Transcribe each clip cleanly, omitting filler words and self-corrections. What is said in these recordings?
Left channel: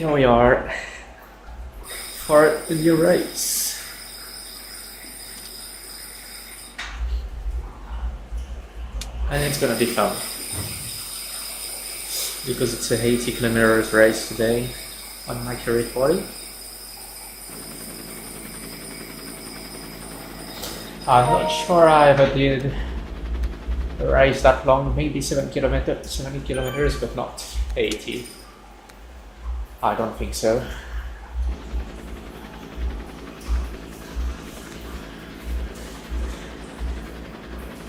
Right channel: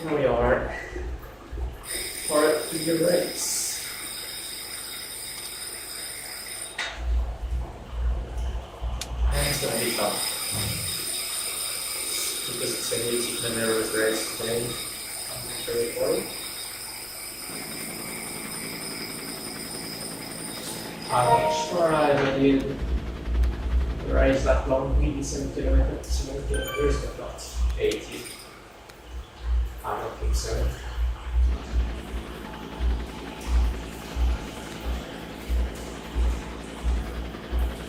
Here we are for the race. And it's gonna be fun because it's a 80 kilometers race today on MAKURI 40. I'm not sure I ever did a race that long, maybe 70 kilometers, but not 80. I don't think so.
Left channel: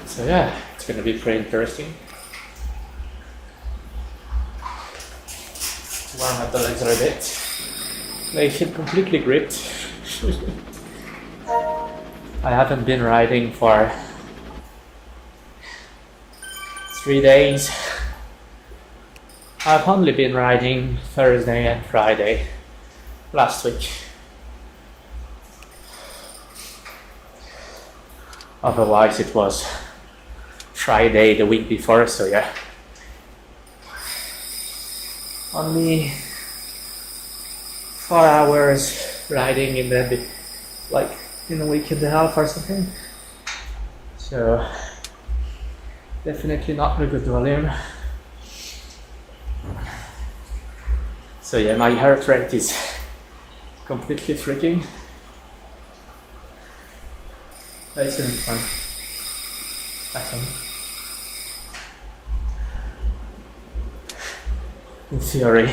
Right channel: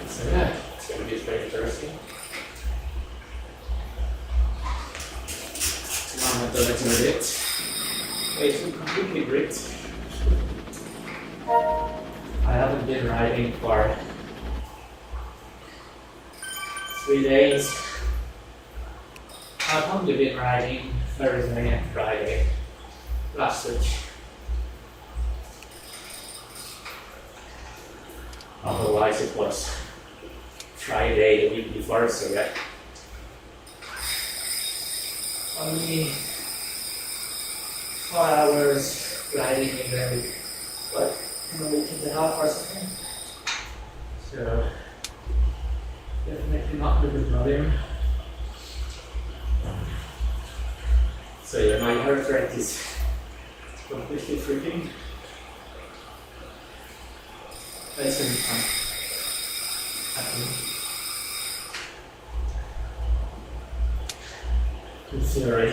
So yeah, it's going to be pretty interesting. Warm up the legs a bit. They feel completely gripped. I haven't been riding for 3 days. I've only been riding Thursday and Friday last week. Otherwise it was Friday the week before, so yeah. Only 4 hours riding in the in a week and a half or something. So definitely not a good volume. So yeah, my heart rate is completely freaking. But it's gonna be fun, I think. In theory.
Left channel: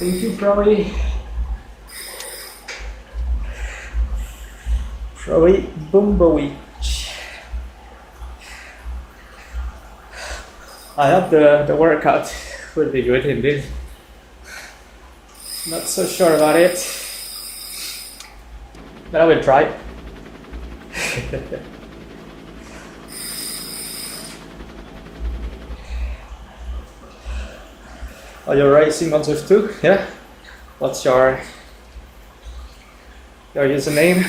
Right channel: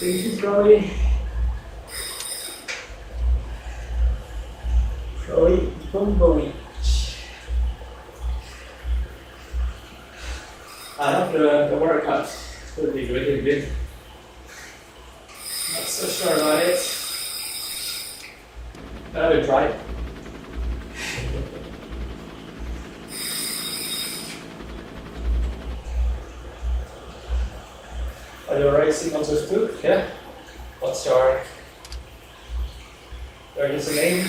Thank you, probably Boomboich. I hope the workout will be good indeed. Not so sure about it, but I will try. Are you racing on Zwift too? Yeah? What's your username?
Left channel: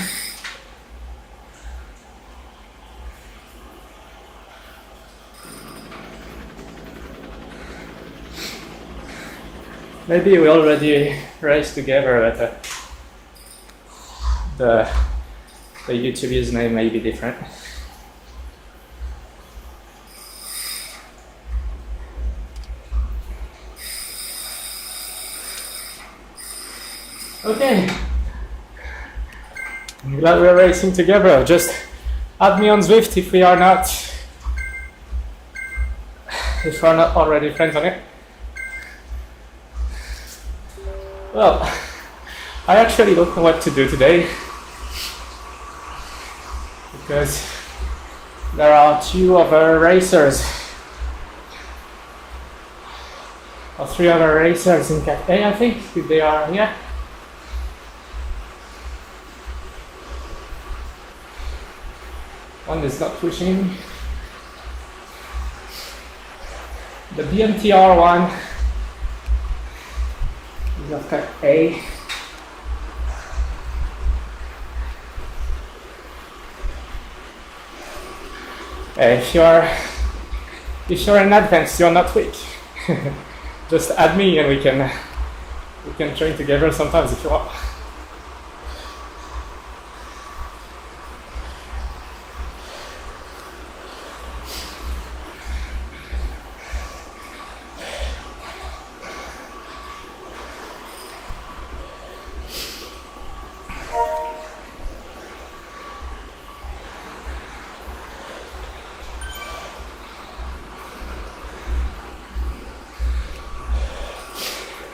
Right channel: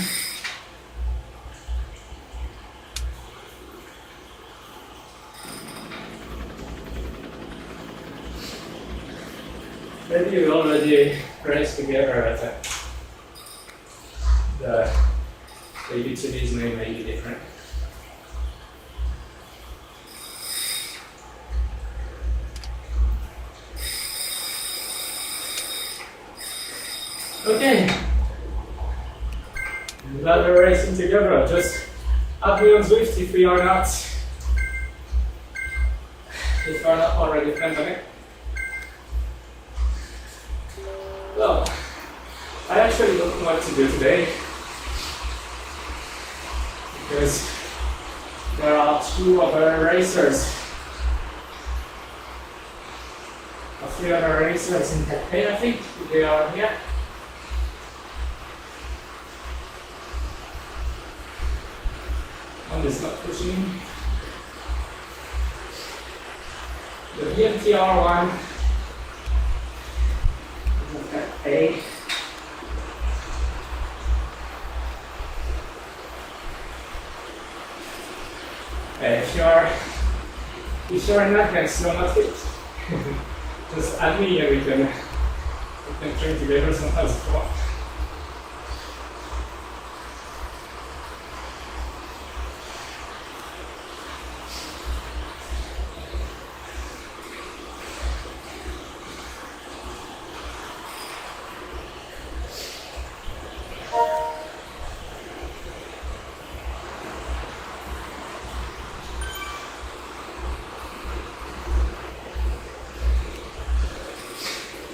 Maybe we already raced together at the YouTube username may be different. Okay, I'm glad we're racing together. Just add me on Zwift if we are not already friends on it. Well, I actually don't know what to do today because there are 2 other racers or 3 other racers in Cat A, I think. They are here. One is not pushing. The BMTR one is of Cat A. If you're in advance, you're not weak. Just add me and we can train together sometimes if you want.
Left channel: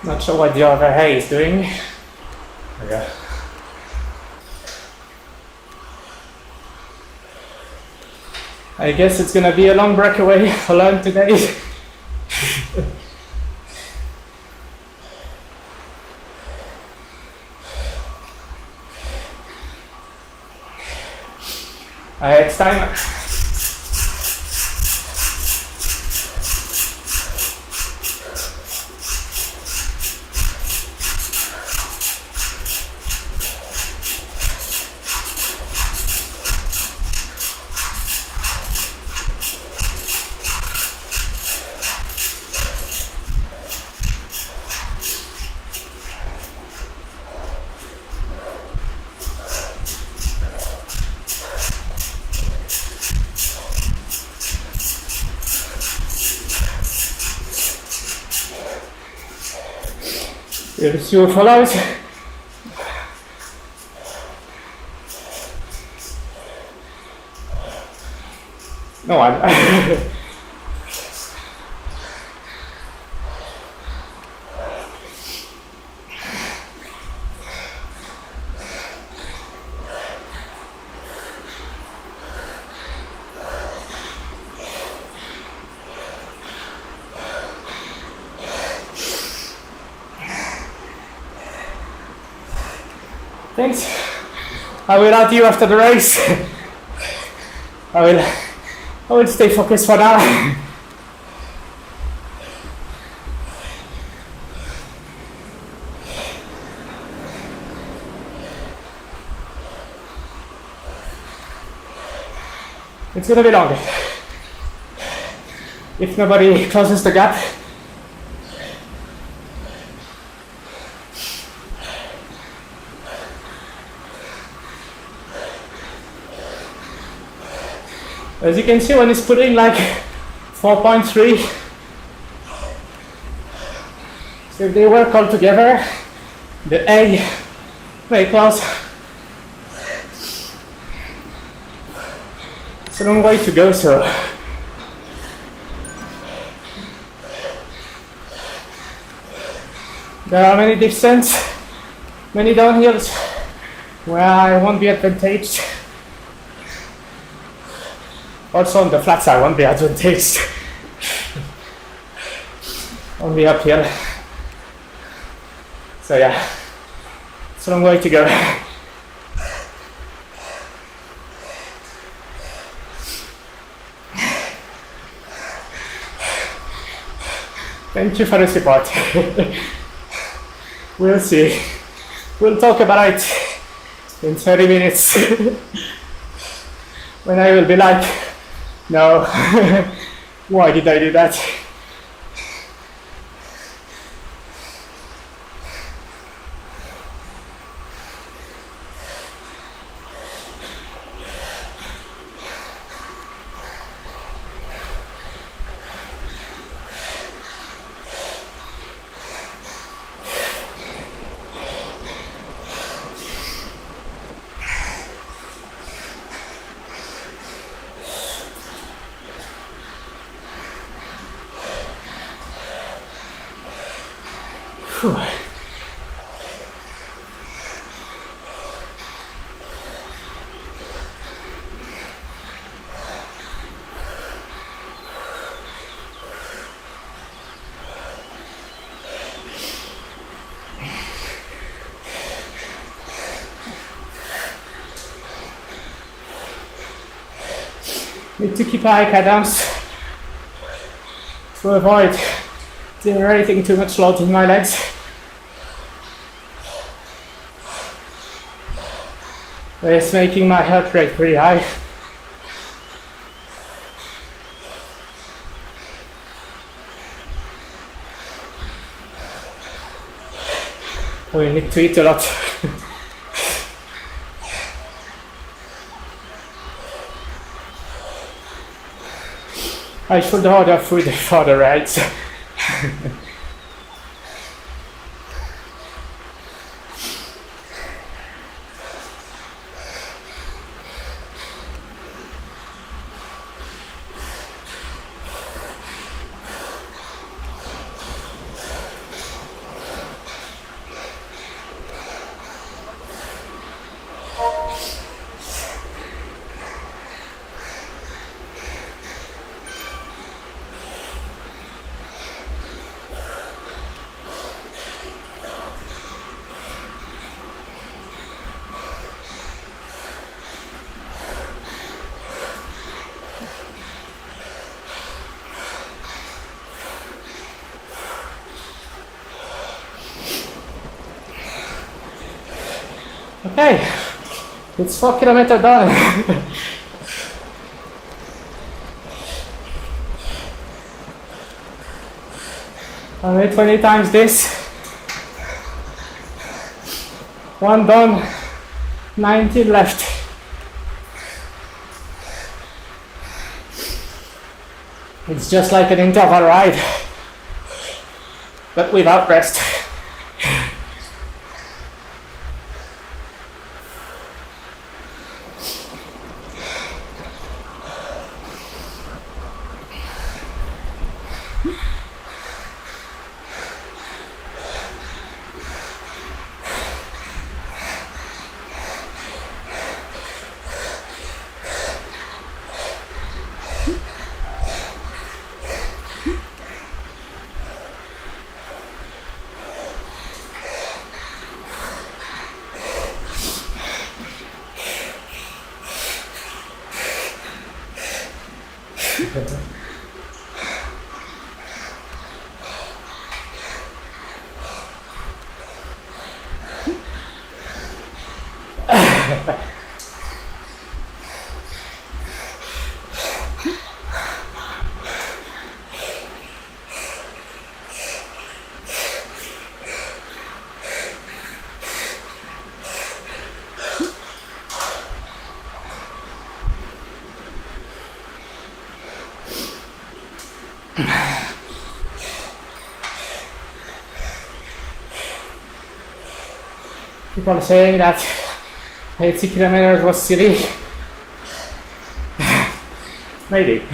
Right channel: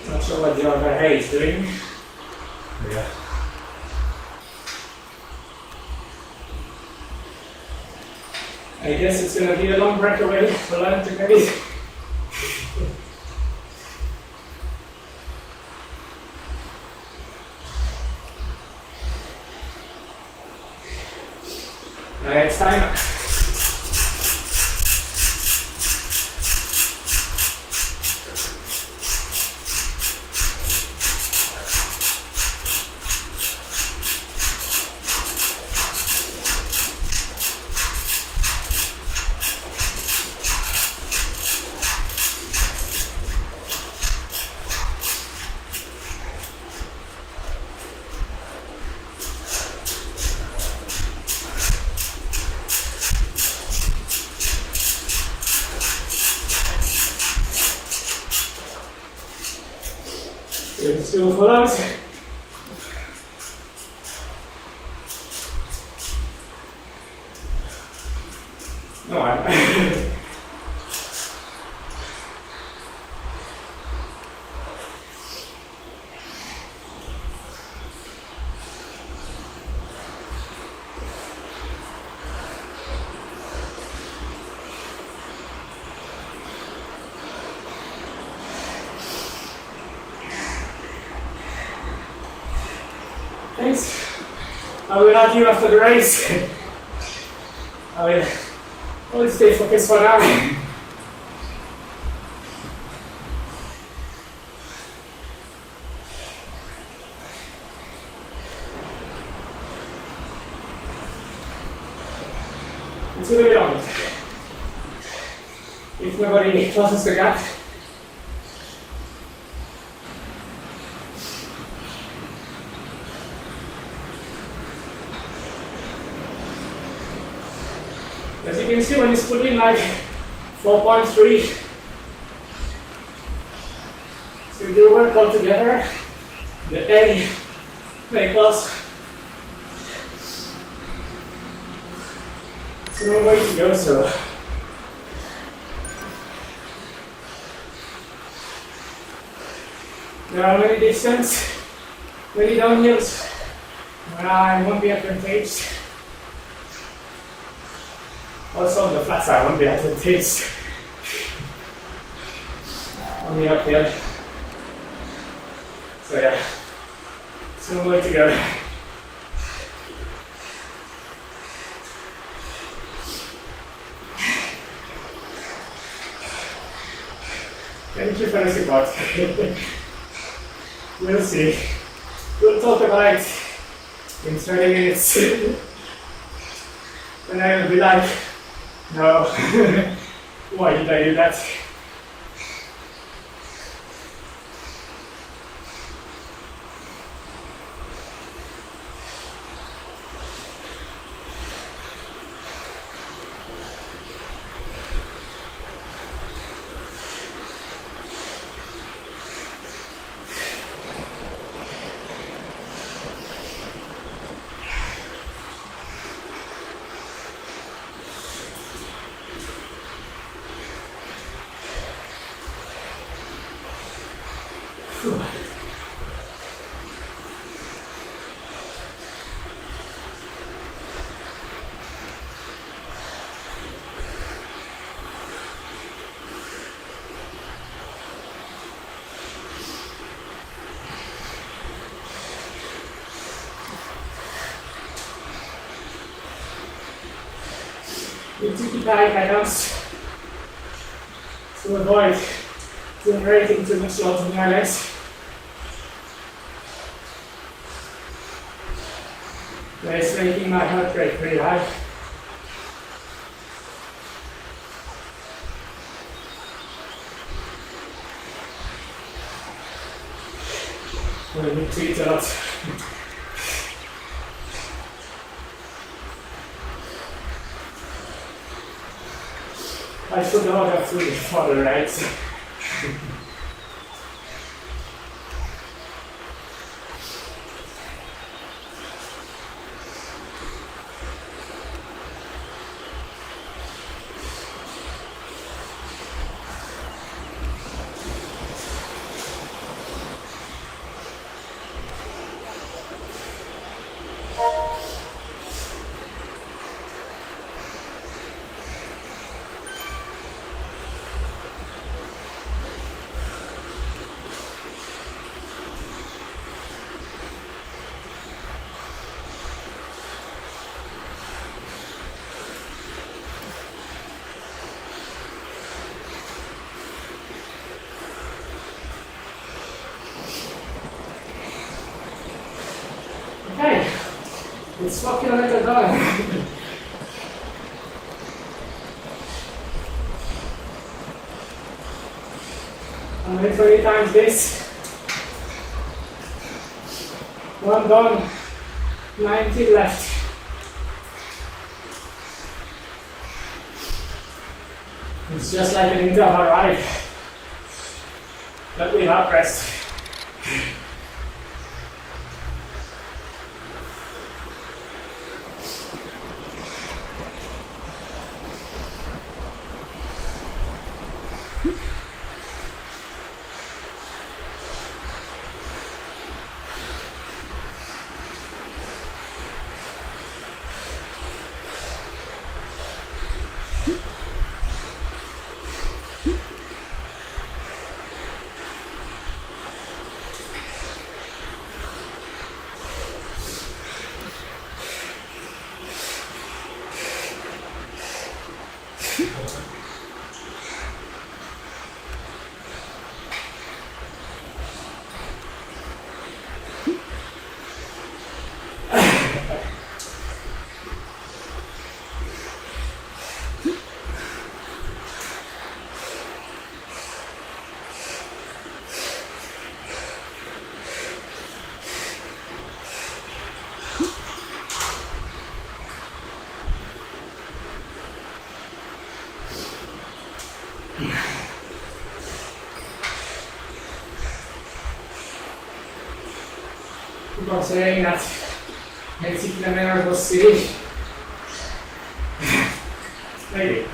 Not sure what the other hay is doing. Yeah. I guess it's gonna be a long breakaway alone today. It's time. Since you follows. No, I Thanks. I will add you after the race. I will stay focused for now. It's gonna be long. If nobody closes the gap. As you can see, when it's putting like 4.3, so if they work all together, the A very close. It's a long way to go, so there are many descents, many downhills where I won't be advantaged. Also on the flat side, I won't be advantaged. Only uphill. So yeah, it's a long way to go. Thank you for the support. We'll see. We'll talk about it in 30 minutes. When I will be like, no, why did I do that? Need to keep high cadence to avoid generating too much load in my legs. It's making my heart rate pretty high. We need to eat a lot. I should order food for the rides. Okay, it's 4 kilometers done. I made 20 times this. One done, 19 left. It's just like an interval ride, but without rest. People saying that 80 kilometers was silly. Maybe.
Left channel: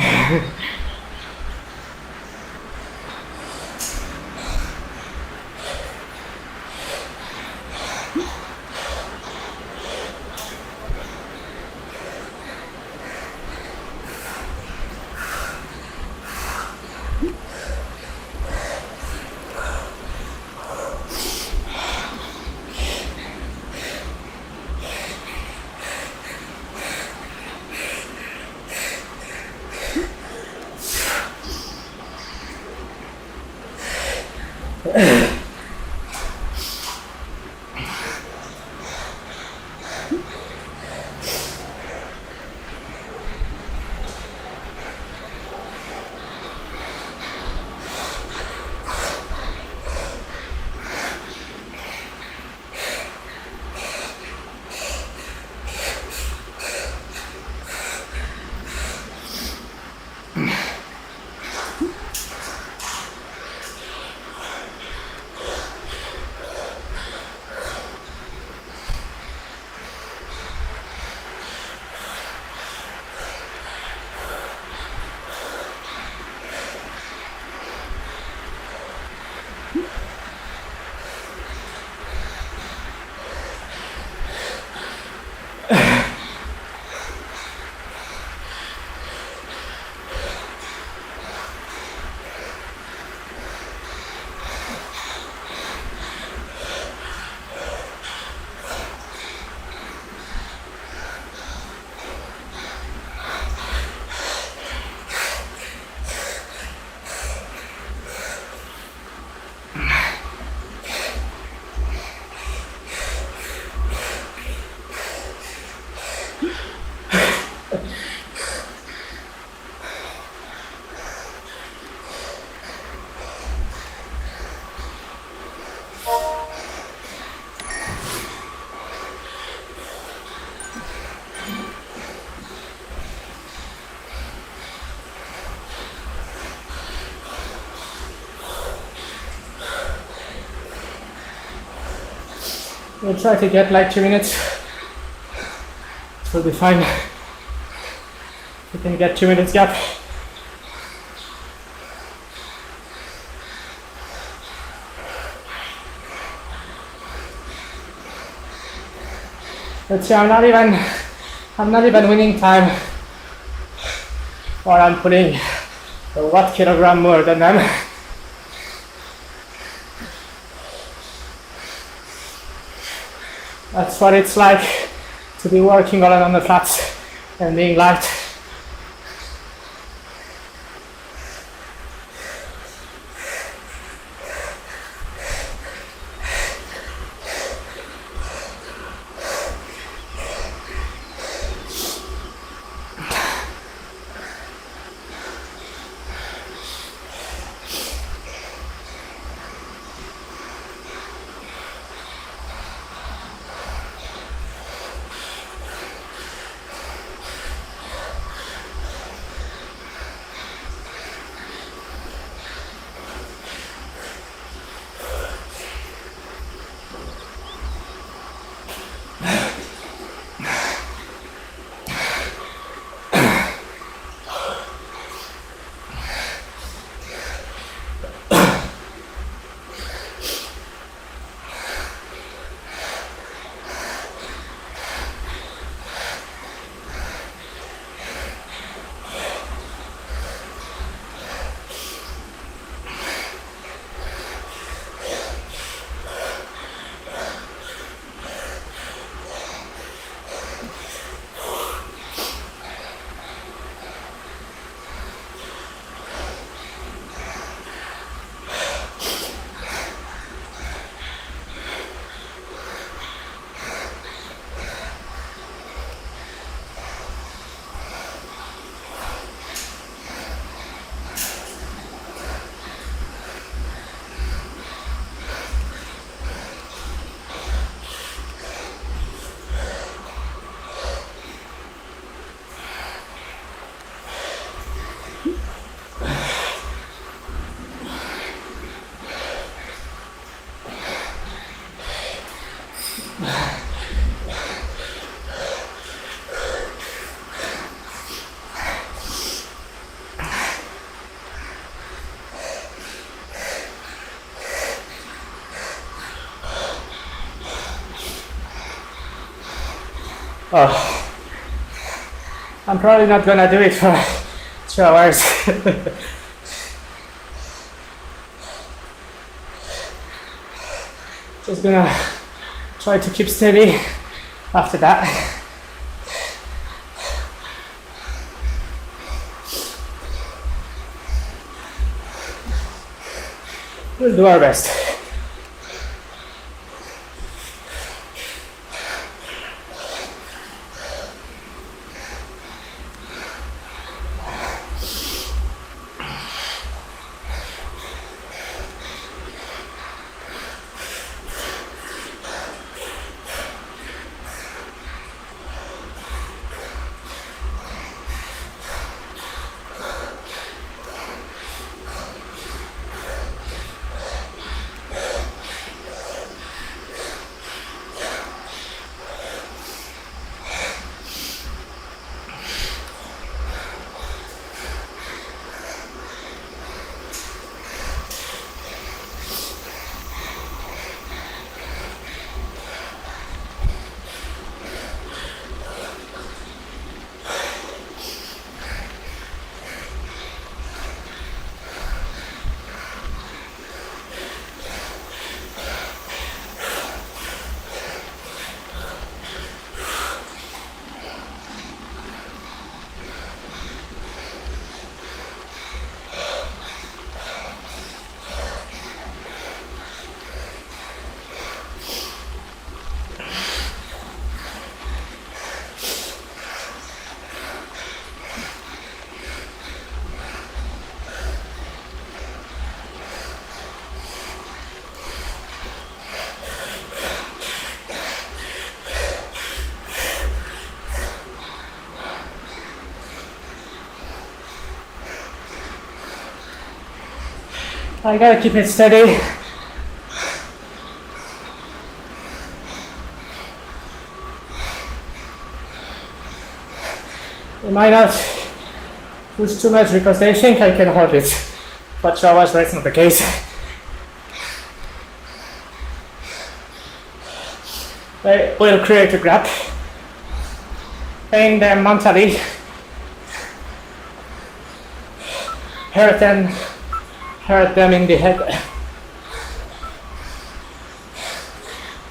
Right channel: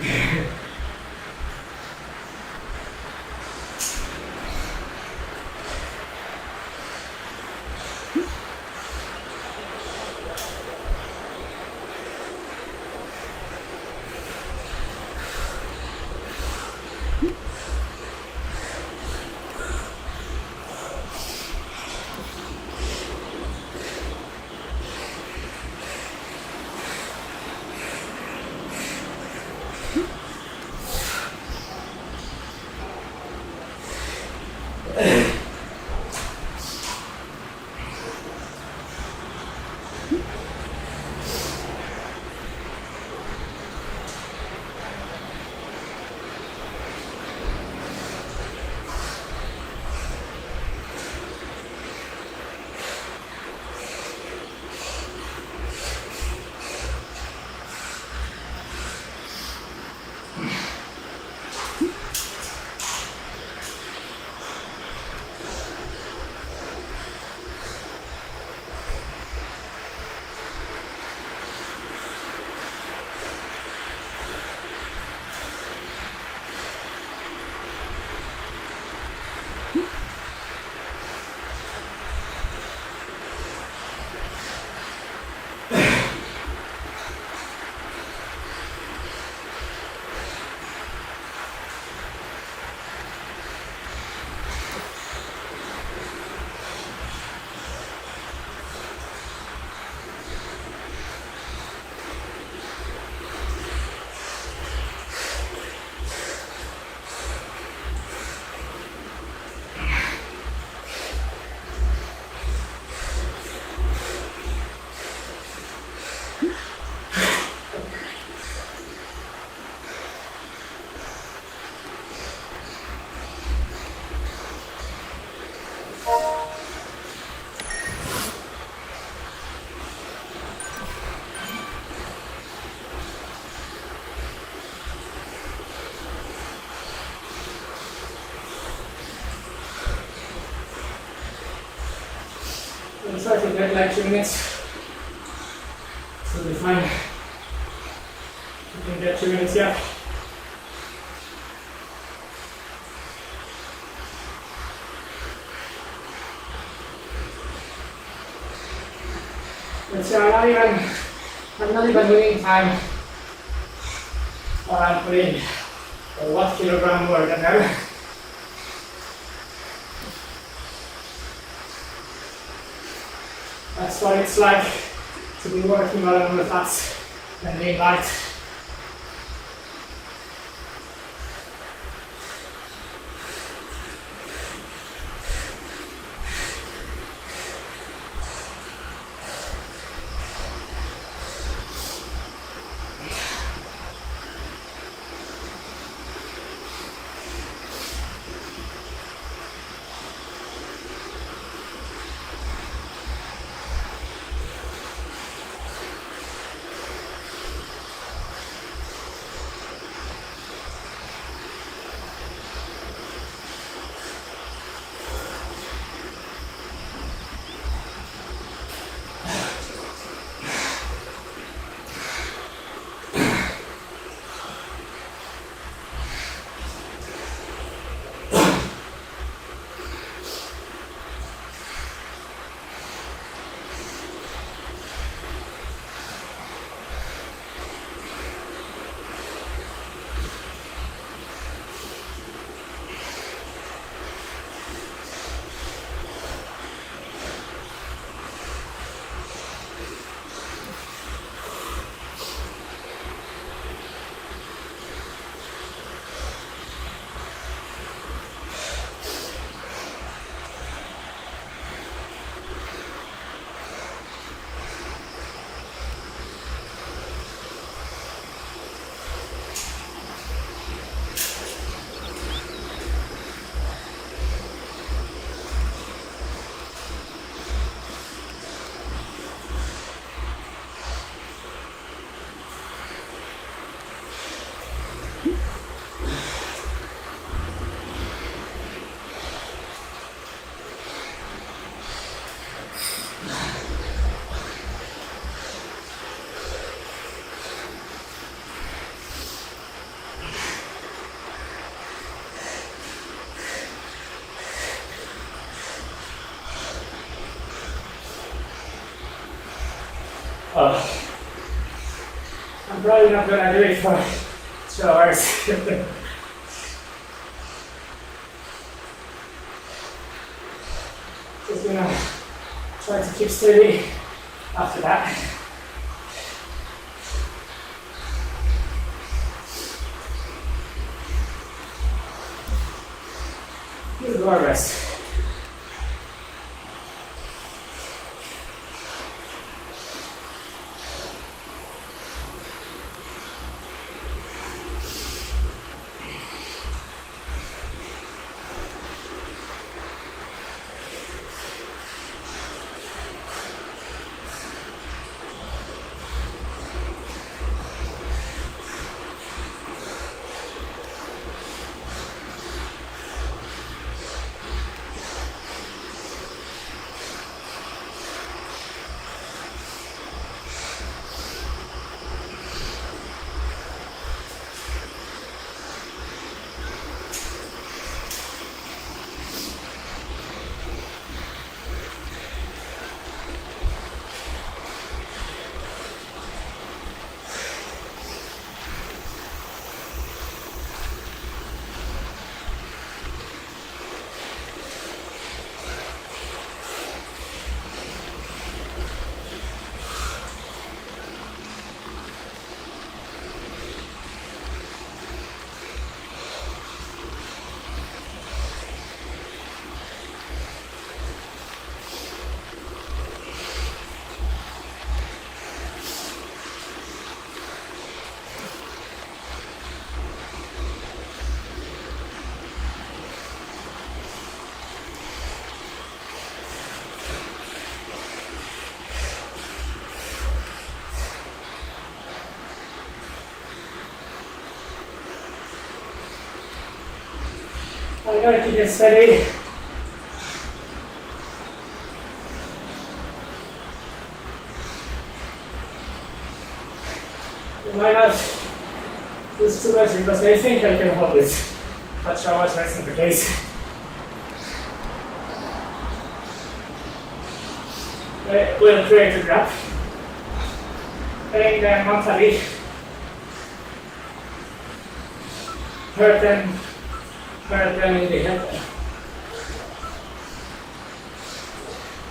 We'll try to get like 2 minutes. So we'll be fine. We can get 2 minutes gap. But see, I'm not even winning time. Or I'm putting 1 kilogram more than them. That's what it's like to be working all on the flats and being light. Oh, I'm probably not gonna do it for 2 hours. Just gonna try to keep steady after that. We'll do our best. I gotta keep it steady. You might not push too much because I think I can hold it, but show us that's not the case. I will create a gap and then mentally hurt them in the head.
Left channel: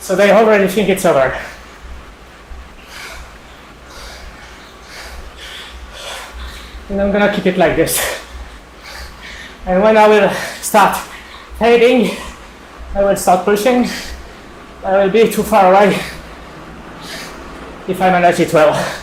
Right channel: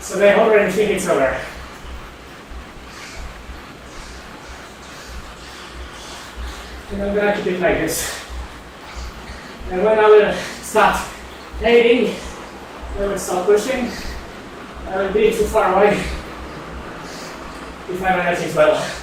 So they already think it's over. And I'm gonna keep it like this. And when I will start fading, I will start pushing. I will be too far away if I manage it well.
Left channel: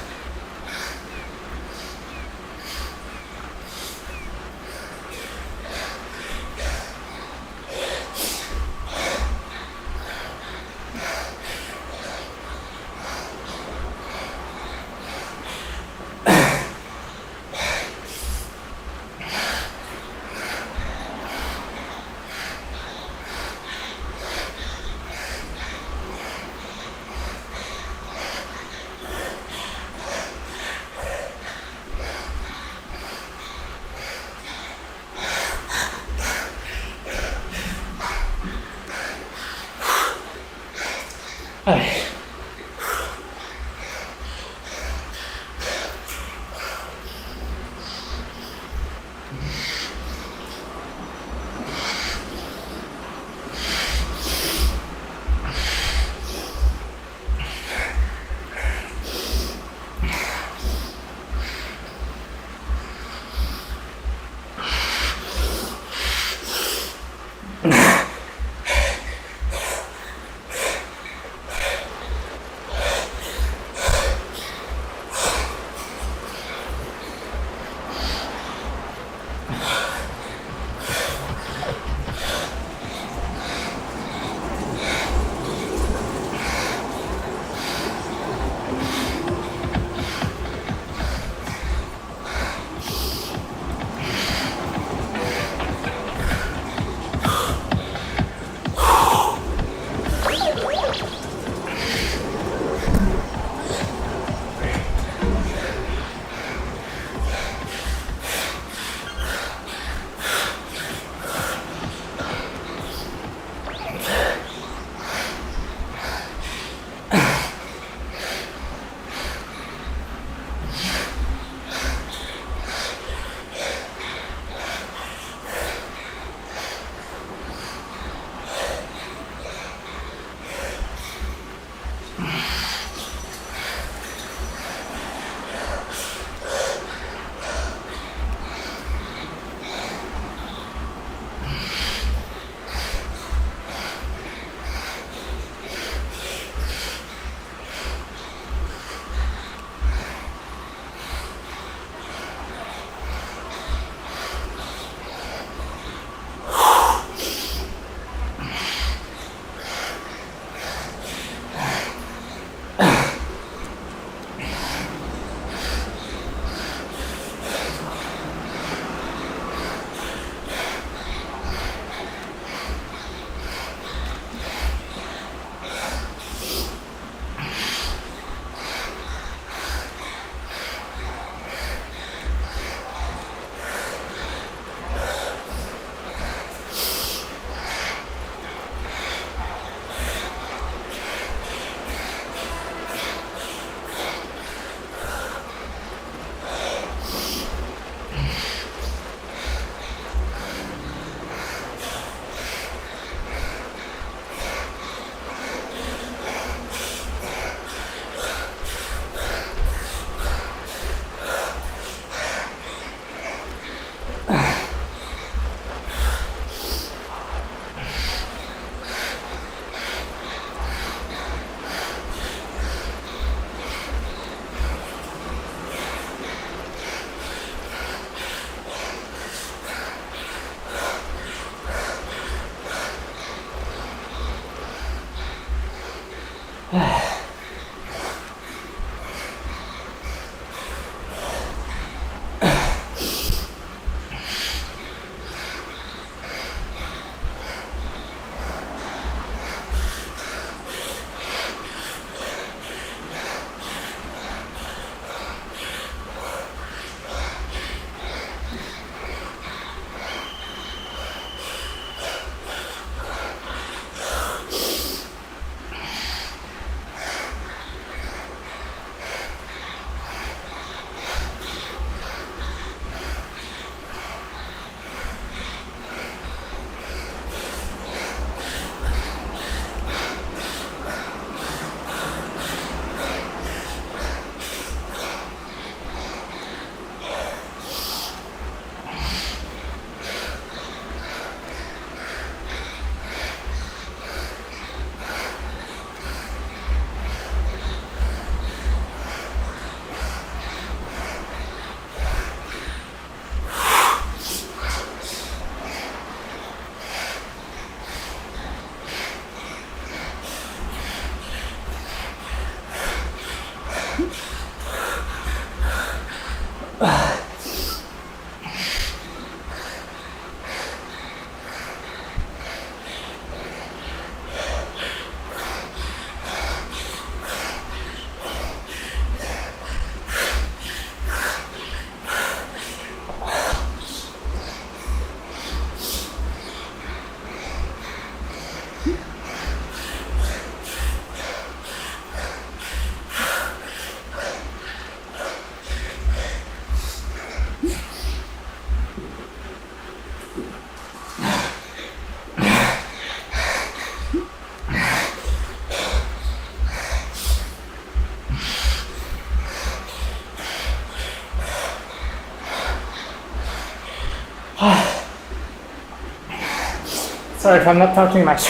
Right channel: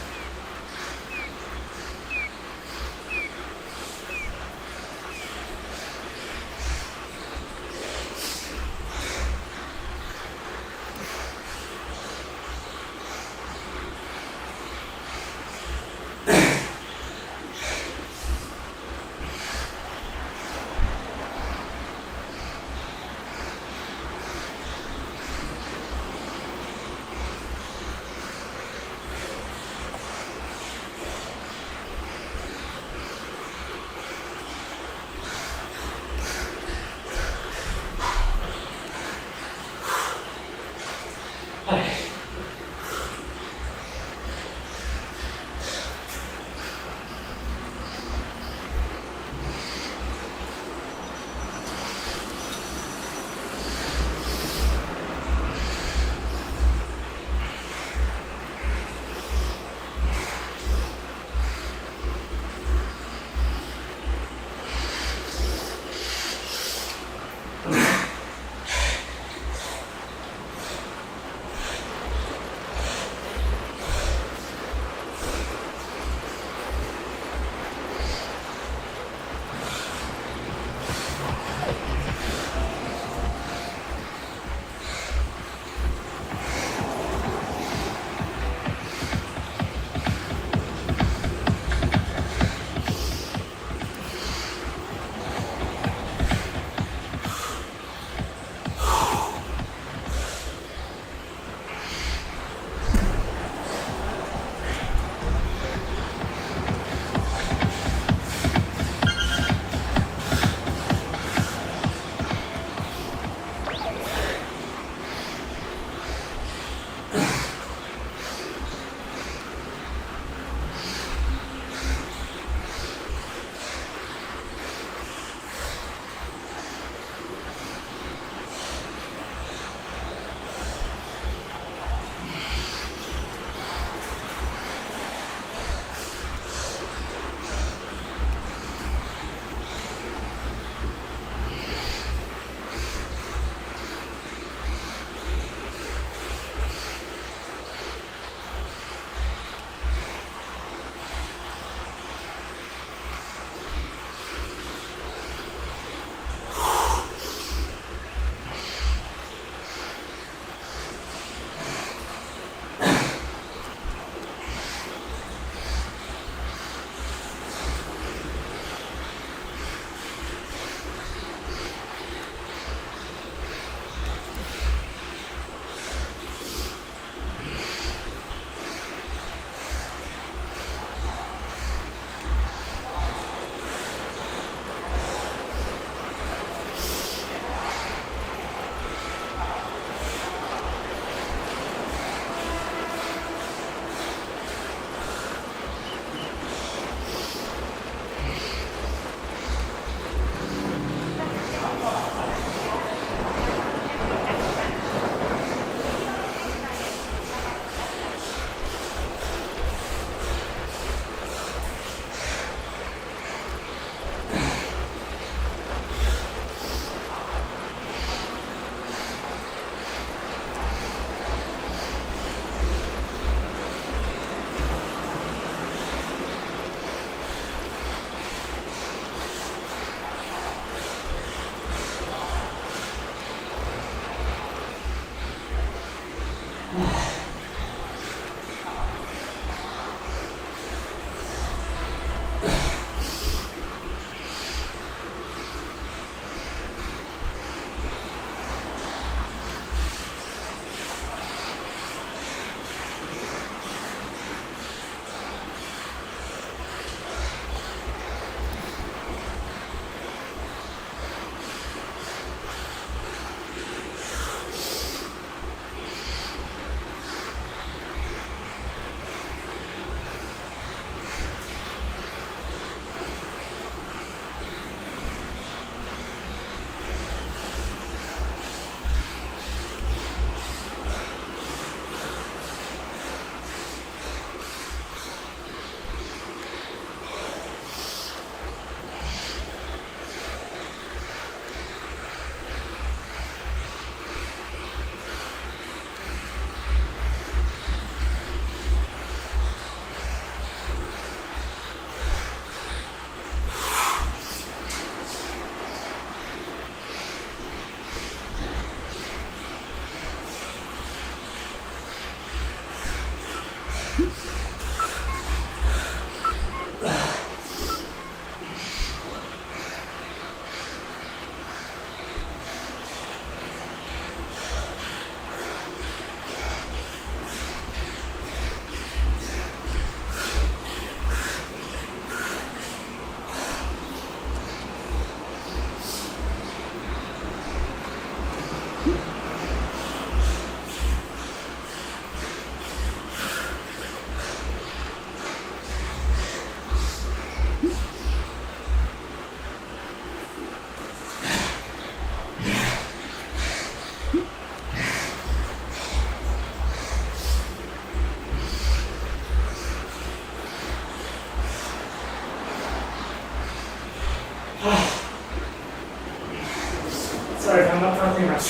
Sorry if I'm not talking much.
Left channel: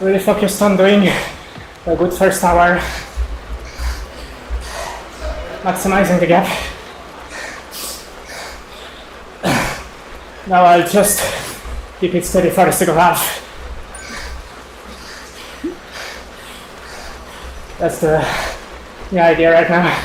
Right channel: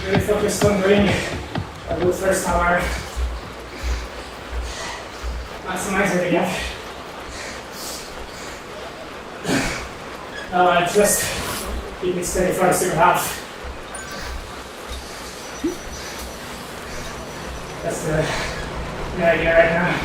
Really focused on doing a good first hour, maximizing the gap. Now I'll just keep it steady for the second half. That's the idea right now.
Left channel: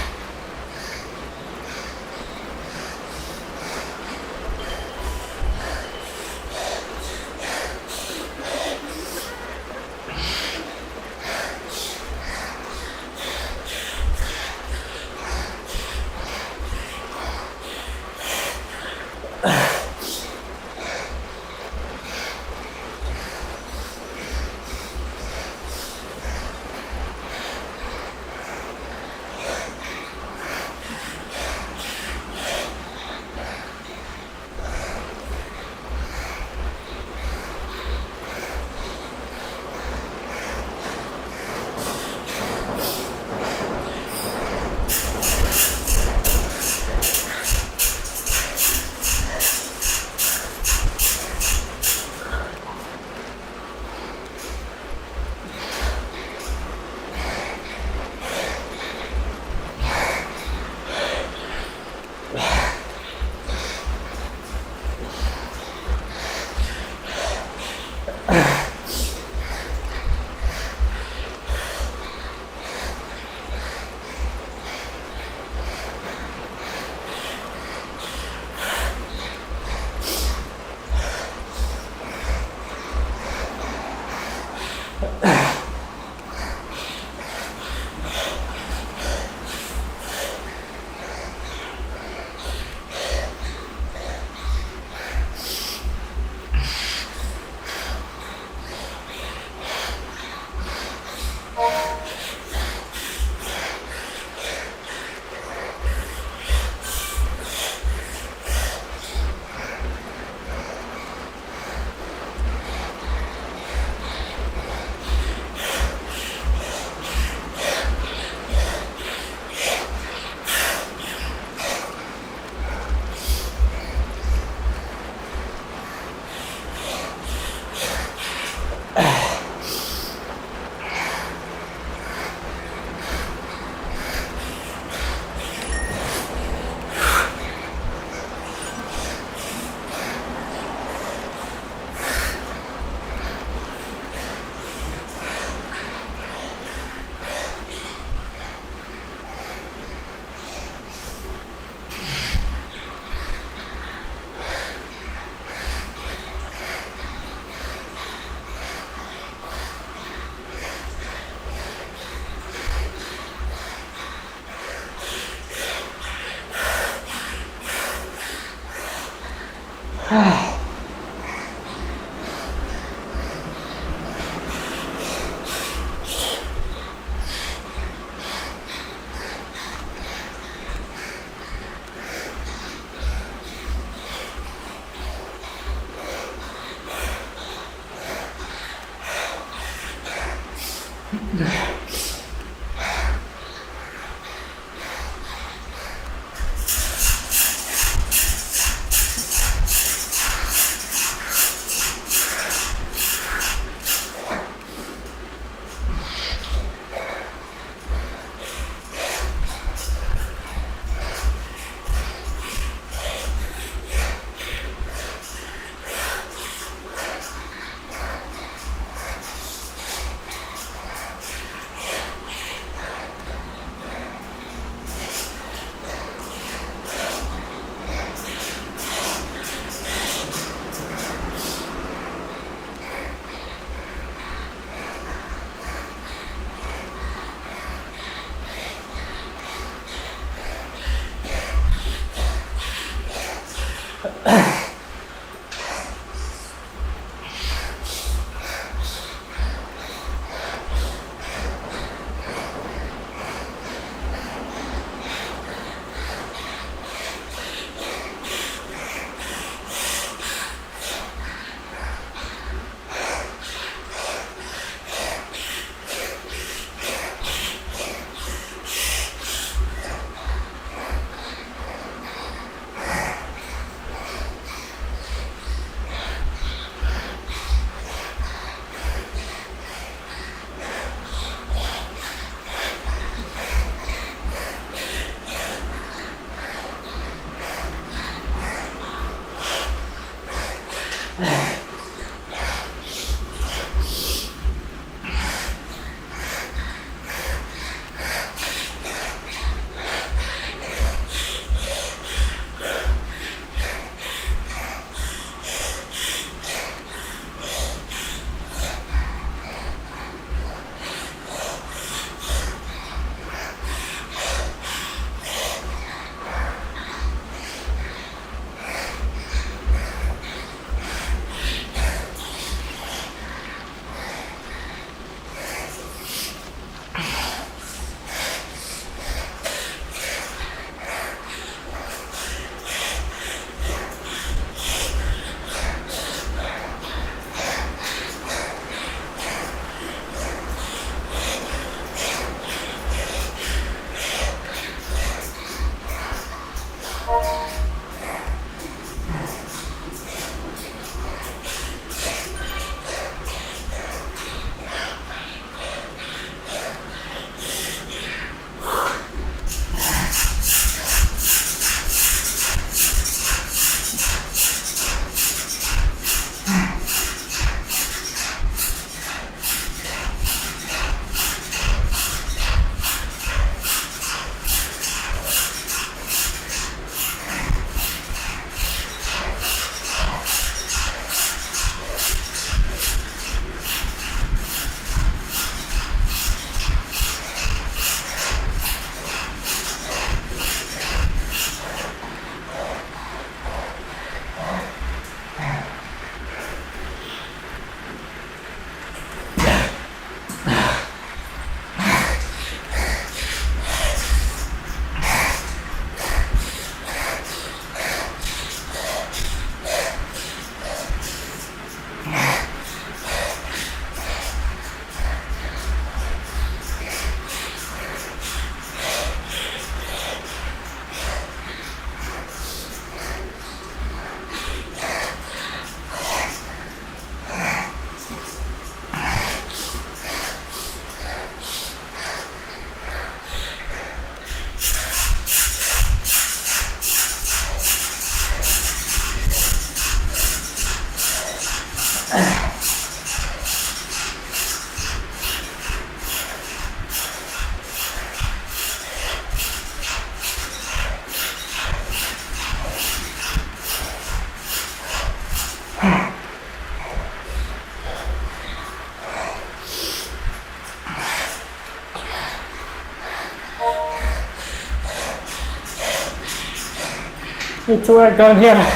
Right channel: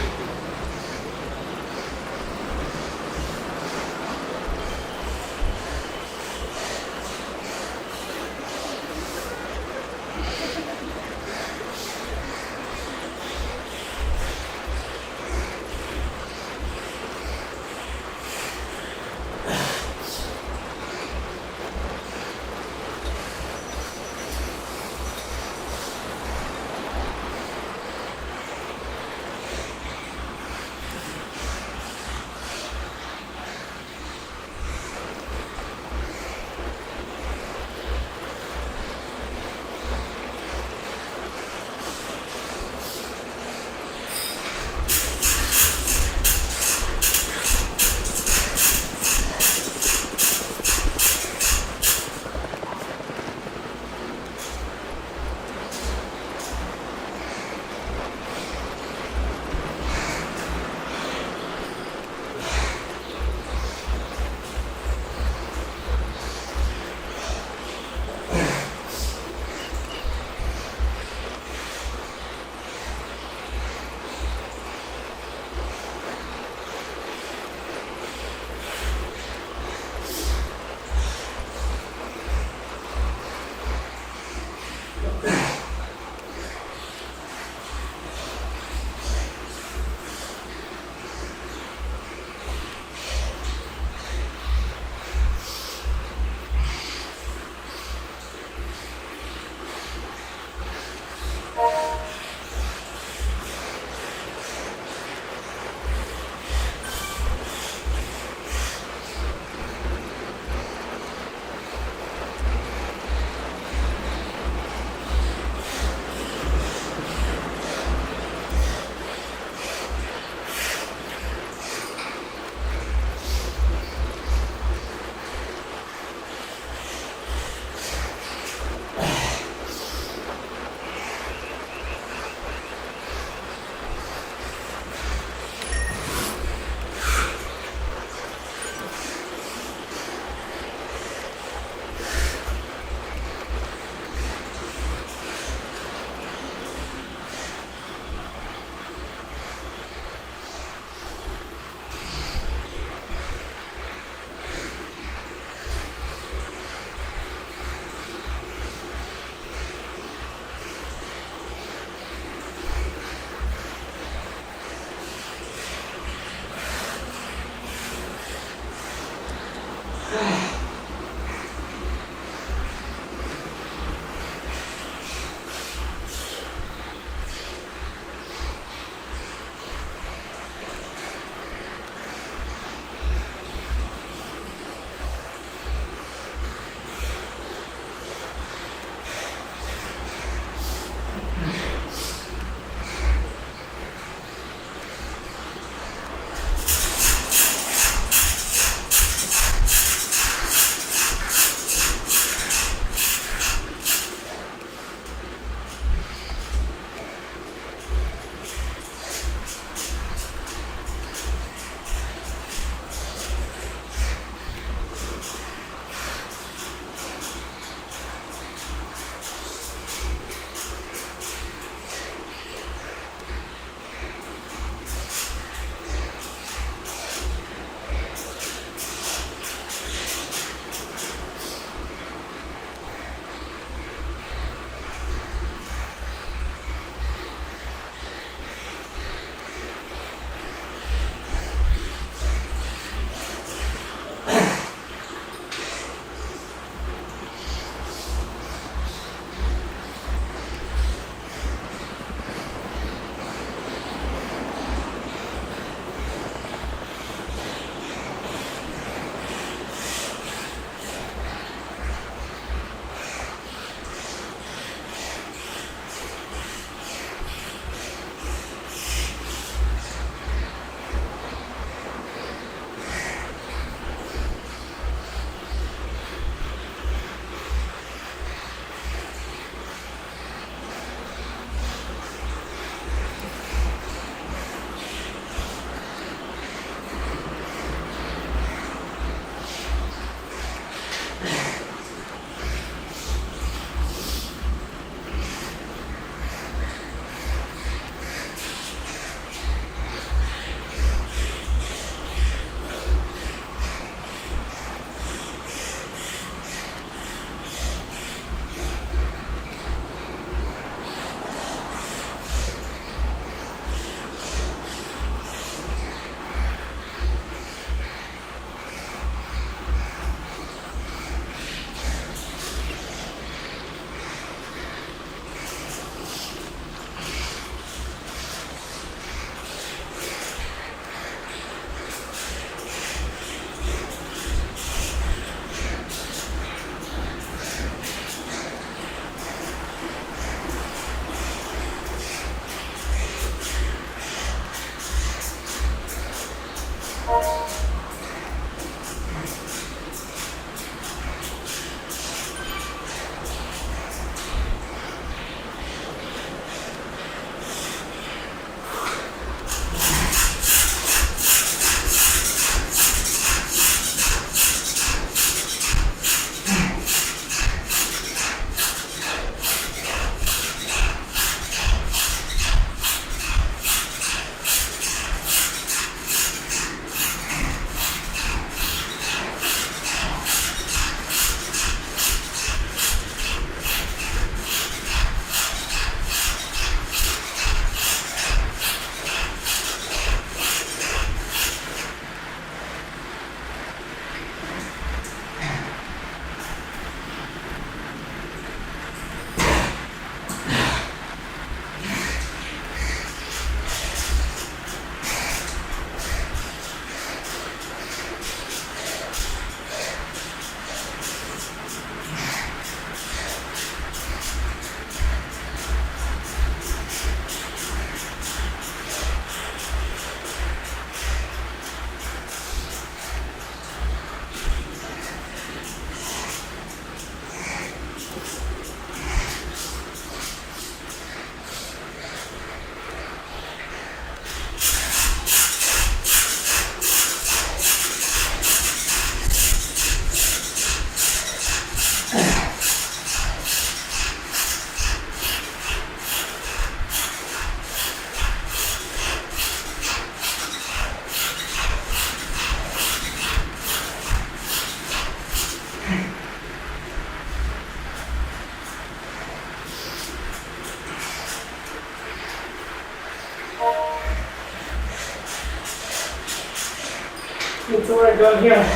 need to work down here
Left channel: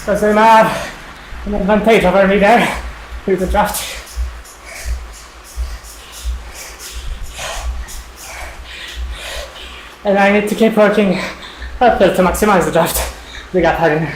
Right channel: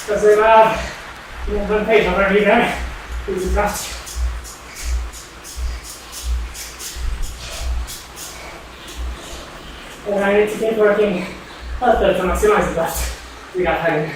because I might have an advantage over me there through the draft. And I need to keep working uphill to maximize the draft we got having.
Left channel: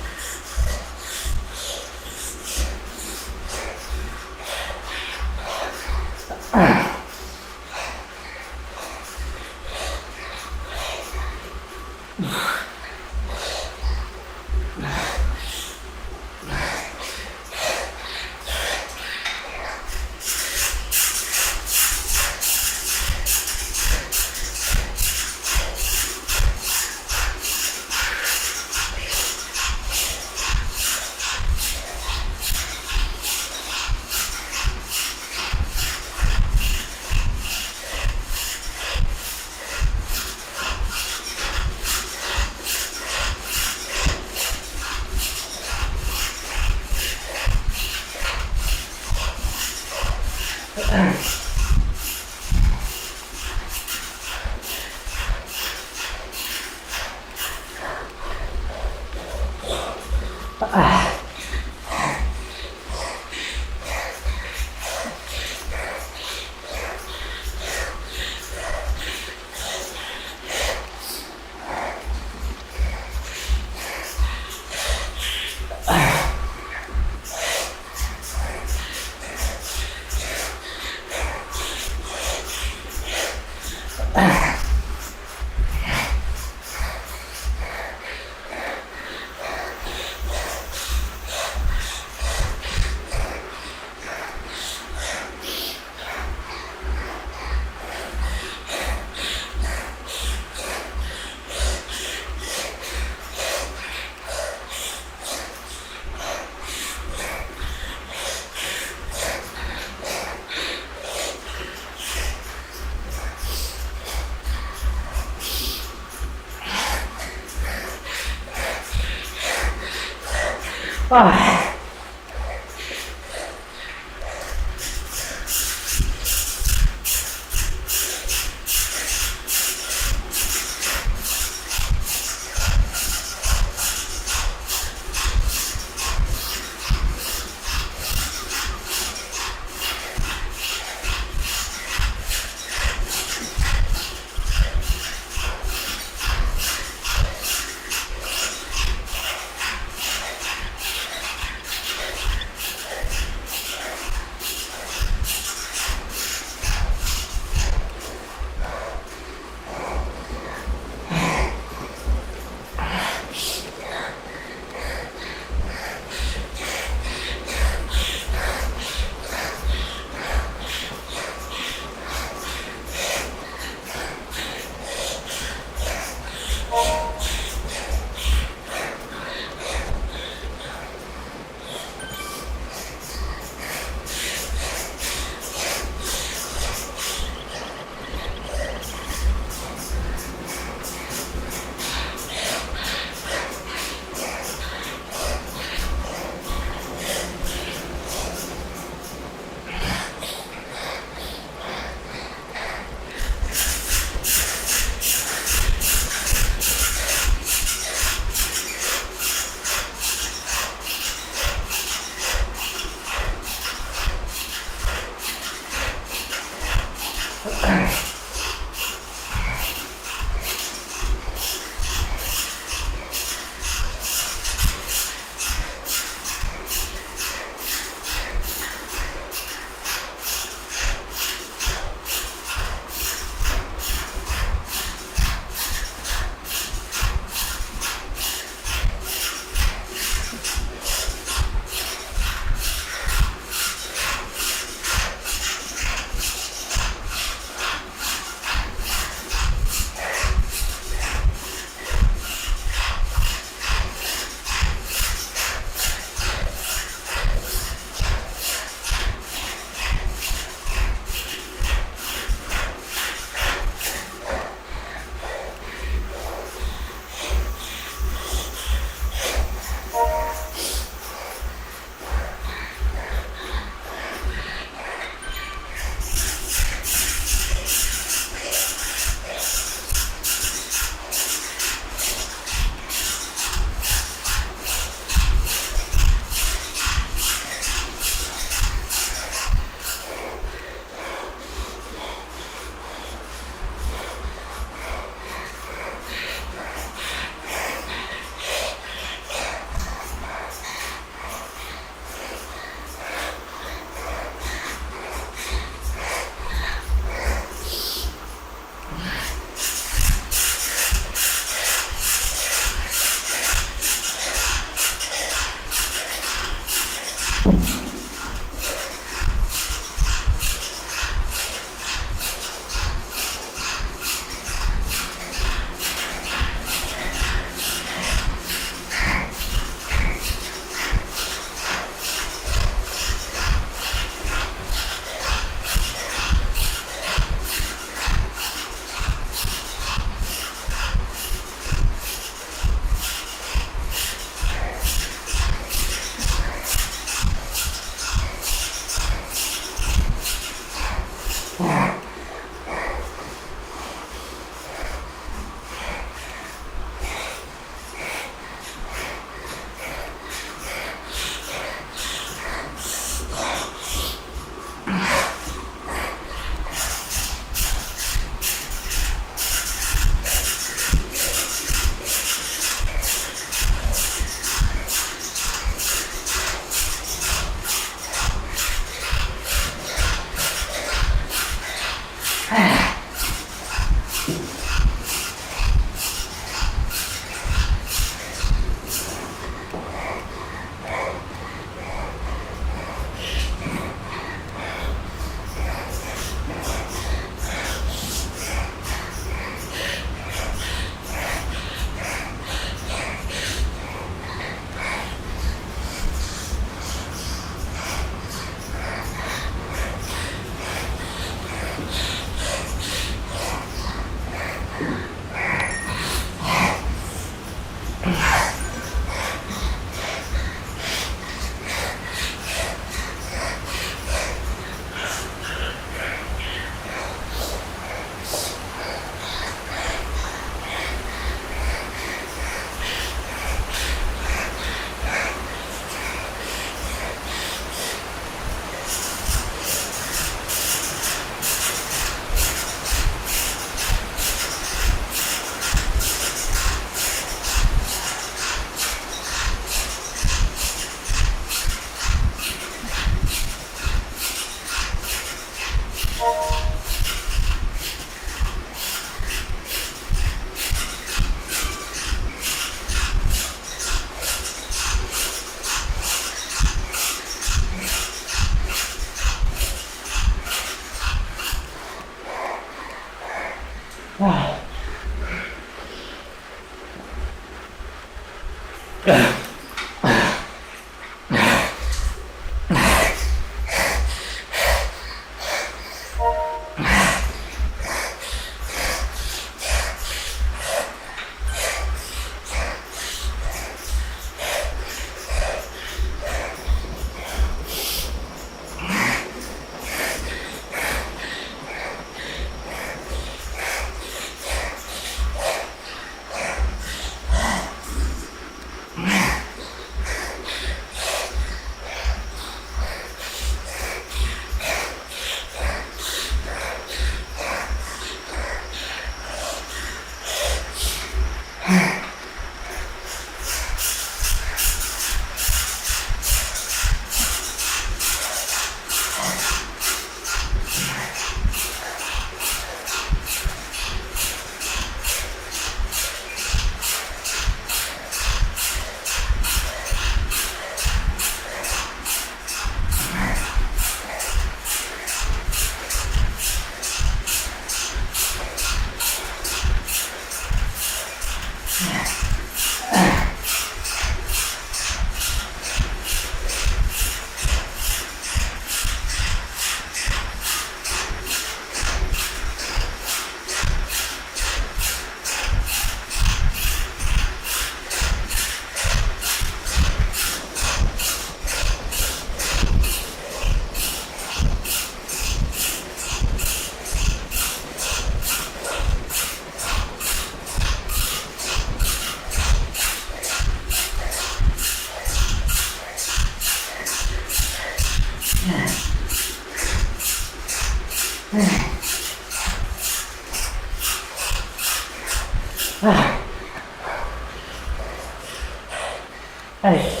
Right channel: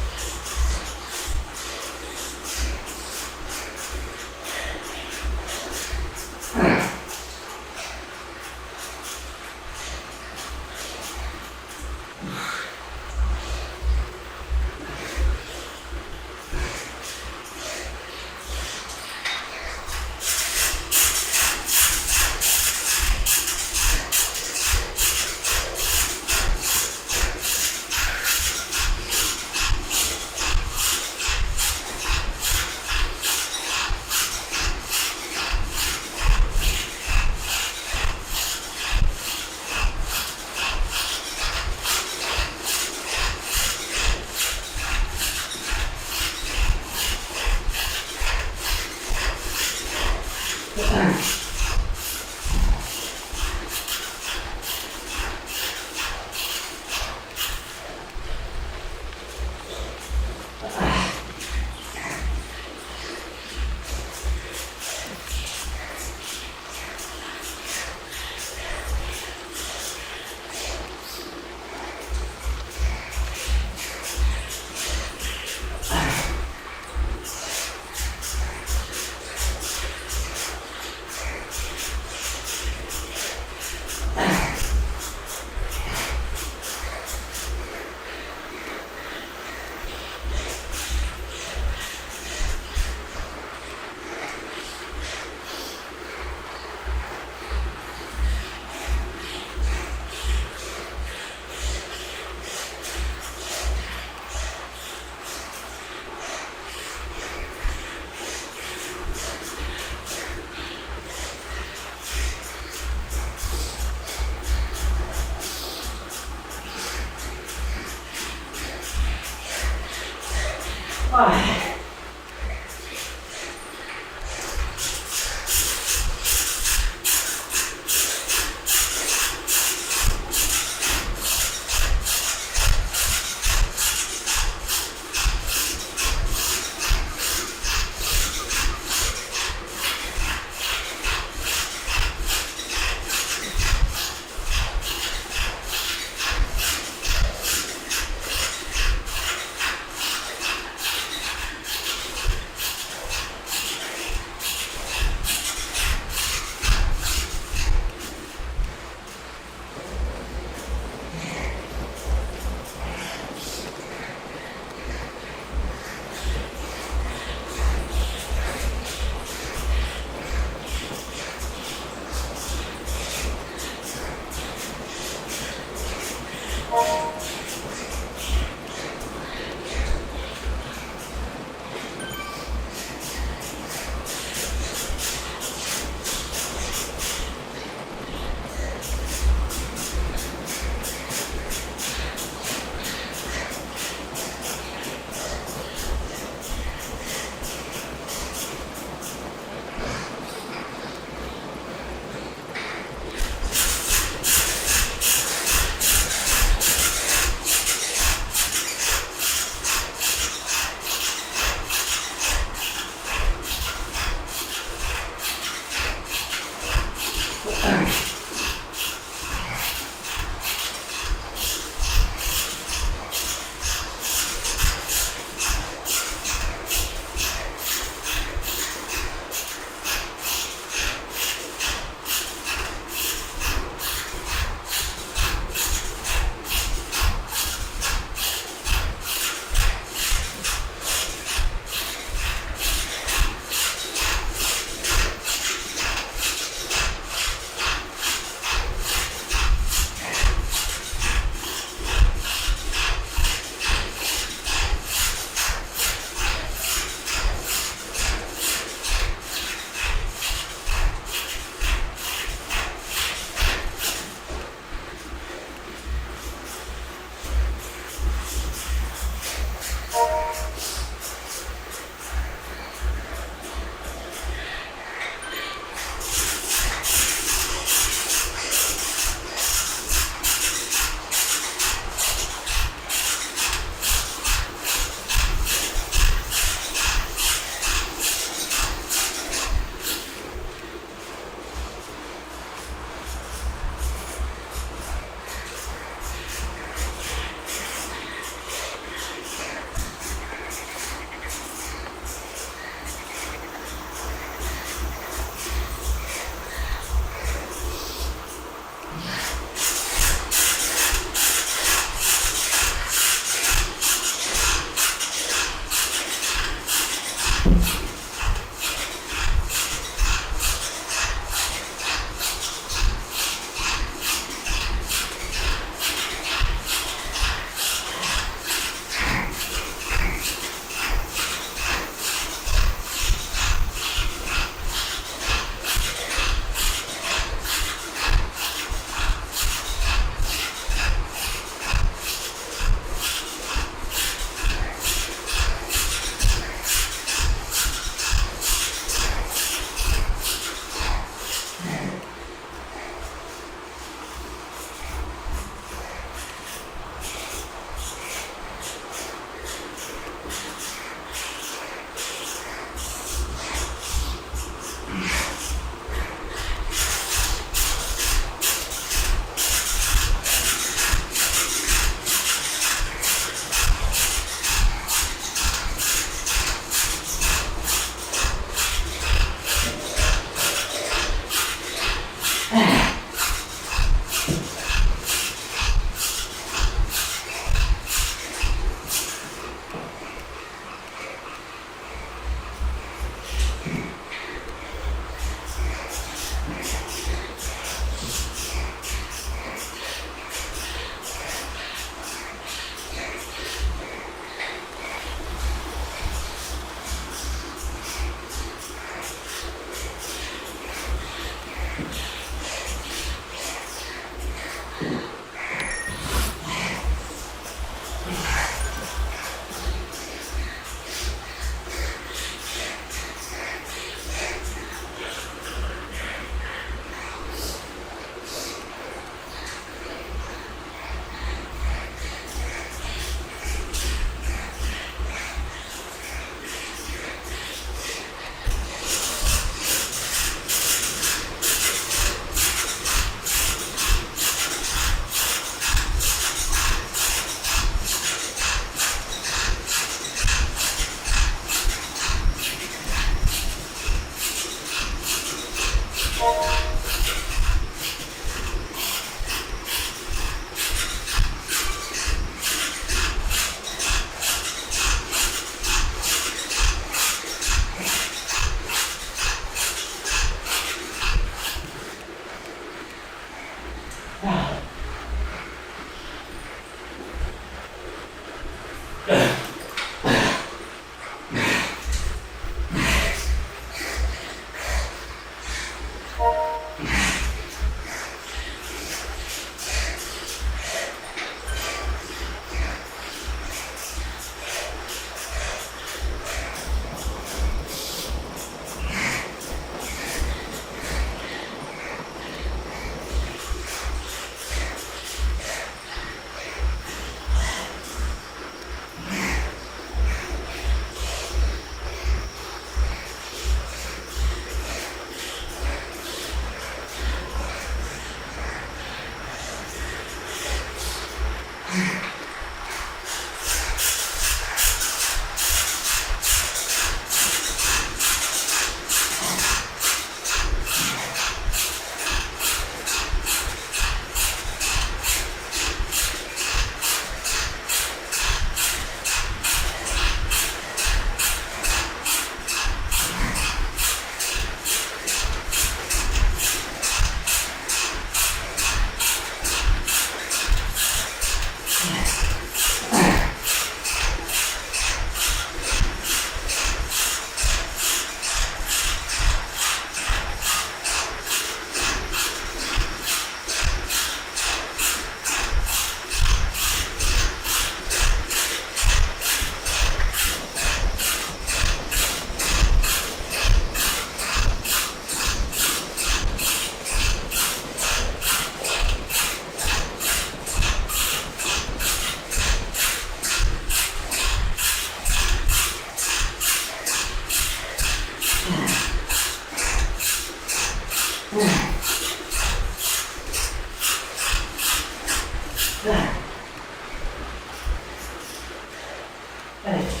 Allez.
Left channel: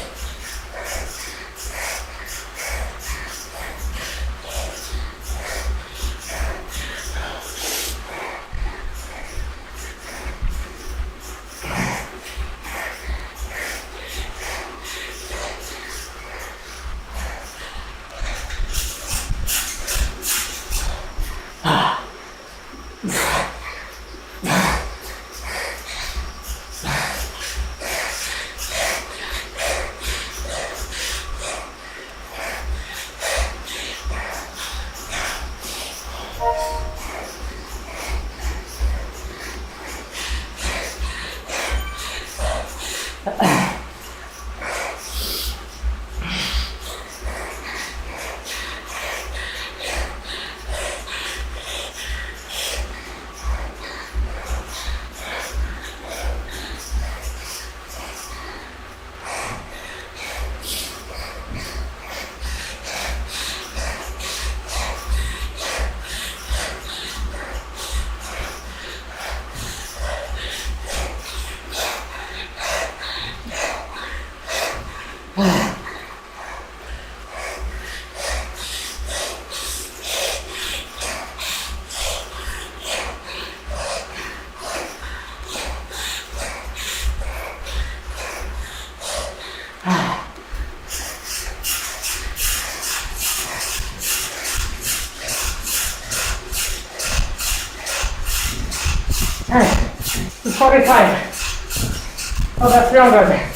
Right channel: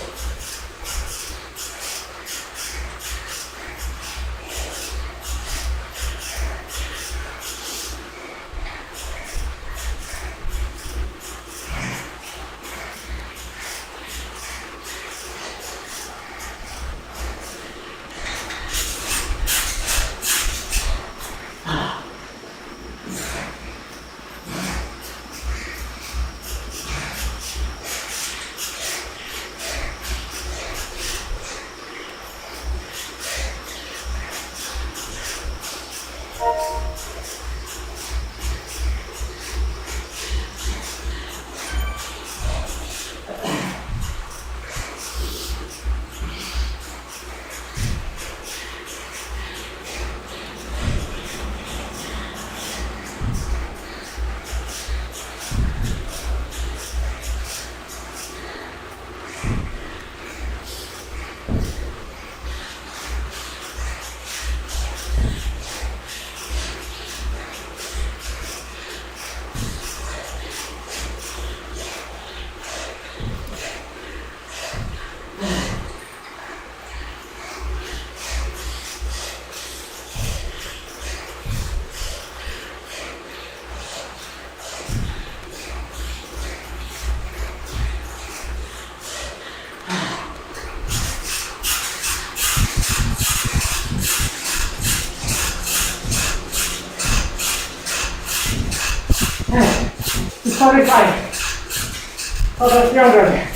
It's 45. Over 300.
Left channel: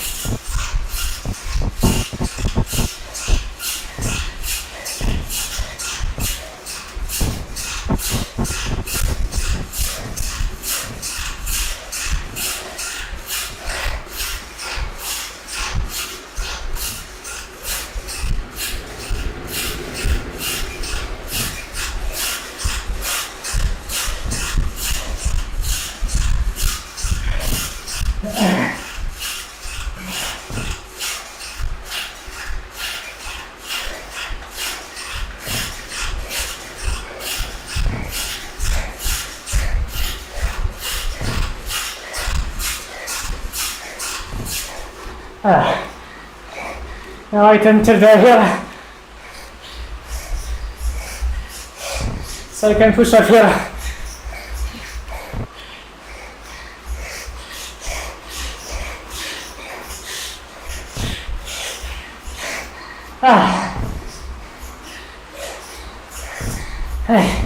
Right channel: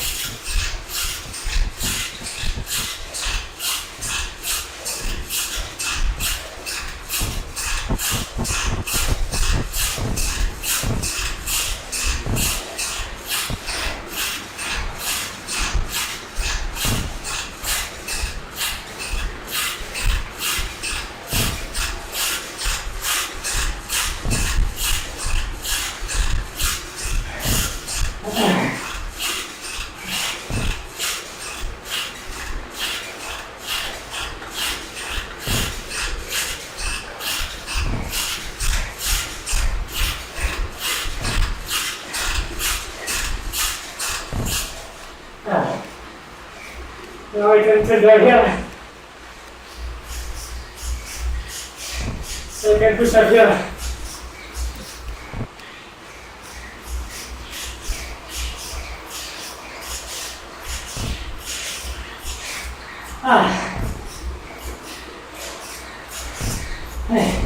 Now I can tilt there here. So I can push up here. Hey.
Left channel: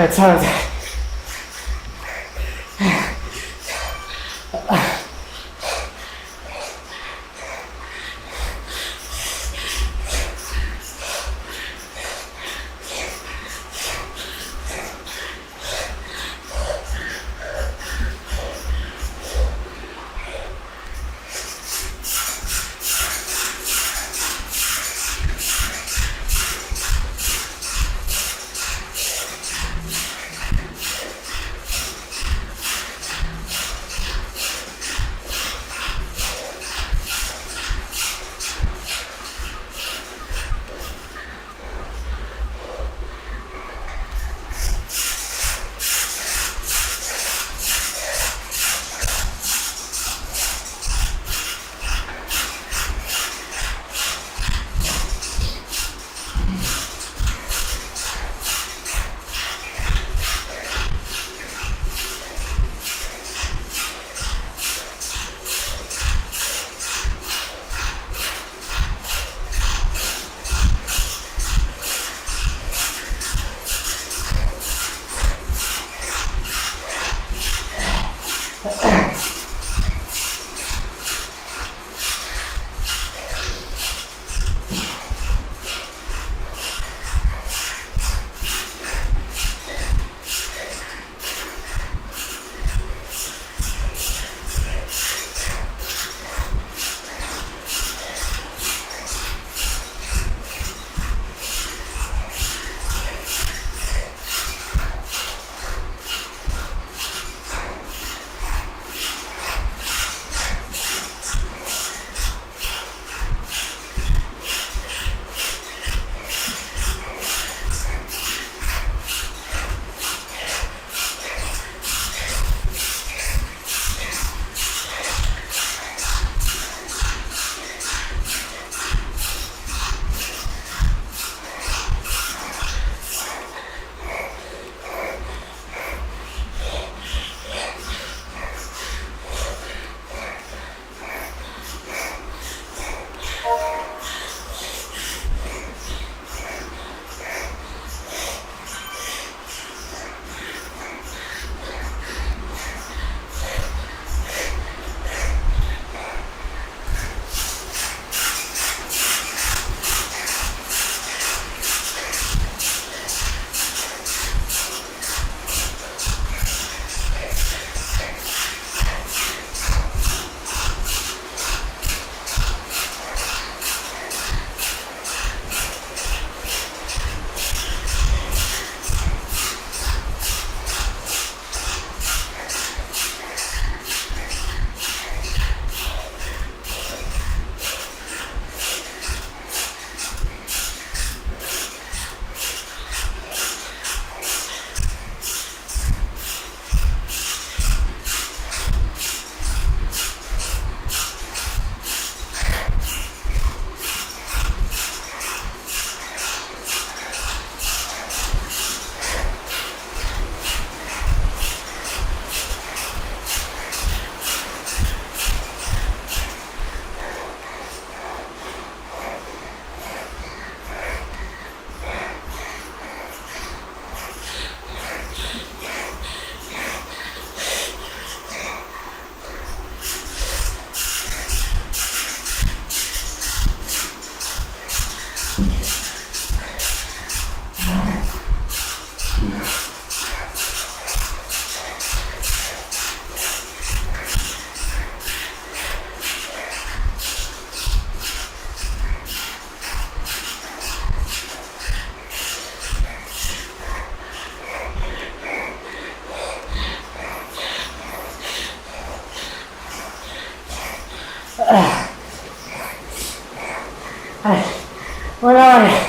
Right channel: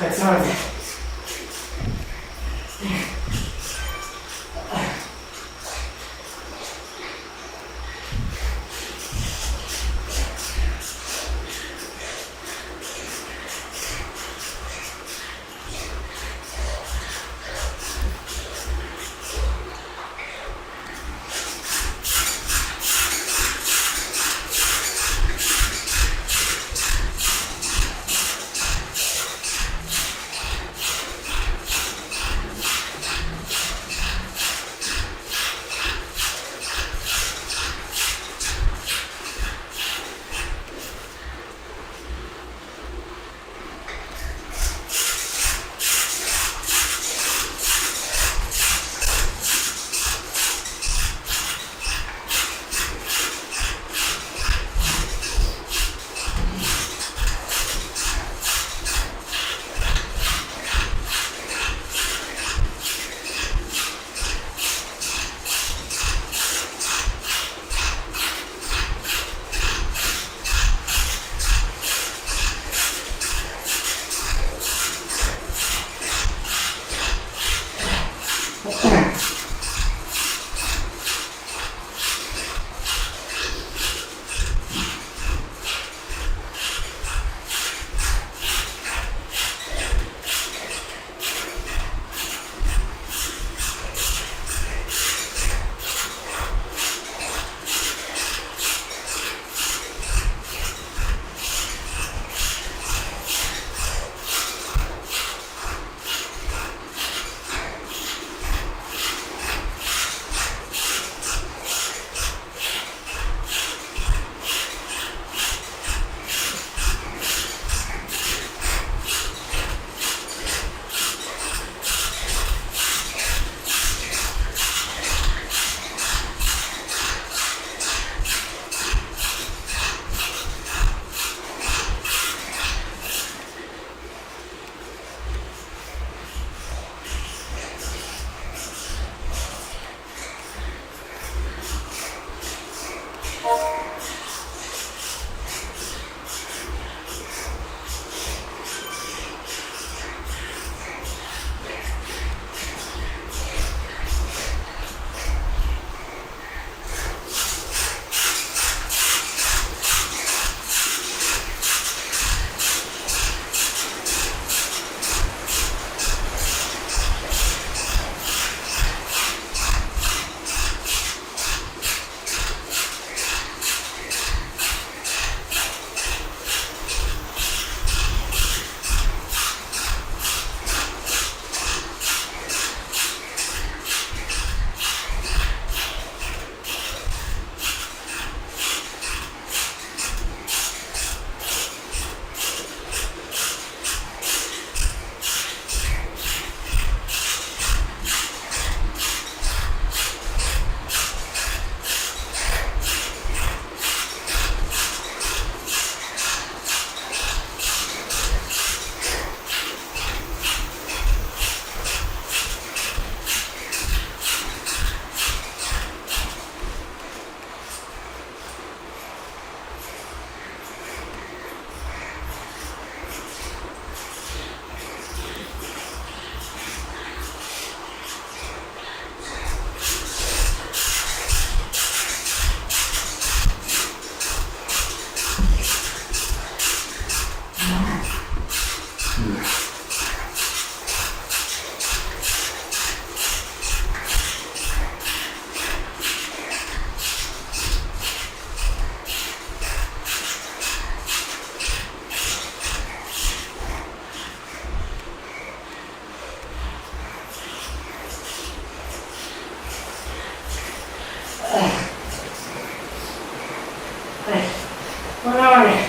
It's hard. 1 hour.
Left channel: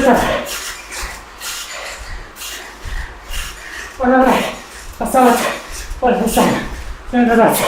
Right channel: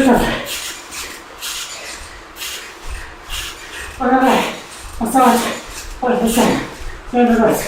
dépasser. Voilà, ouais. Ça va. Voilà, c'est ça. C'est un dépasser.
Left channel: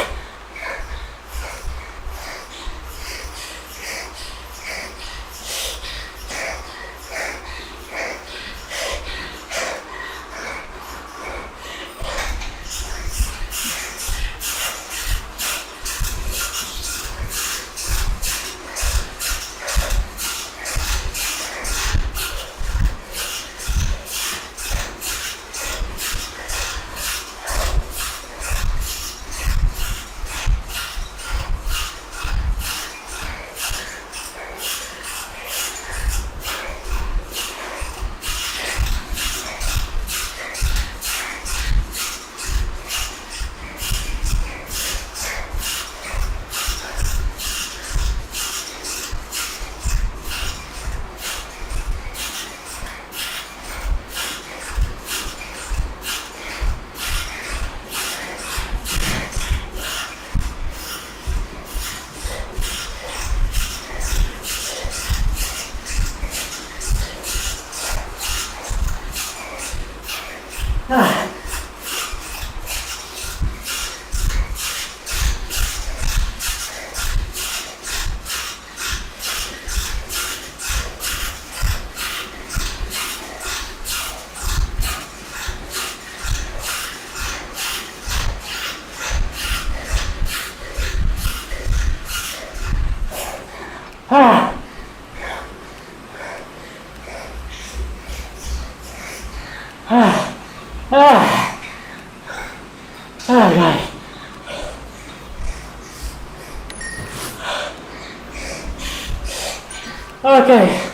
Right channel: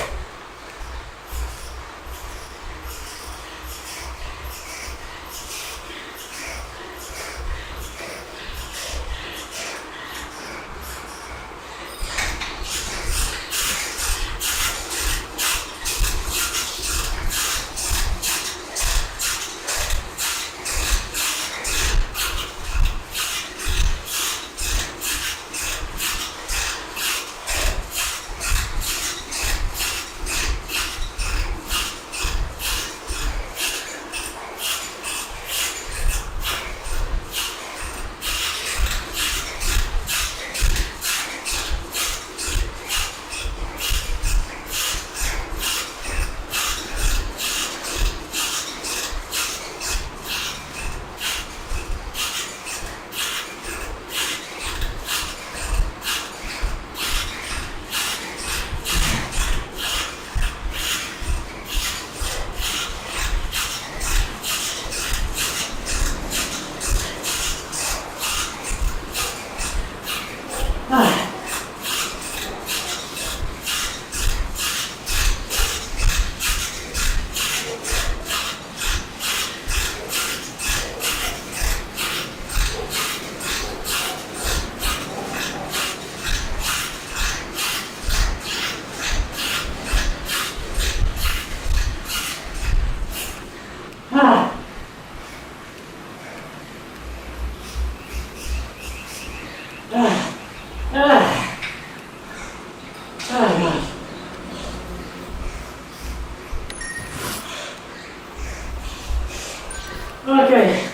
Okay.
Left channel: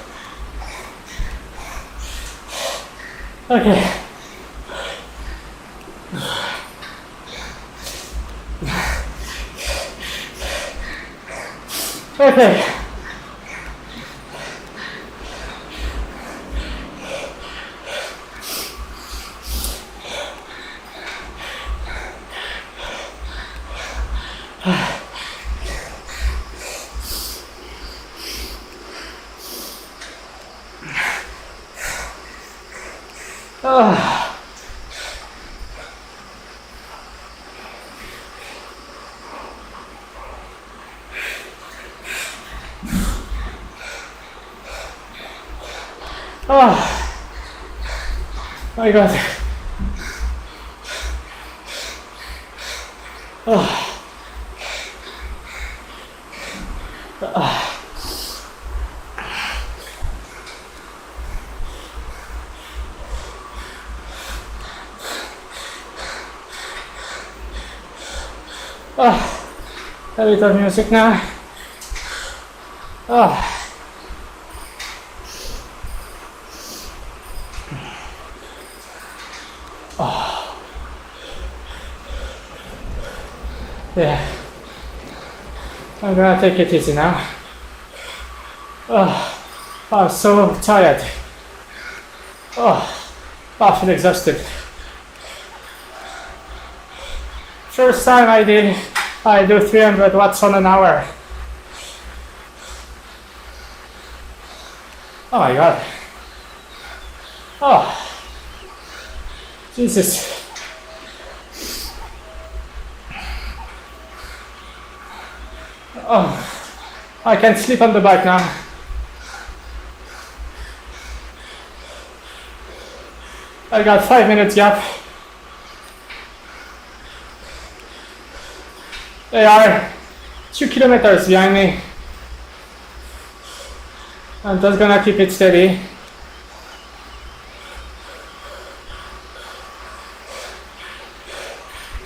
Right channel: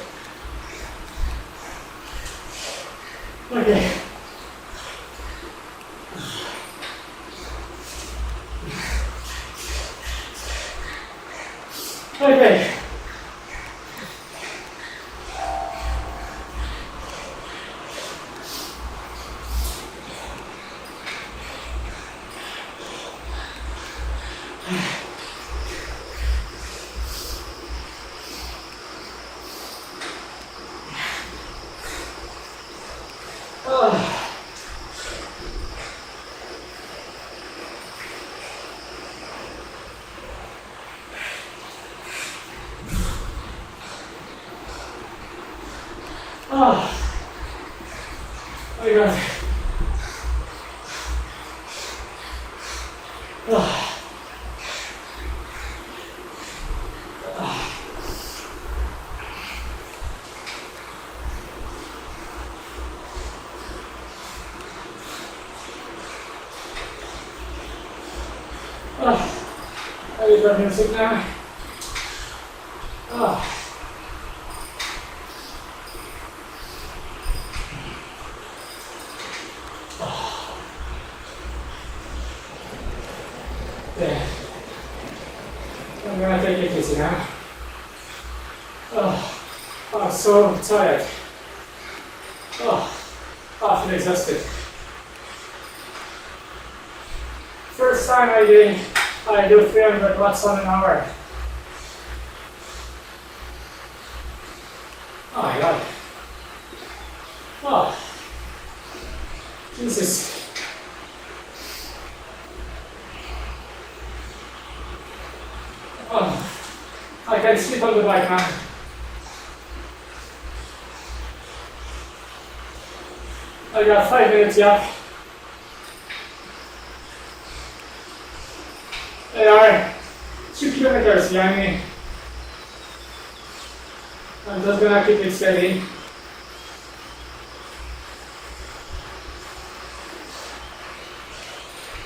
Okay. Okay. Oh my God. Oh. Oh, a little music now. Oh. Oh. Yeah. I'm gonna take it easy now. Oh, I'm so tired. Oh, I feel exhausted. First time I do 300 watts on an hour. Oh my God. Oh, Jesus. Oh, I can sleep on the bike now. I got 5 minutes gap. They are 2 kilometers behind me. I'm just gonna keep it steady.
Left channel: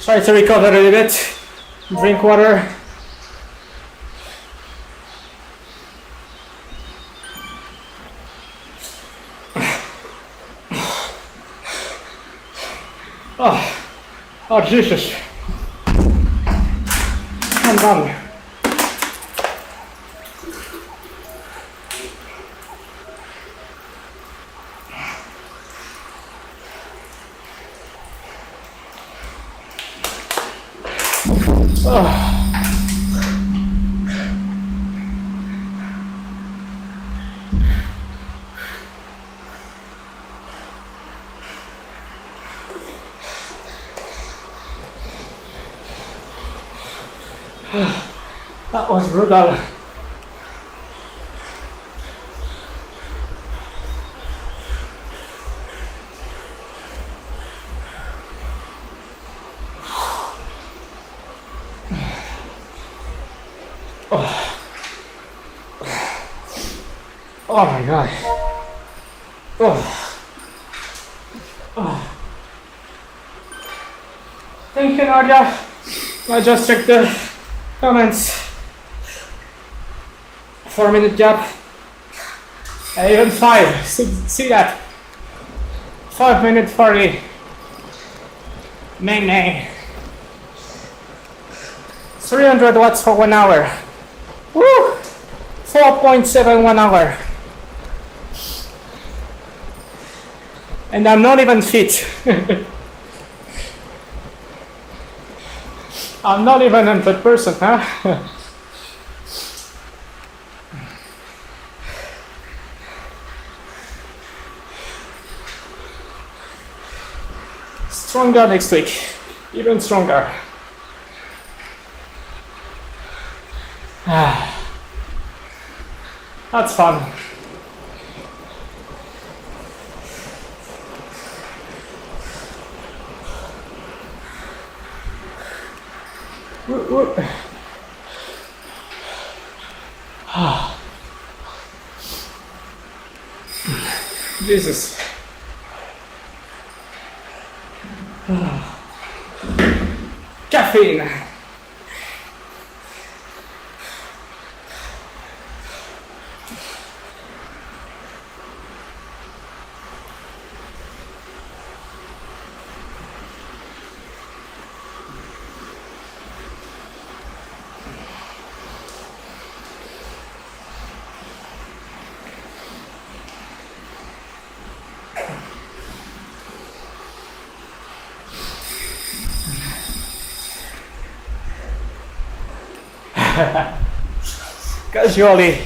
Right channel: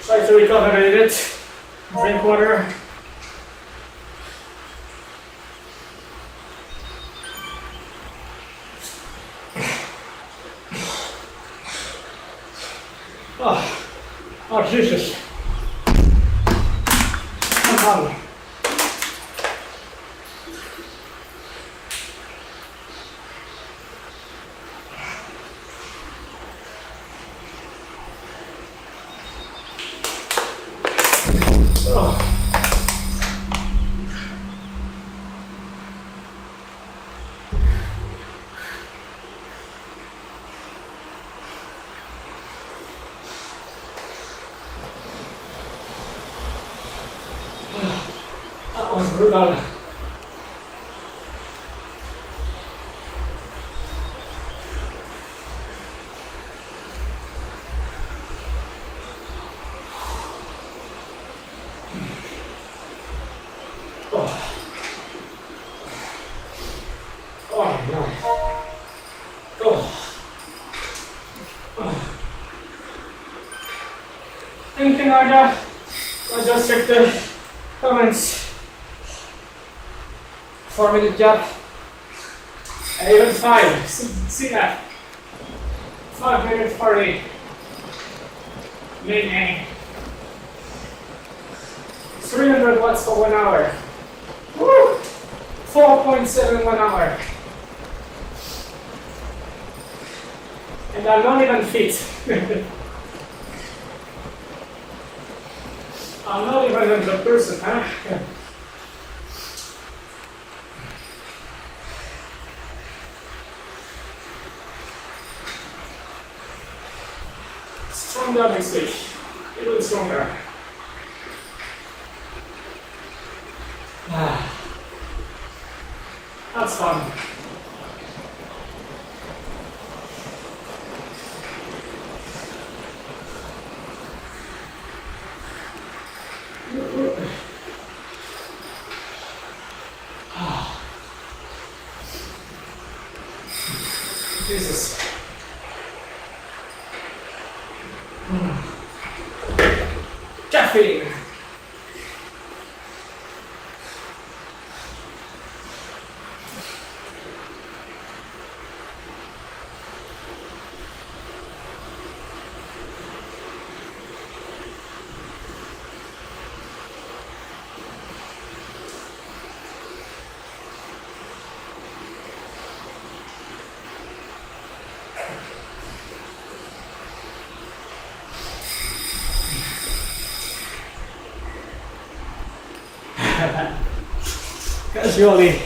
Try to recover a little bit. Drink water. Oh, Jesus. I'm done. Oh. That was brutal. Oh. Oh my God. Oh. Oh. Thank you, Nadia. I just checked the comments. 4-minute gap. Even 5. See that? 5 minutes 40. Nay. 300 watts for 1 hour. Woo! 4.71 hour. And I'm not even fit. I'm not even a good person, huh? Stronger next week. Even stronger. That's fun. Jesus. Caffeine. casually.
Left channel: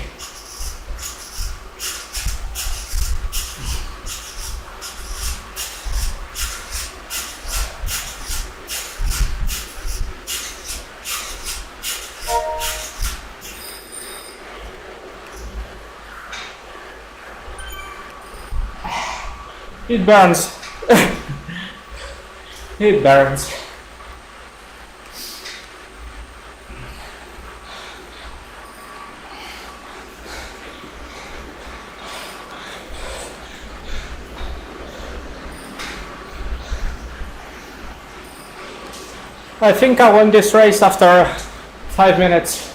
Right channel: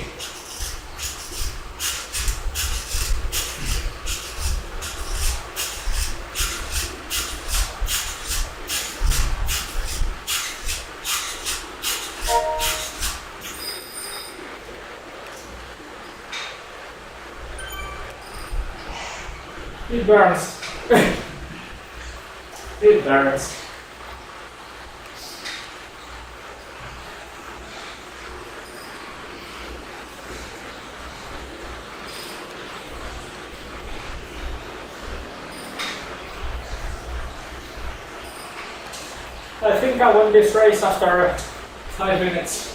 It burns. It burns. I think I won this race after 5 minutes.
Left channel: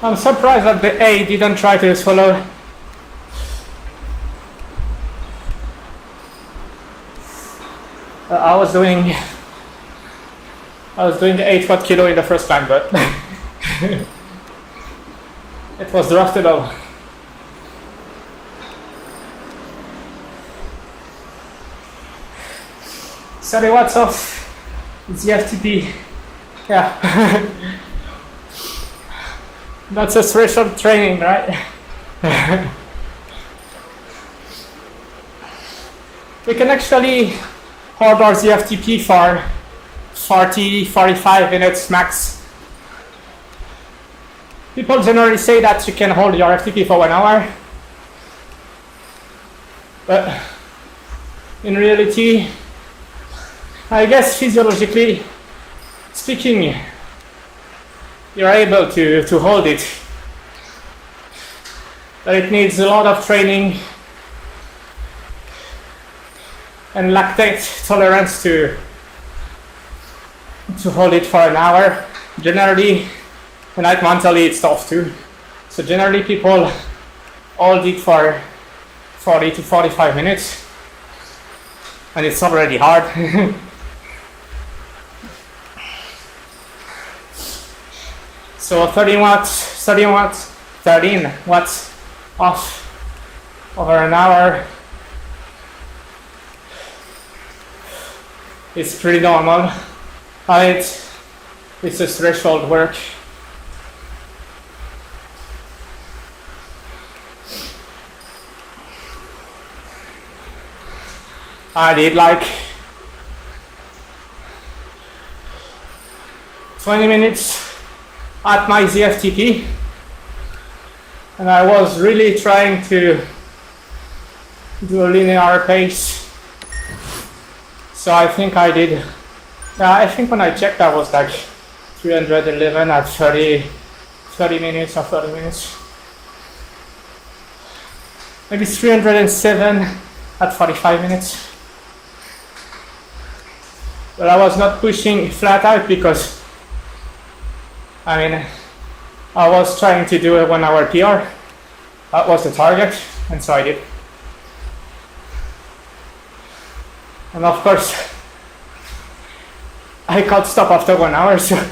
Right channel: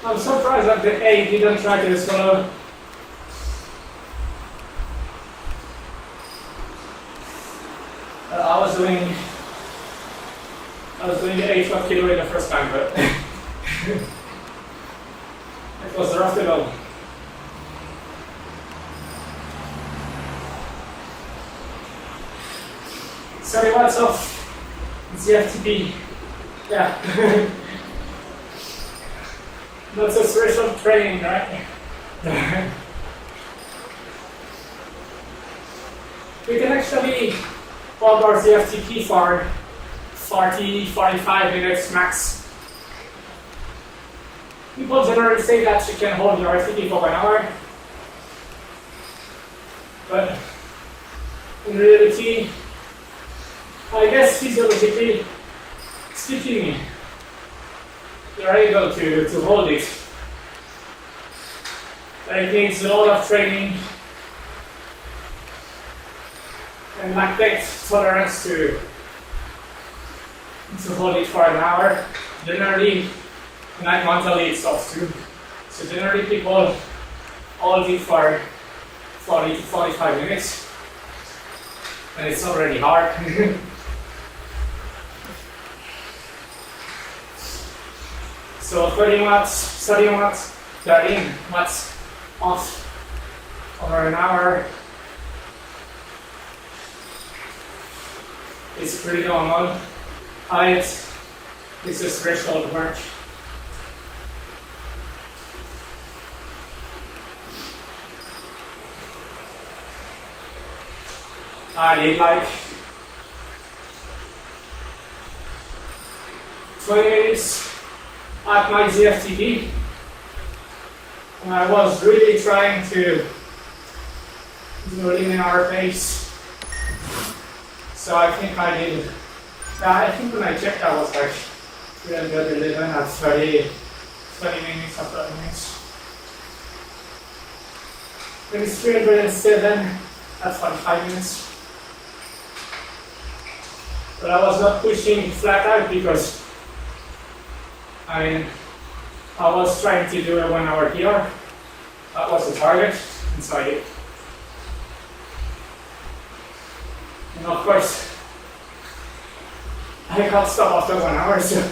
I'm surprised that the A didn't try to follow. I was doing the 8 kilo in the first time, but it was drafted out. Sorry, what's off? It's the FTP. Yeah. That's a threshold training, right? We can actually order the FTP for 40-45 minutes max. People generally say that you can hold your FTP for 1 hour. But in reality, I guess physiologically speaking, you're able to hold it. But it needs a lot of training and lactate tolerance to hold it for an hour. Generally, and like mentally it's tough too. So generally people hold it for 40 to 45 minutes and it's already hard. So 13 watts off over an hour. It's pretty normal. It's a threshold work. I did like 20 minutes at my ZFTP, and I was really trying to do a linear pace. So I think I did. I think when I checked, I was like 311 at 30 minutes or 30 minutes. Maybe 307 at 45 minutes. But I was not pushing flat out because I was trying to do a 1 hour PR. That was the target, and so I did. And of course, I can't stop after 1 hour, so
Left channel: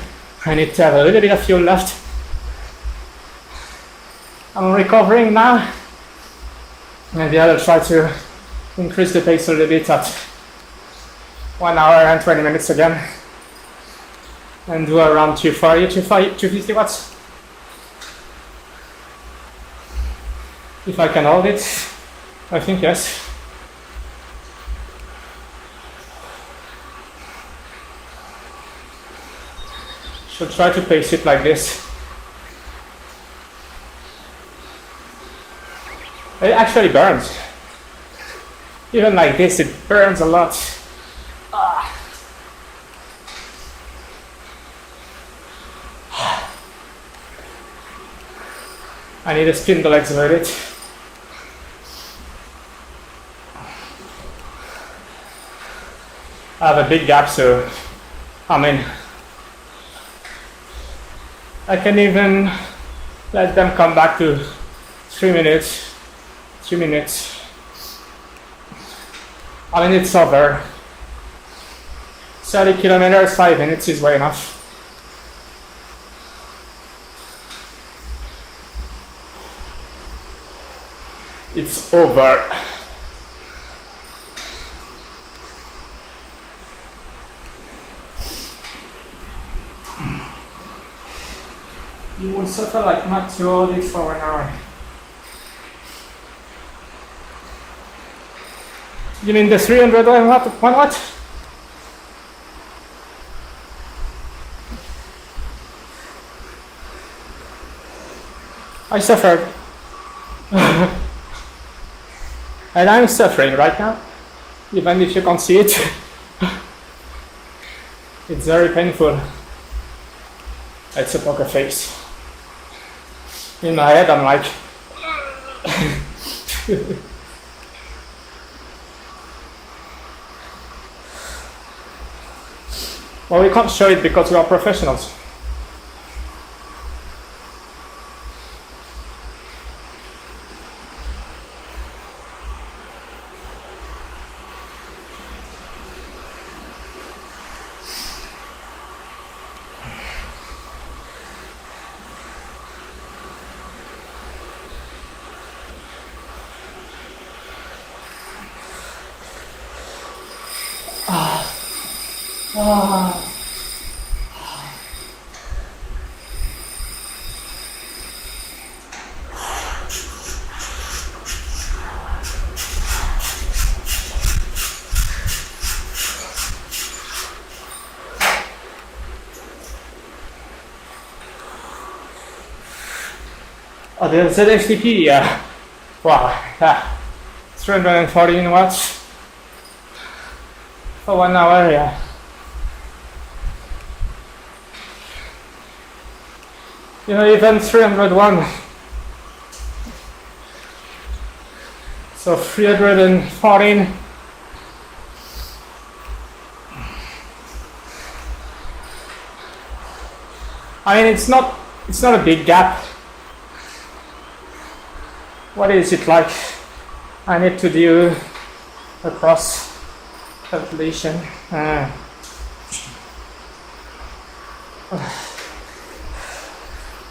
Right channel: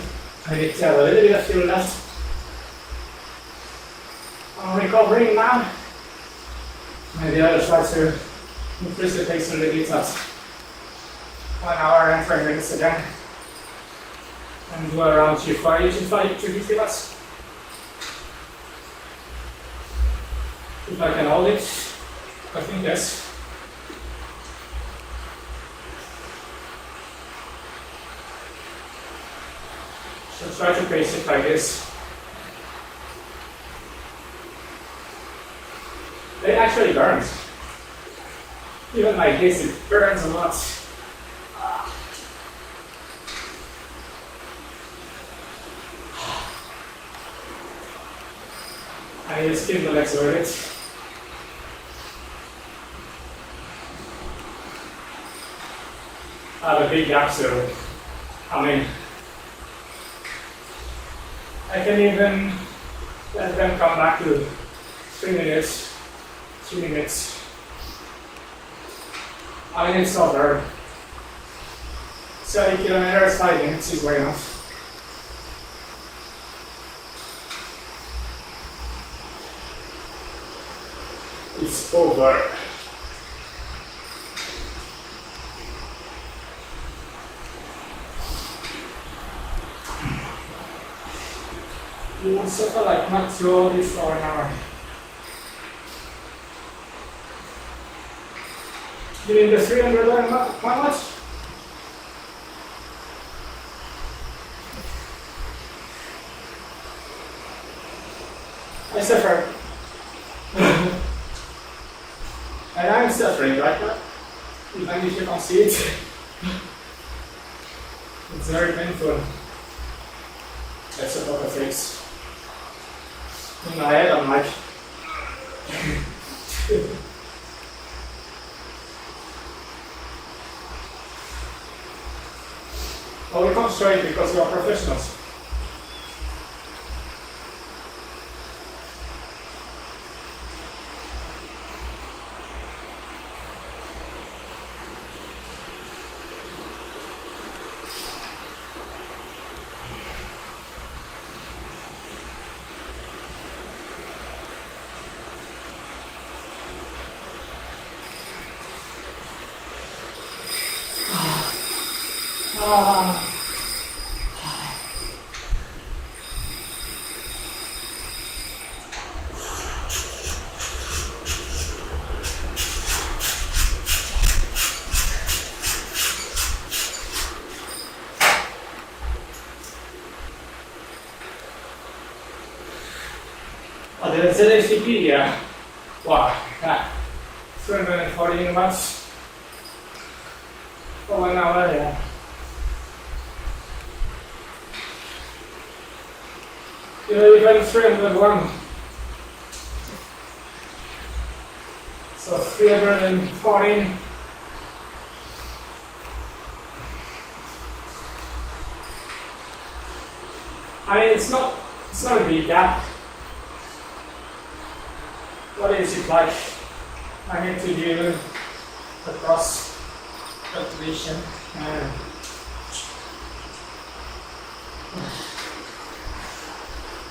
I need to have a little bit of fuel left. I'm recovering now. Maybe I'll try to increase the pace a little bit at 1 hour and 20 minutes again. And do around 250 watts. If I can hold it, I think yes. Should try to pace it like this. It actually burns. Even like this, it burns a lot. I need to spin the legs with it. I have a big gap, so I can even let them come back to 3 minutes. 2 minutes. It's over. 30 kilometers, 5 minutes is way enough. It's over. you will suffer like not to hold it for 1 hour. You mean the 300 one what? I suffered. And I'm suffering right now, even if you can't see it. It's very painful. It's a poker face. In my head, I'm like, well, we can't show it because we are professionals. Oh, the ZFTP, yeah. Wow, 314 watts for 1 hour, yeah. You know, even 301. So 314. I mean, it's not a big gap. What is it like? I need to do a cross calculation.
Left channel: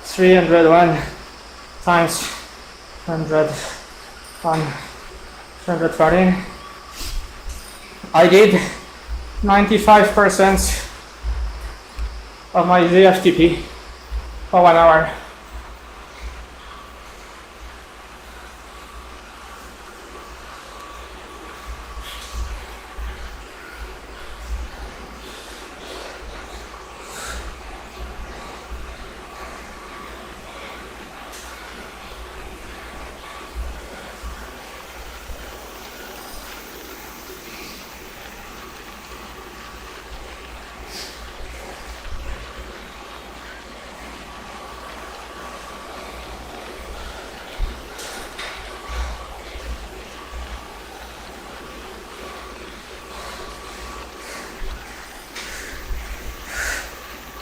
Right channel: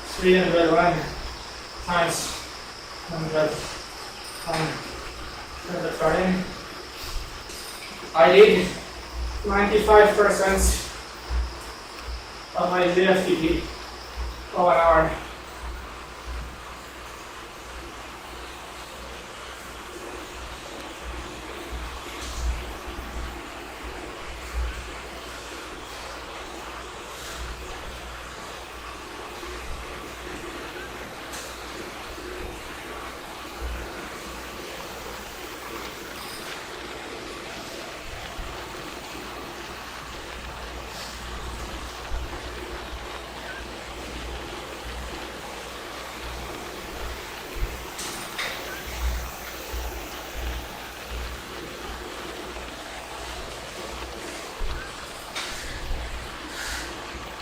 301 times 114. I did 95% of my ZFTP for 1 hour.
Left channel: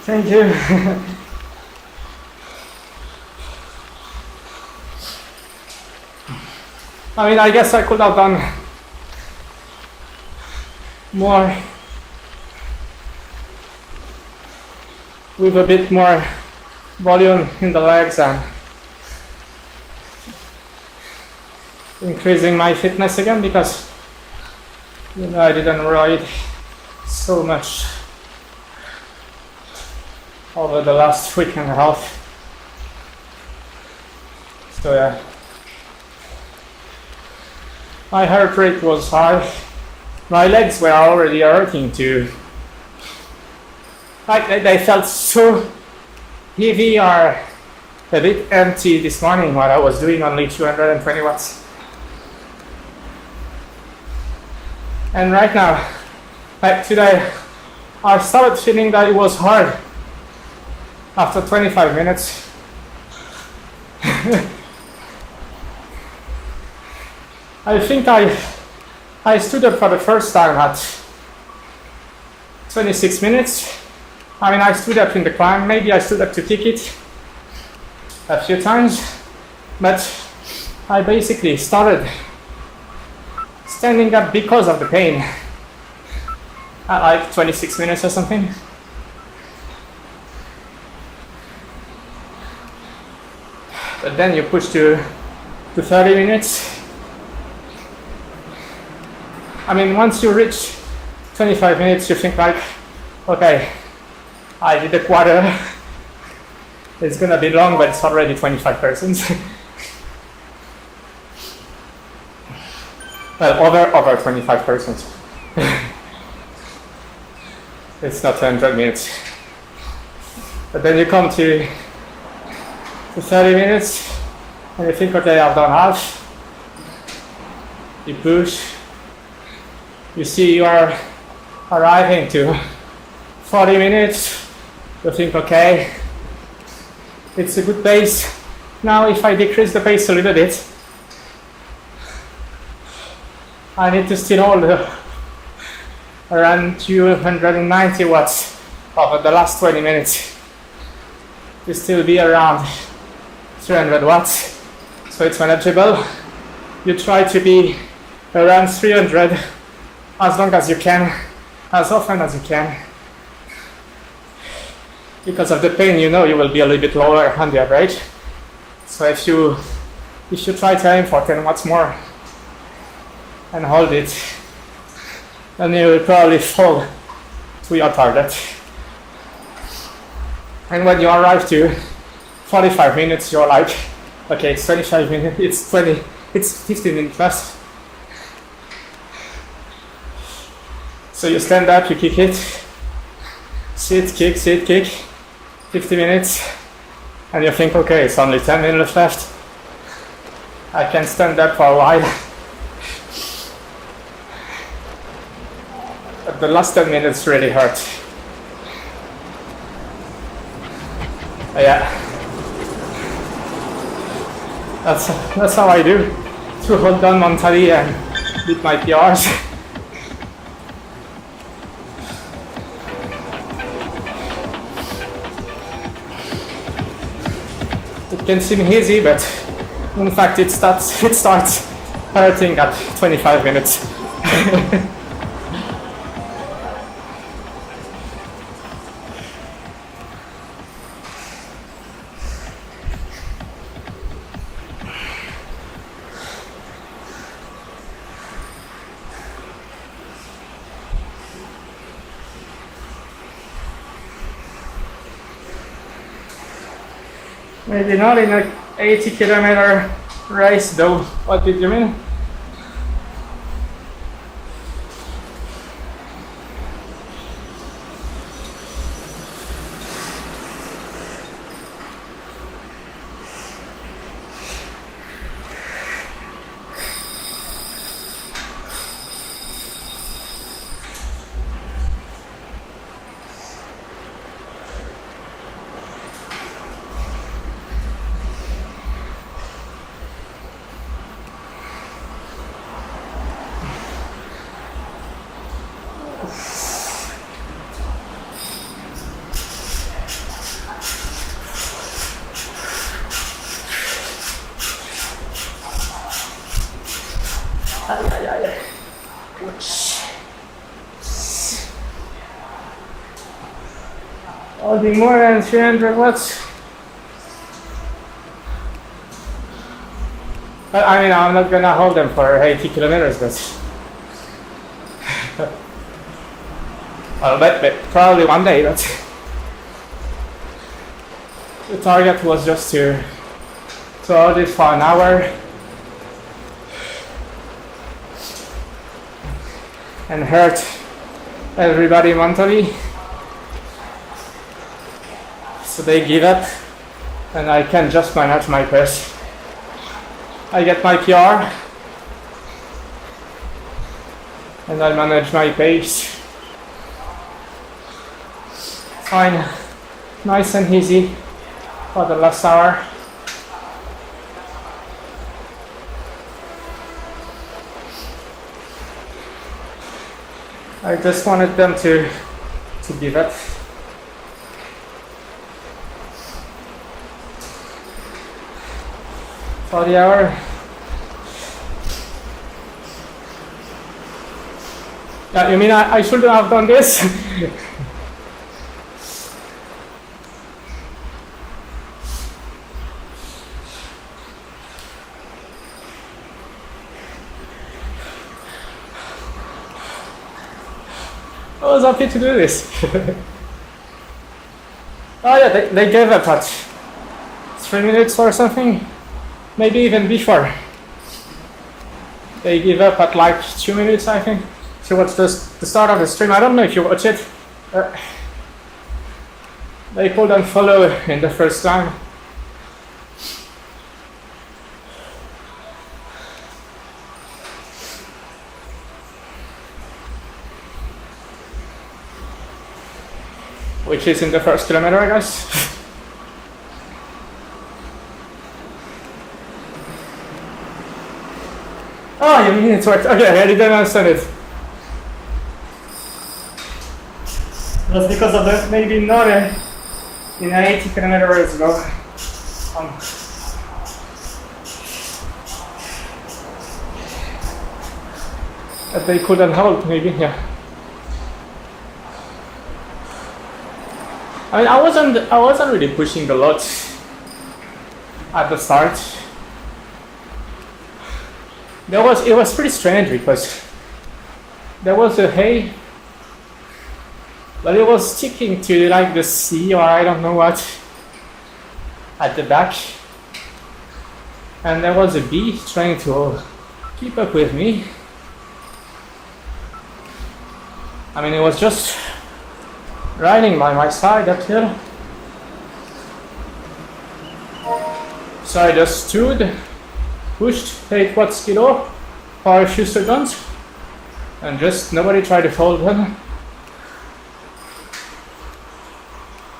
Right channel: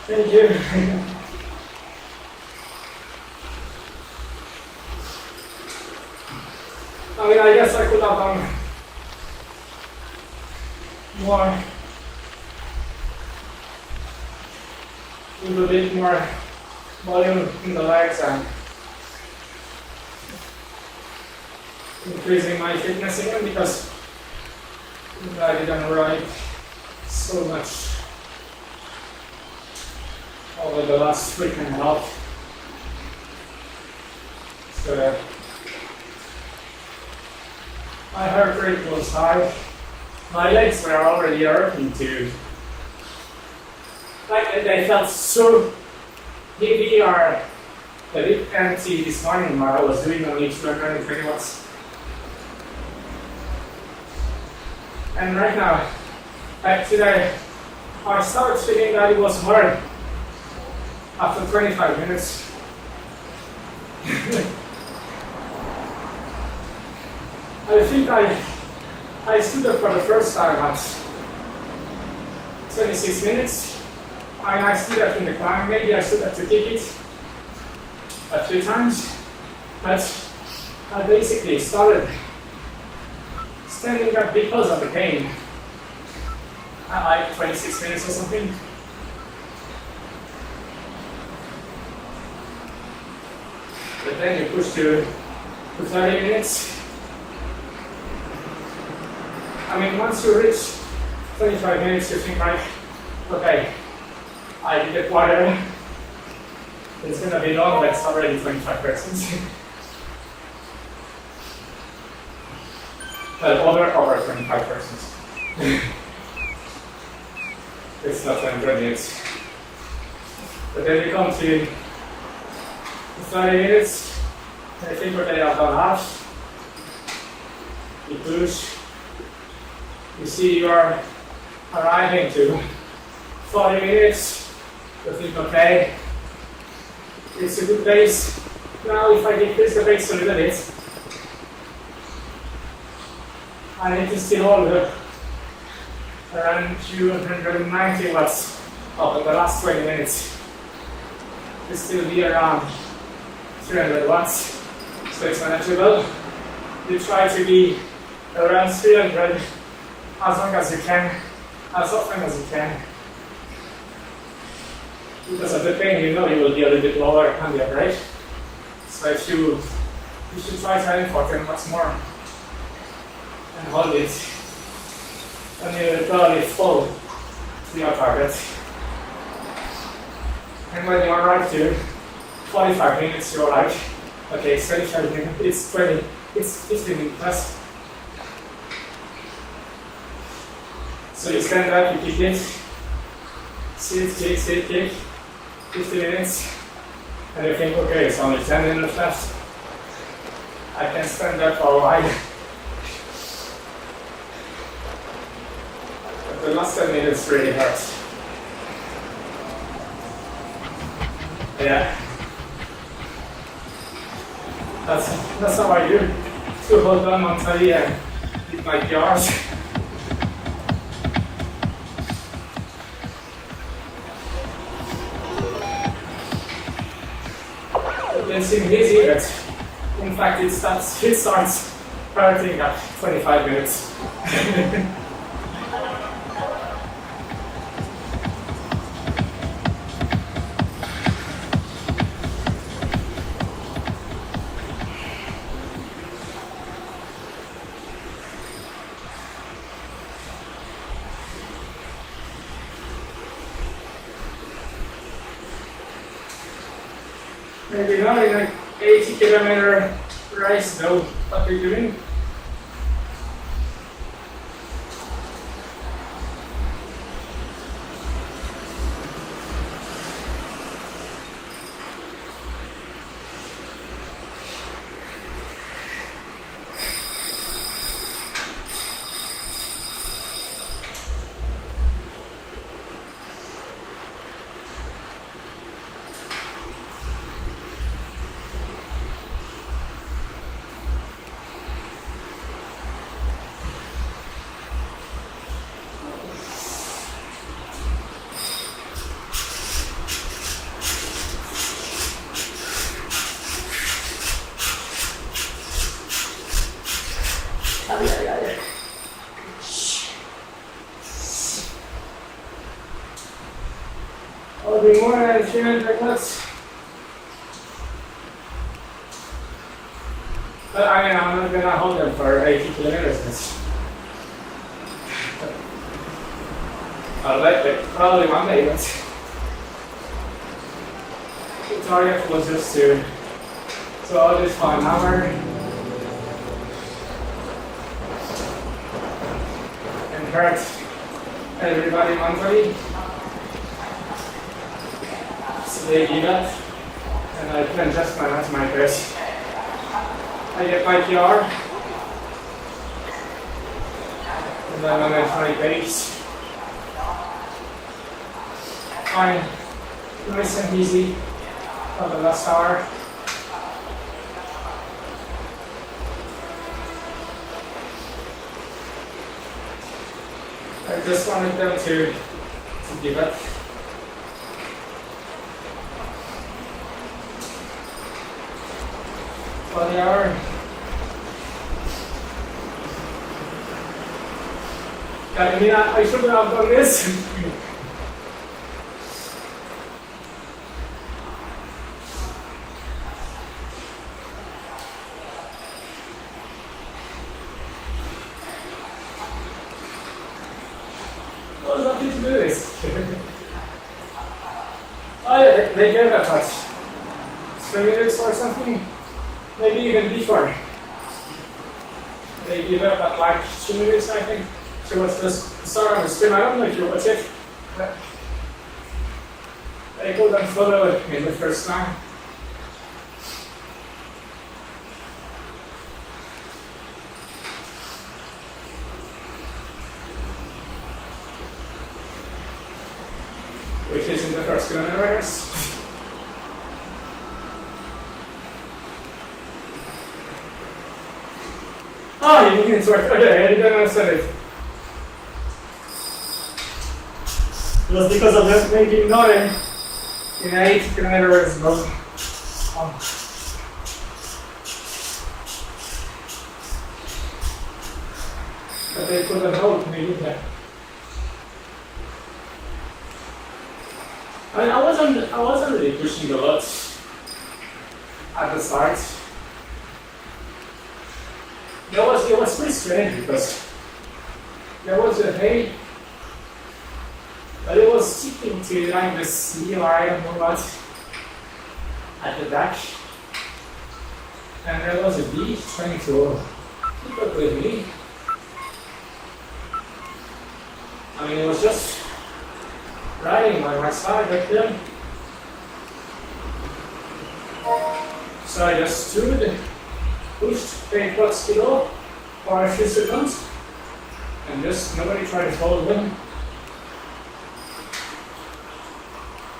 Thank you. I mean, I guess I could have done more with a bit more volume in the legs and increasing my fitness again, because you know, I didn't ride so much over the last week and a half. So yeah, my heart rate was high. My legs were already hurting too. Like they felt so heavy or a bit empty this morning while I was doing only 220 watts. And right now, like today, I started feeling that it was hard after 25 minutes. I think I stood up for the first time at 26 minutes. I mean, I stood up in the climb. Maybe I stood up to kick it a few times, but I basically started standing up because of the pain at like 26 minutes or something. But then you push to 30 minutes. I mean, once you reach 25 minutes, you think like, okay, I did a quarter. It's gonna be long, but it's already 25%. Well, over 25%. It's not 100 minutes. But then you come to 30 minutes, and you think, okay, I've done half. You push. You see you're arriving to 40 minutes. You think, okay, it's a good pace. Now if I decrease the pace a little bit, I need to still hold around 290 watts over the last 20 minutes. To still be around 300 watts, so it's manageable. You try to be around 300 as long as you can, as often as you can. Because of the pain, you know you will be a little bit lower on the average. So if you try to aim for 10 watts more and hold it, then you will probably fall to your target. And when you arrive to 45 minutes, you're like, okay, it's 25 minutes, it's 15 minutes plus. So you stand up, you kick it, sit, kick, 50 minutes, and you think, okay, it's only 10 minutes left. I can stand up for a while. But the last 10 minutes really hurt. Yeah. That's how I do, to hold on mentally and beat my PRs. It can seem easy, but in fact it starts hurting at 25 minutes. Maybe not in an 80-kilometer race though. What did you mean? I'll be more than 300 watts. But I mean, I'm not gonna hold them for 80 kilometers. I'll bet probably one day. But the target was just to hold it for an hour and hurt everybody mentally. So they give up, and I can just manage my pace. I get my PR, and I manage my pace. Fine, nice and easy for the last hour. I just wanted them to give up. For the hour. Yeah, you mean I should have done this? I was happy to do this. Oh yeah, they gave up 3 minutes or something, maybe even before. They give up at like 2 minutes, I think. So what's the start of the stream? I don't know if you watch it. They couldn't follow in the first time. Which is in the first kilometer, I guess. Oh, you mean it's worked? Okay, I didn't understand it. Just because of that, maybe not in 80 kilometers ago. That they couldn't hold, maybe, yeah. I mean, I wasn't really pushing a lot at the start. It was pretty strange because there was a hay, but it was sticking to like the sea or I don't know what at the back, and there was a bee trying to keep up with me. I mean, it was just riding by my side uphill. So I just stood, pushed 8 watts kilo for a few seconds, and just nobody tried to hold them.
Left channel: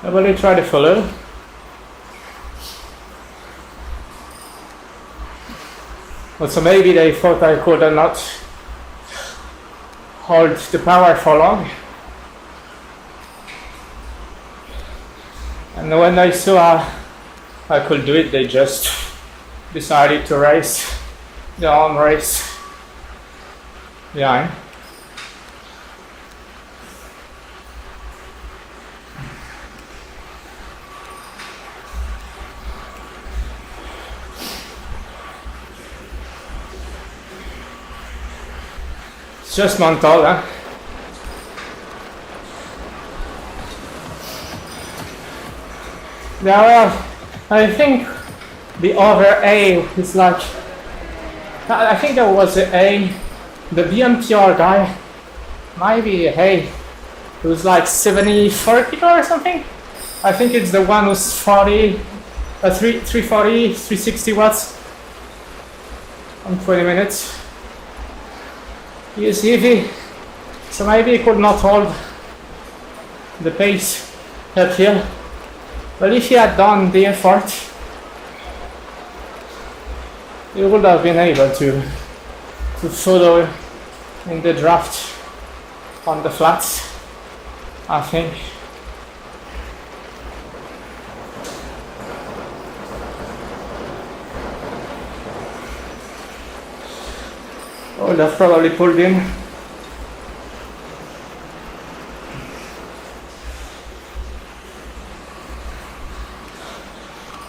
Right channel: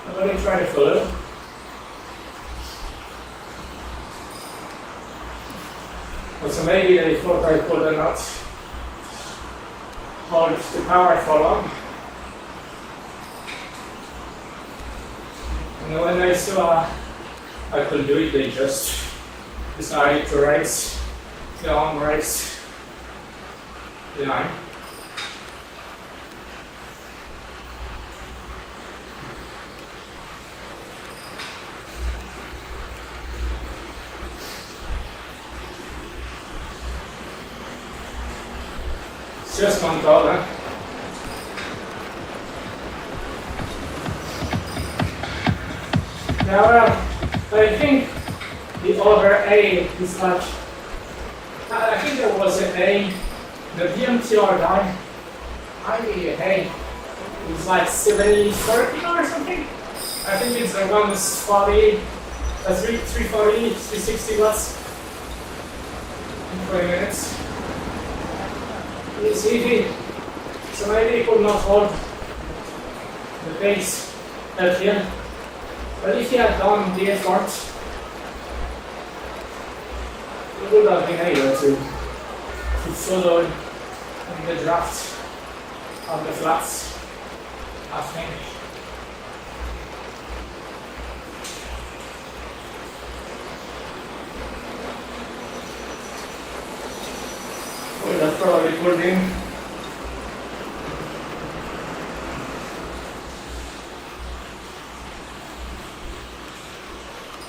Nobody tried to follow. But so maybe they thought I could not hold the power for long. And when they saw I could do it, they just decided to race their own race behind. It's just mental, huh? Now, I think the other A is like, I think there was an A, the BMPR guy, maybe a A, who's like 70-40 or something. I think it's the one who's 340, 360 watts in 20 minutes. He is heavy, so maybe he could not hold the pace up here. But if he had done the effort, he would have been able to follow in the draft on the flats, I think. Oh, that's probably pulled in.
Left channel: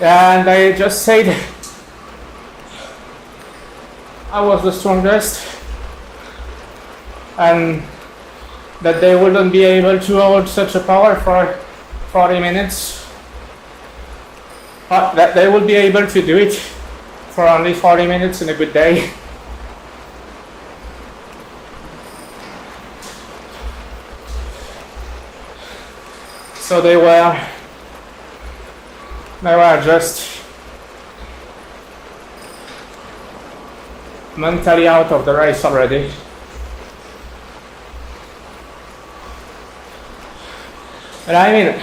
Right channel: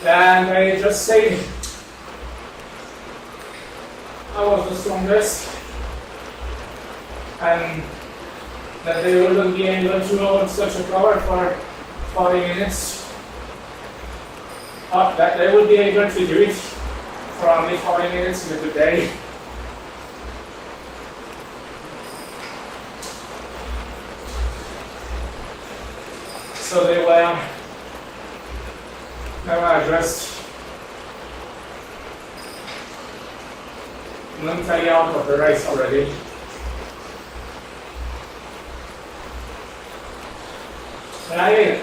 And I just said I was the strongest and that they wouldn't be able to hold such a power for 40 minutes. But that they would be able to do it for only 40 minutes in a good day. So they were just mentally out of the race already. And I mean,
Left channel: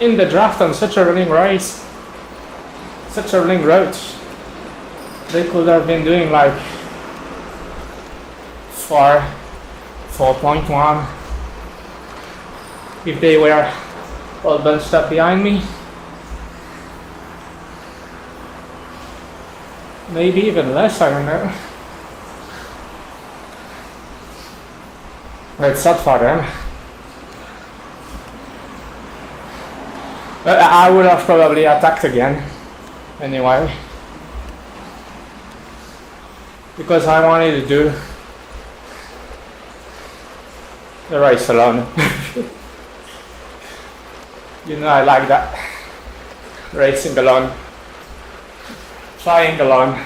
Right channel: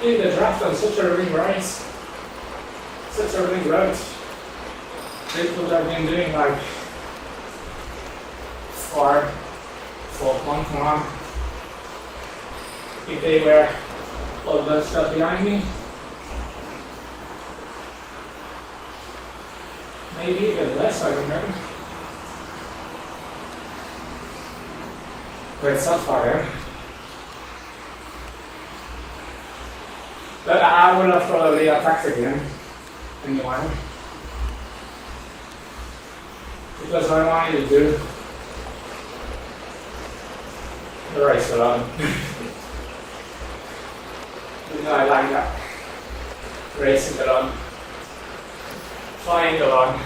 in the draft on such a running race, such a running route, they could have been doing like 4.1 if they were all bunched up behind me. Maybe even less, I don't know. But it's not for them. But I would have probably attacked again anyway. Because I wanted to do the race alone. You know, I like that. racing along, flying along.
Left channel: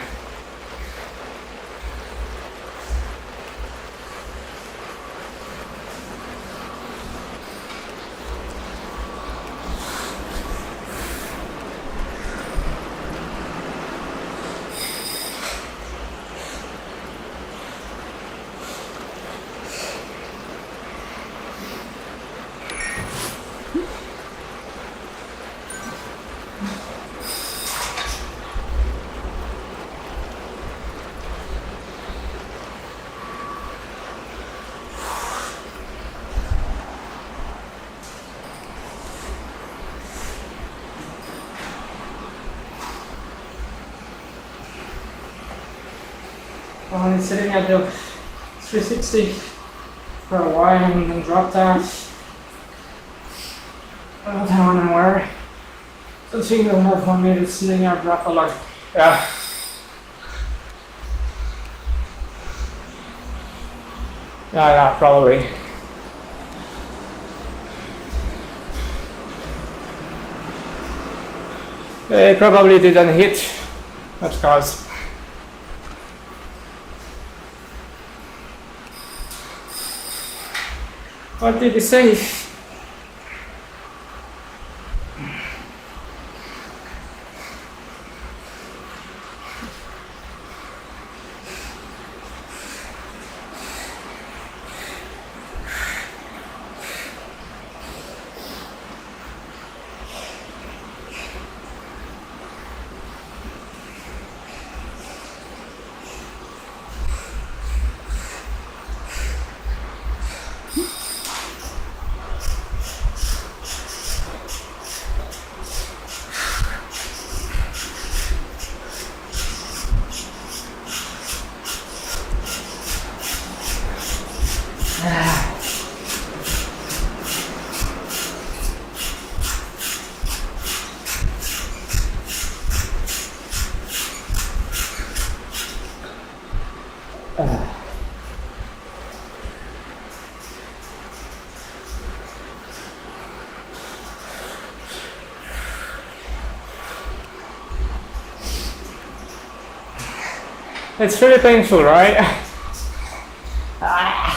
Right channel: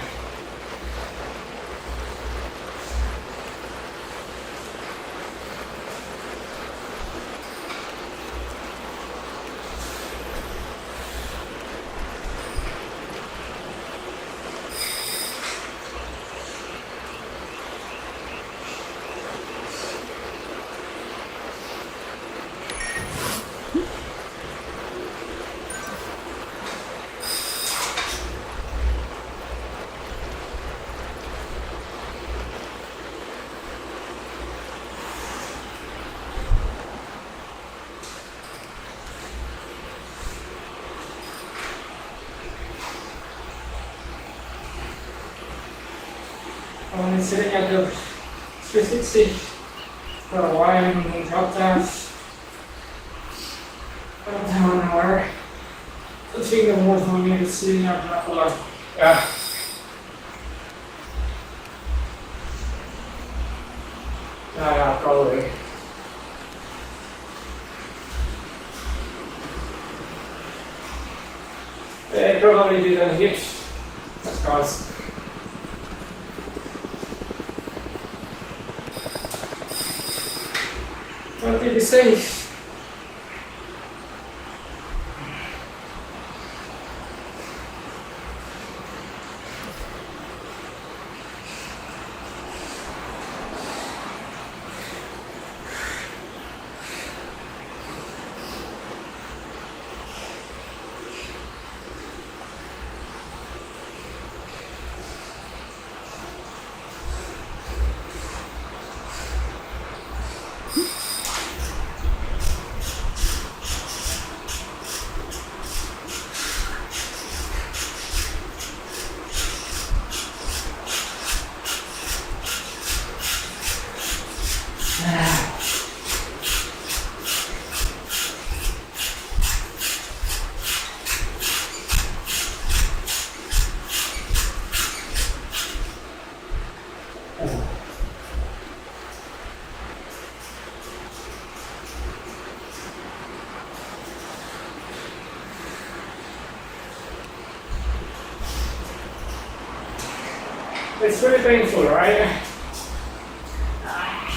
I've been sitting at the 360 for a while and then dropped down. I don't have an hour. So taking the more for me to sitting at drop a lot. Yeah. Yeah, probably. They probably didn't hit. That's cause. What did he say? It's really painful, right? Ay.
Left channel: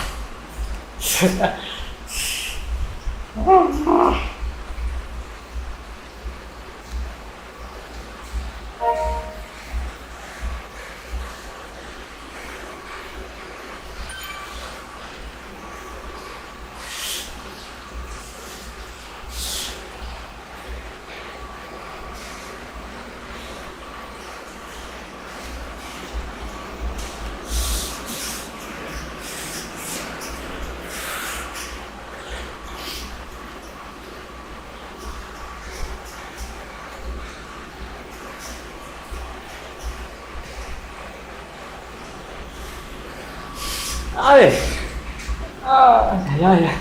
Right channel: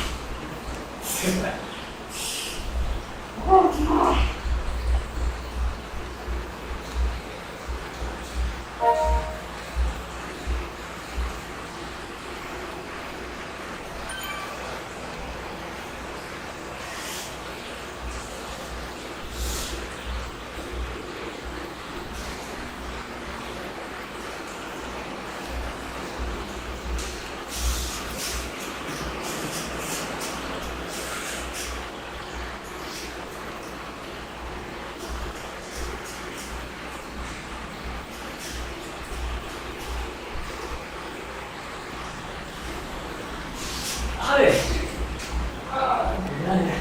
Yeah.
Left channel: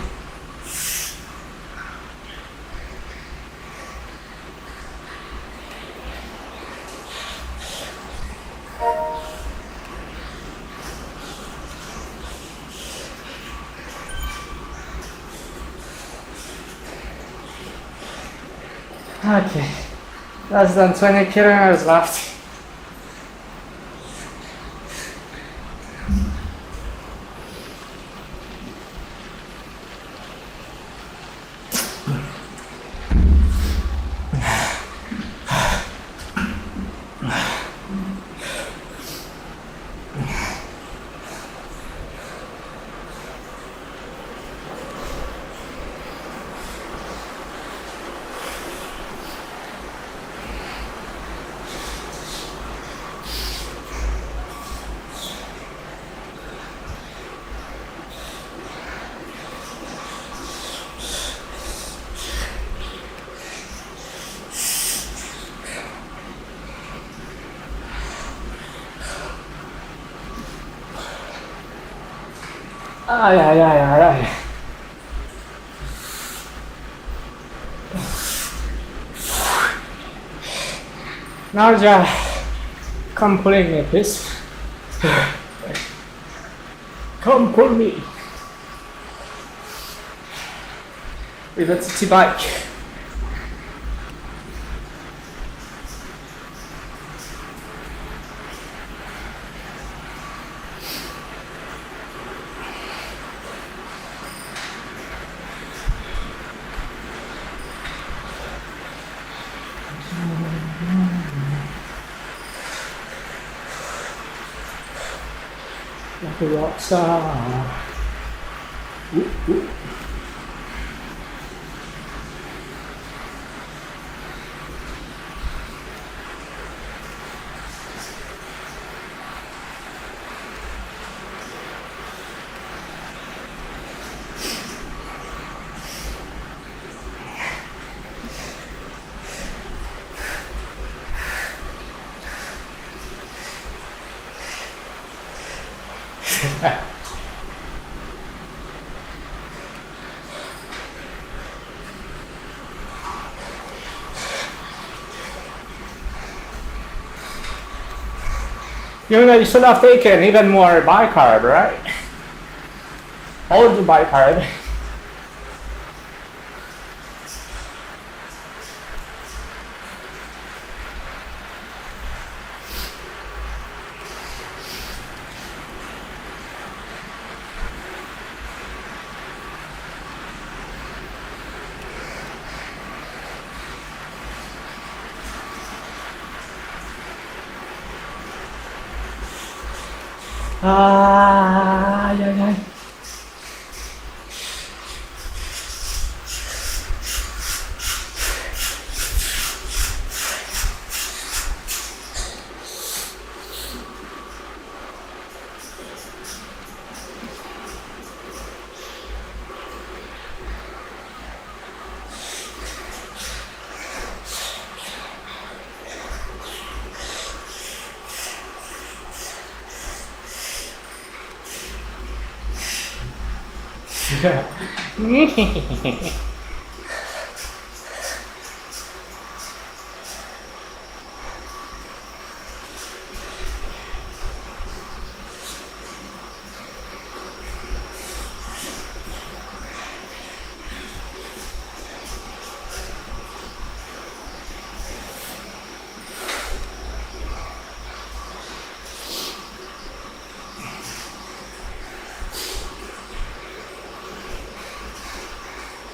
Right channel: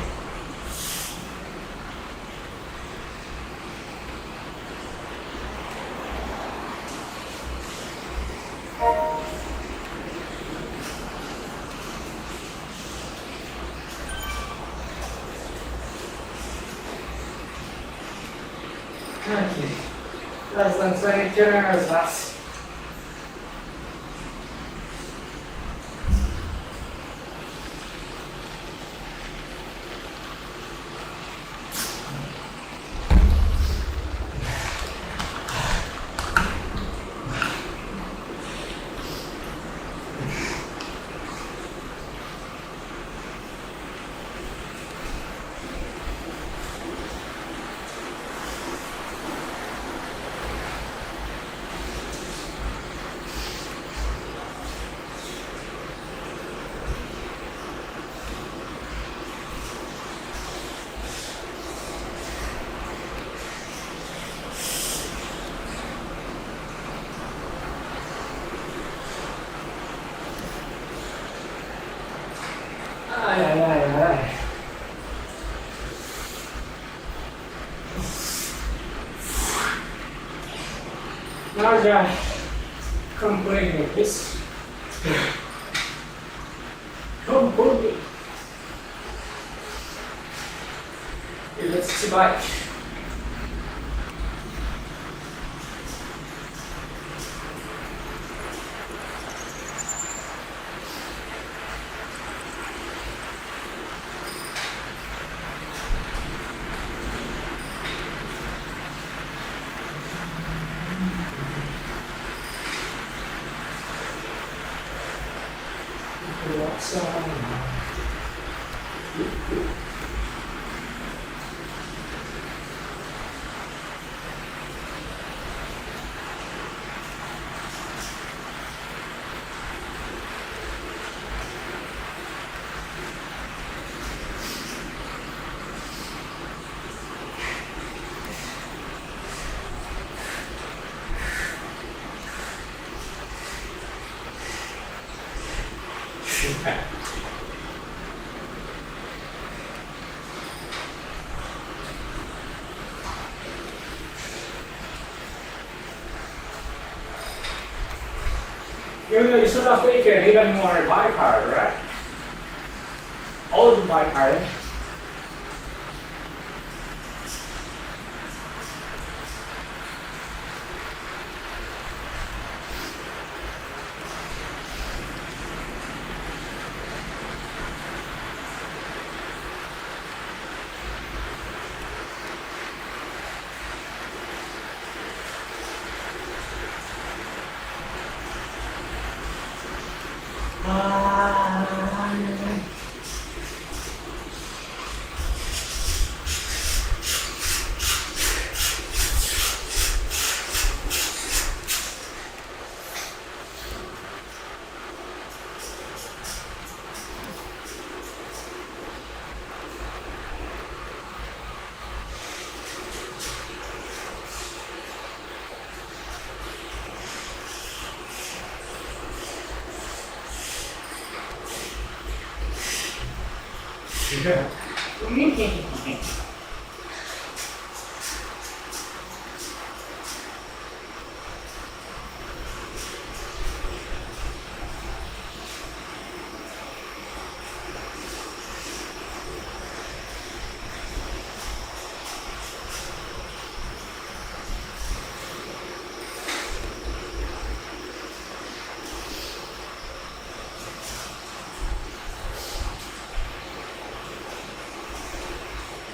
Okay, that's done 20 kilometers left. Ay. Now just come pulling me, please. Come pull me. With a city bike. Forza. You know, you should have taken even more bike card, right? Old bike card. Ah, yeah, yeah.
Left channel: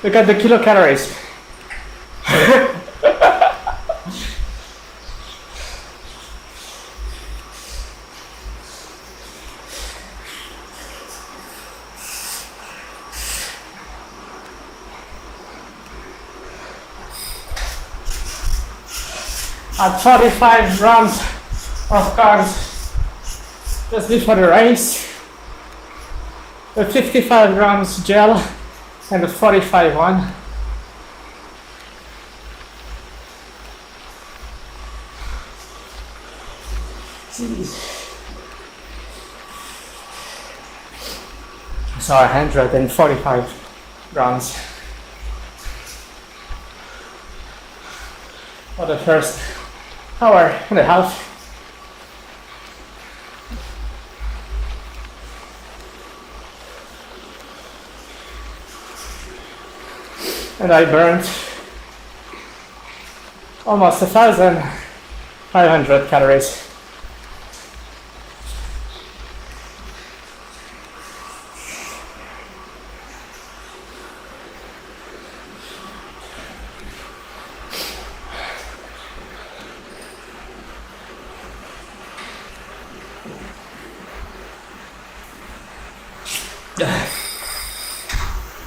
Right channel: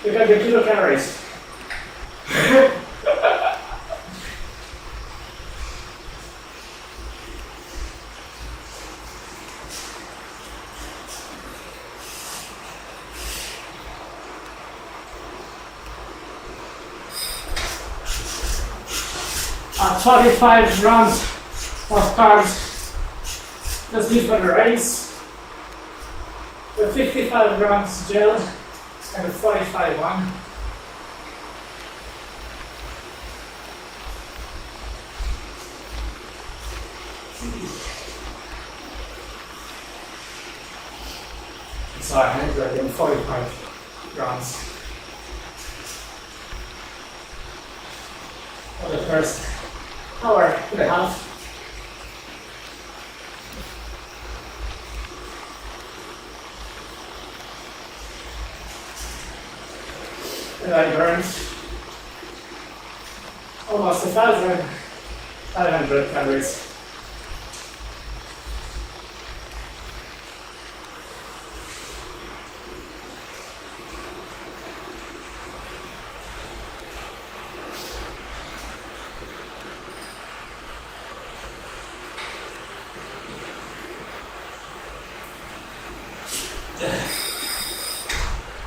Look at the kilocalories. At 45 grams of carbs, just before the race, with 55 grams gel and the 45 one. So 145 grams for the first hour and a half. And I burned almost 1,500 calories.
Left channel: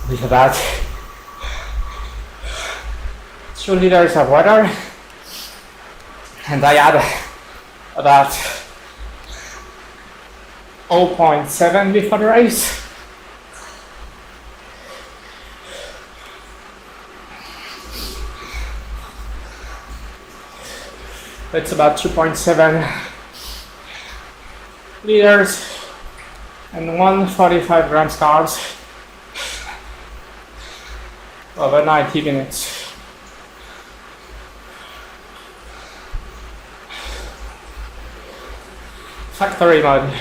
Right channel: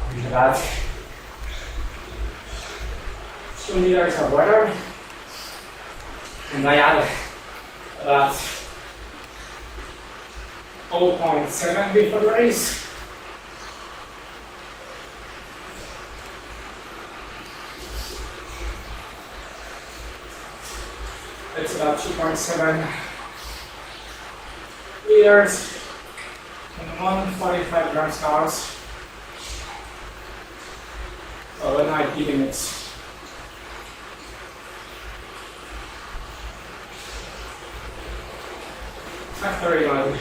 Look at that. 2 liters of water, and I add about 0.7 before the race. It's about 2.7 liters and 145 grams carbs over 90 minutes. Factory mode.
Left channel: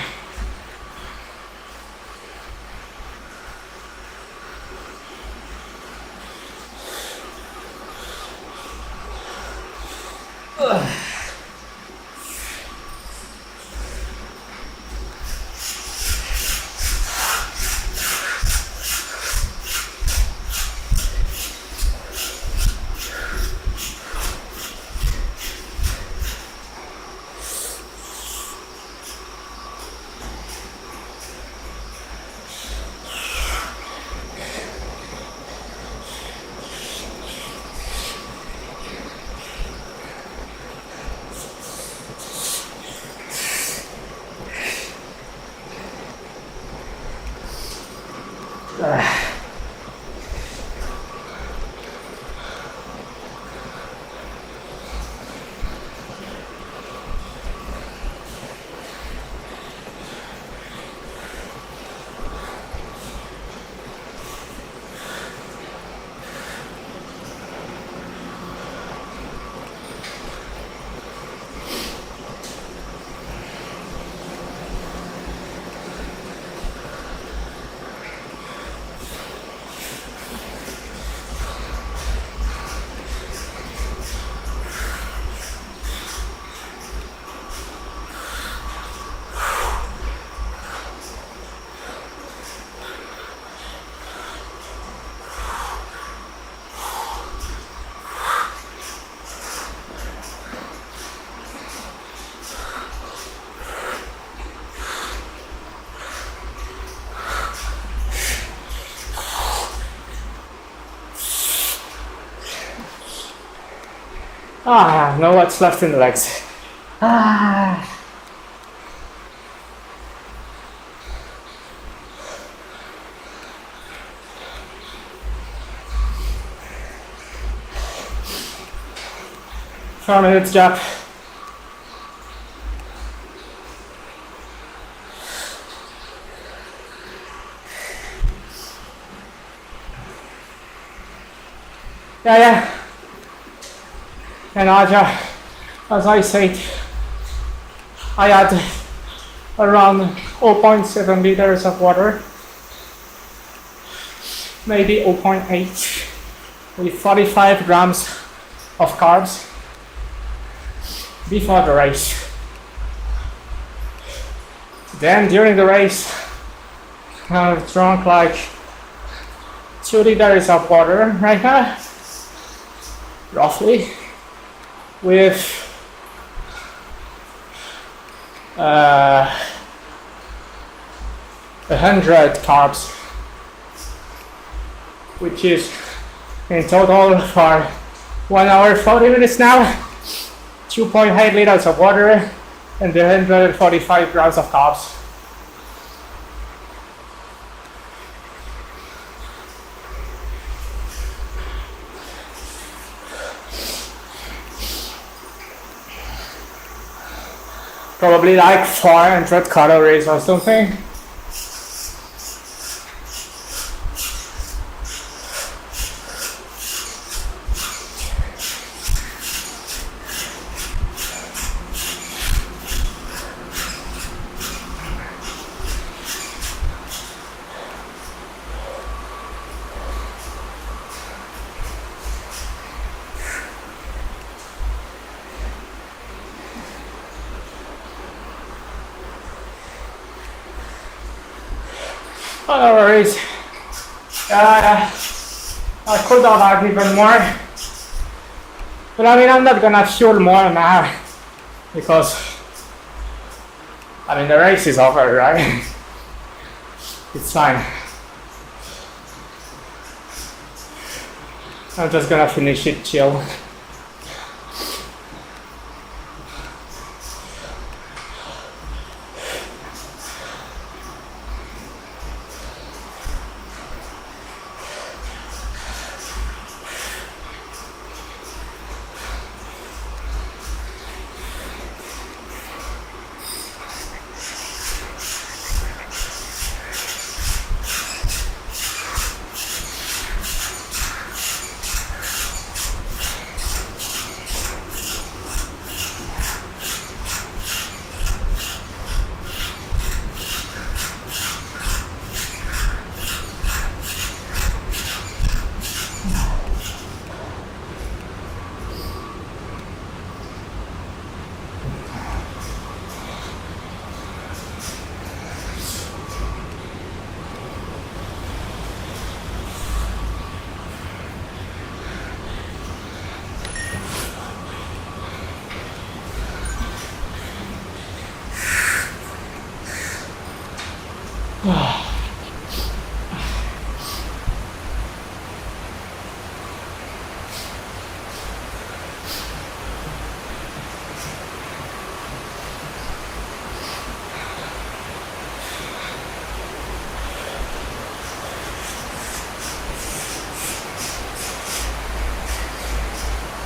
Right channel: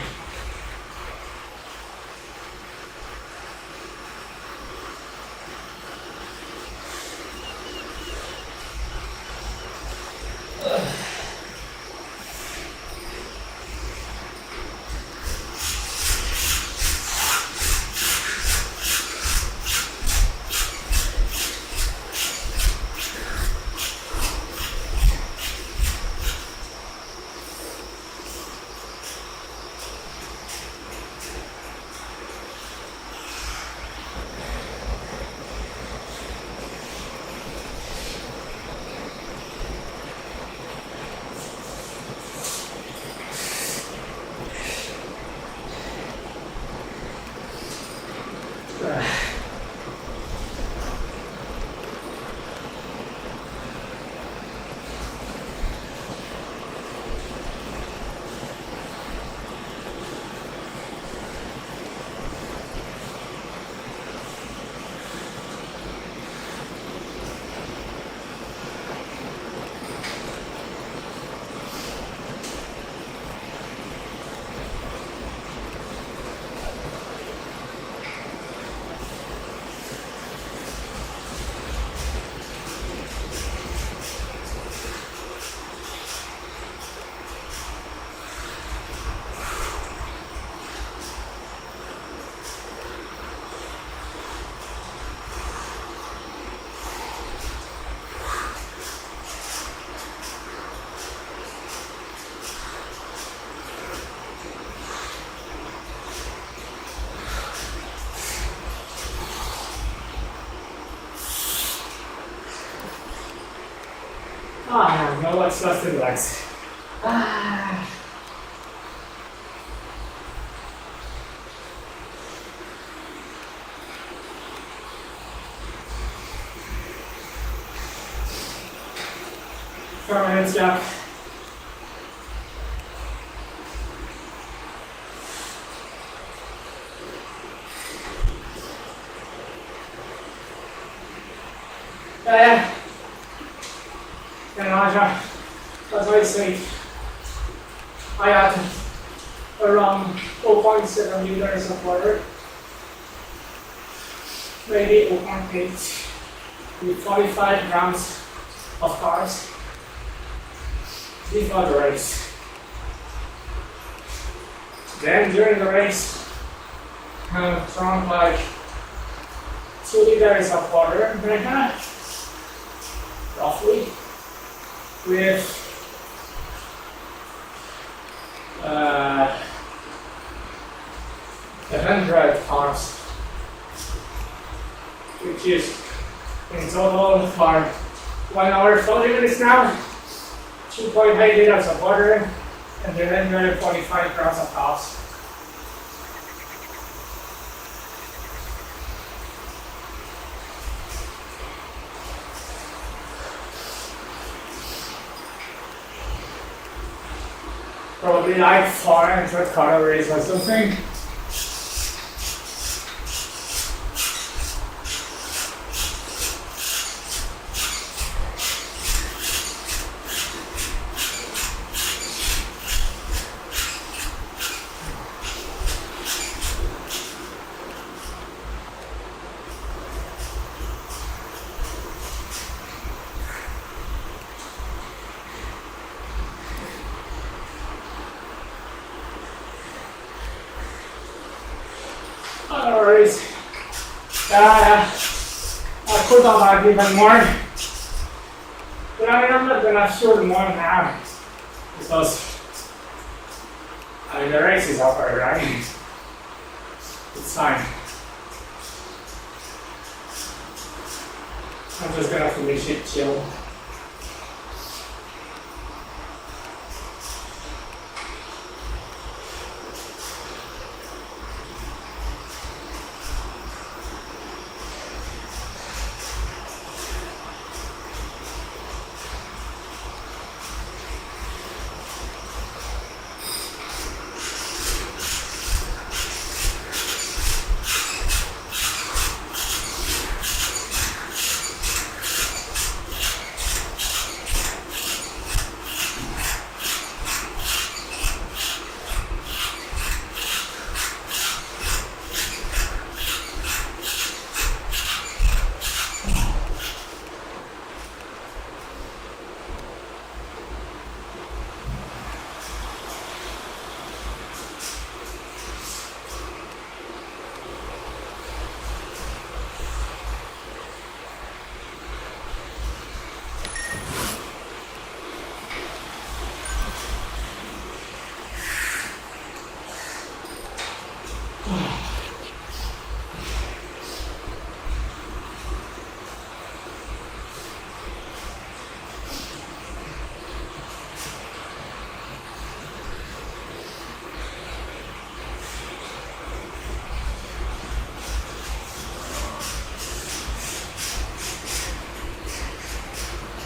Ah, now what's left in the legs. Ah. Four minutes gap. Yeah. And Aja, as I said, I had around 0.7 liters of water, maybe 0.8, with 45 grams of carbs before the race. Then during the race, I drank like 2 liters of water right now, roughly, with 100 carbs, which is in total for 1 hour 40 minutes now, 2.8 liters of water and 145 grams of carbs. Probably like 400 calories or something. No worries. I could not have even more. But I mean, I'm not gonna fuel more now because I mean the race is over, right? It's fine. I'm just gonna finish it chill.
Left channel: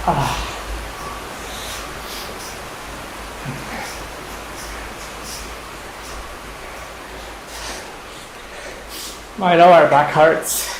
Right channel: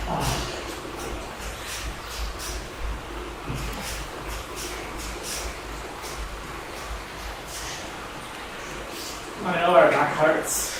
My lower back hurts.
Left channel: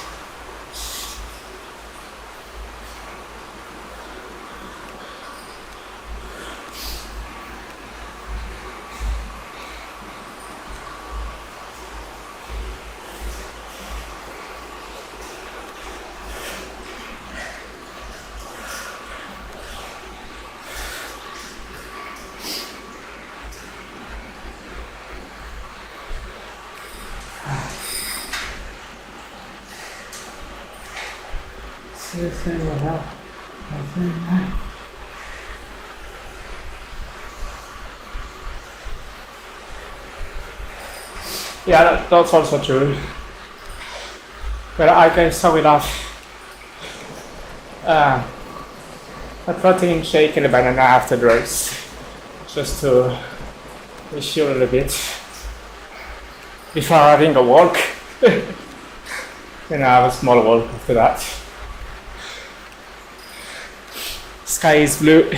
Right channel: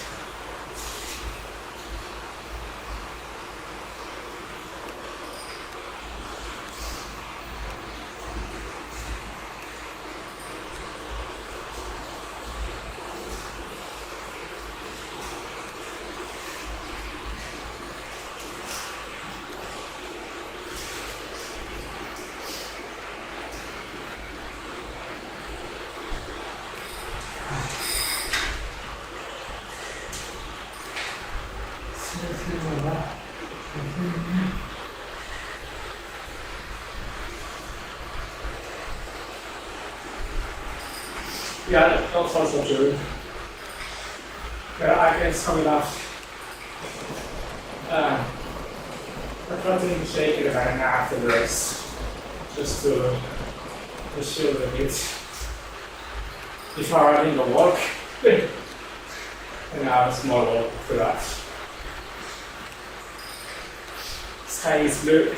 Yeah, that's also true. But I can start with a protein shake and a banana after the race, just to chill a little bit before having a walk. And I have a small walk after that. Sky is blue.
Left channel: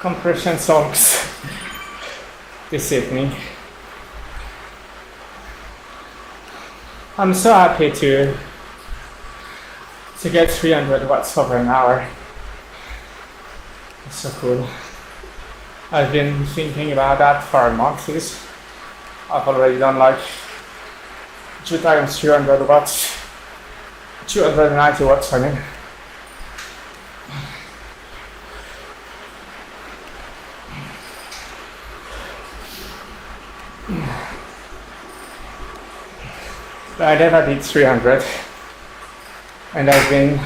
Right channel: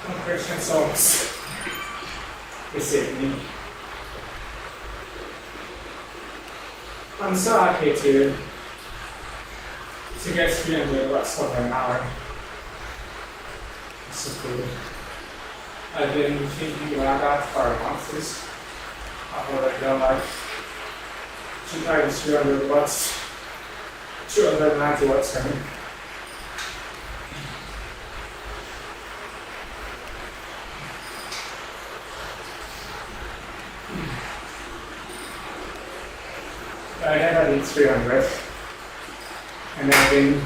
Compression songs this evening. I'm so happy to get 300 watts over an hour. It's so cool. I've been thinking about that for a month. I've already done like 2 times 300 watts, 290 watts, I mean. I never did 300, and I've been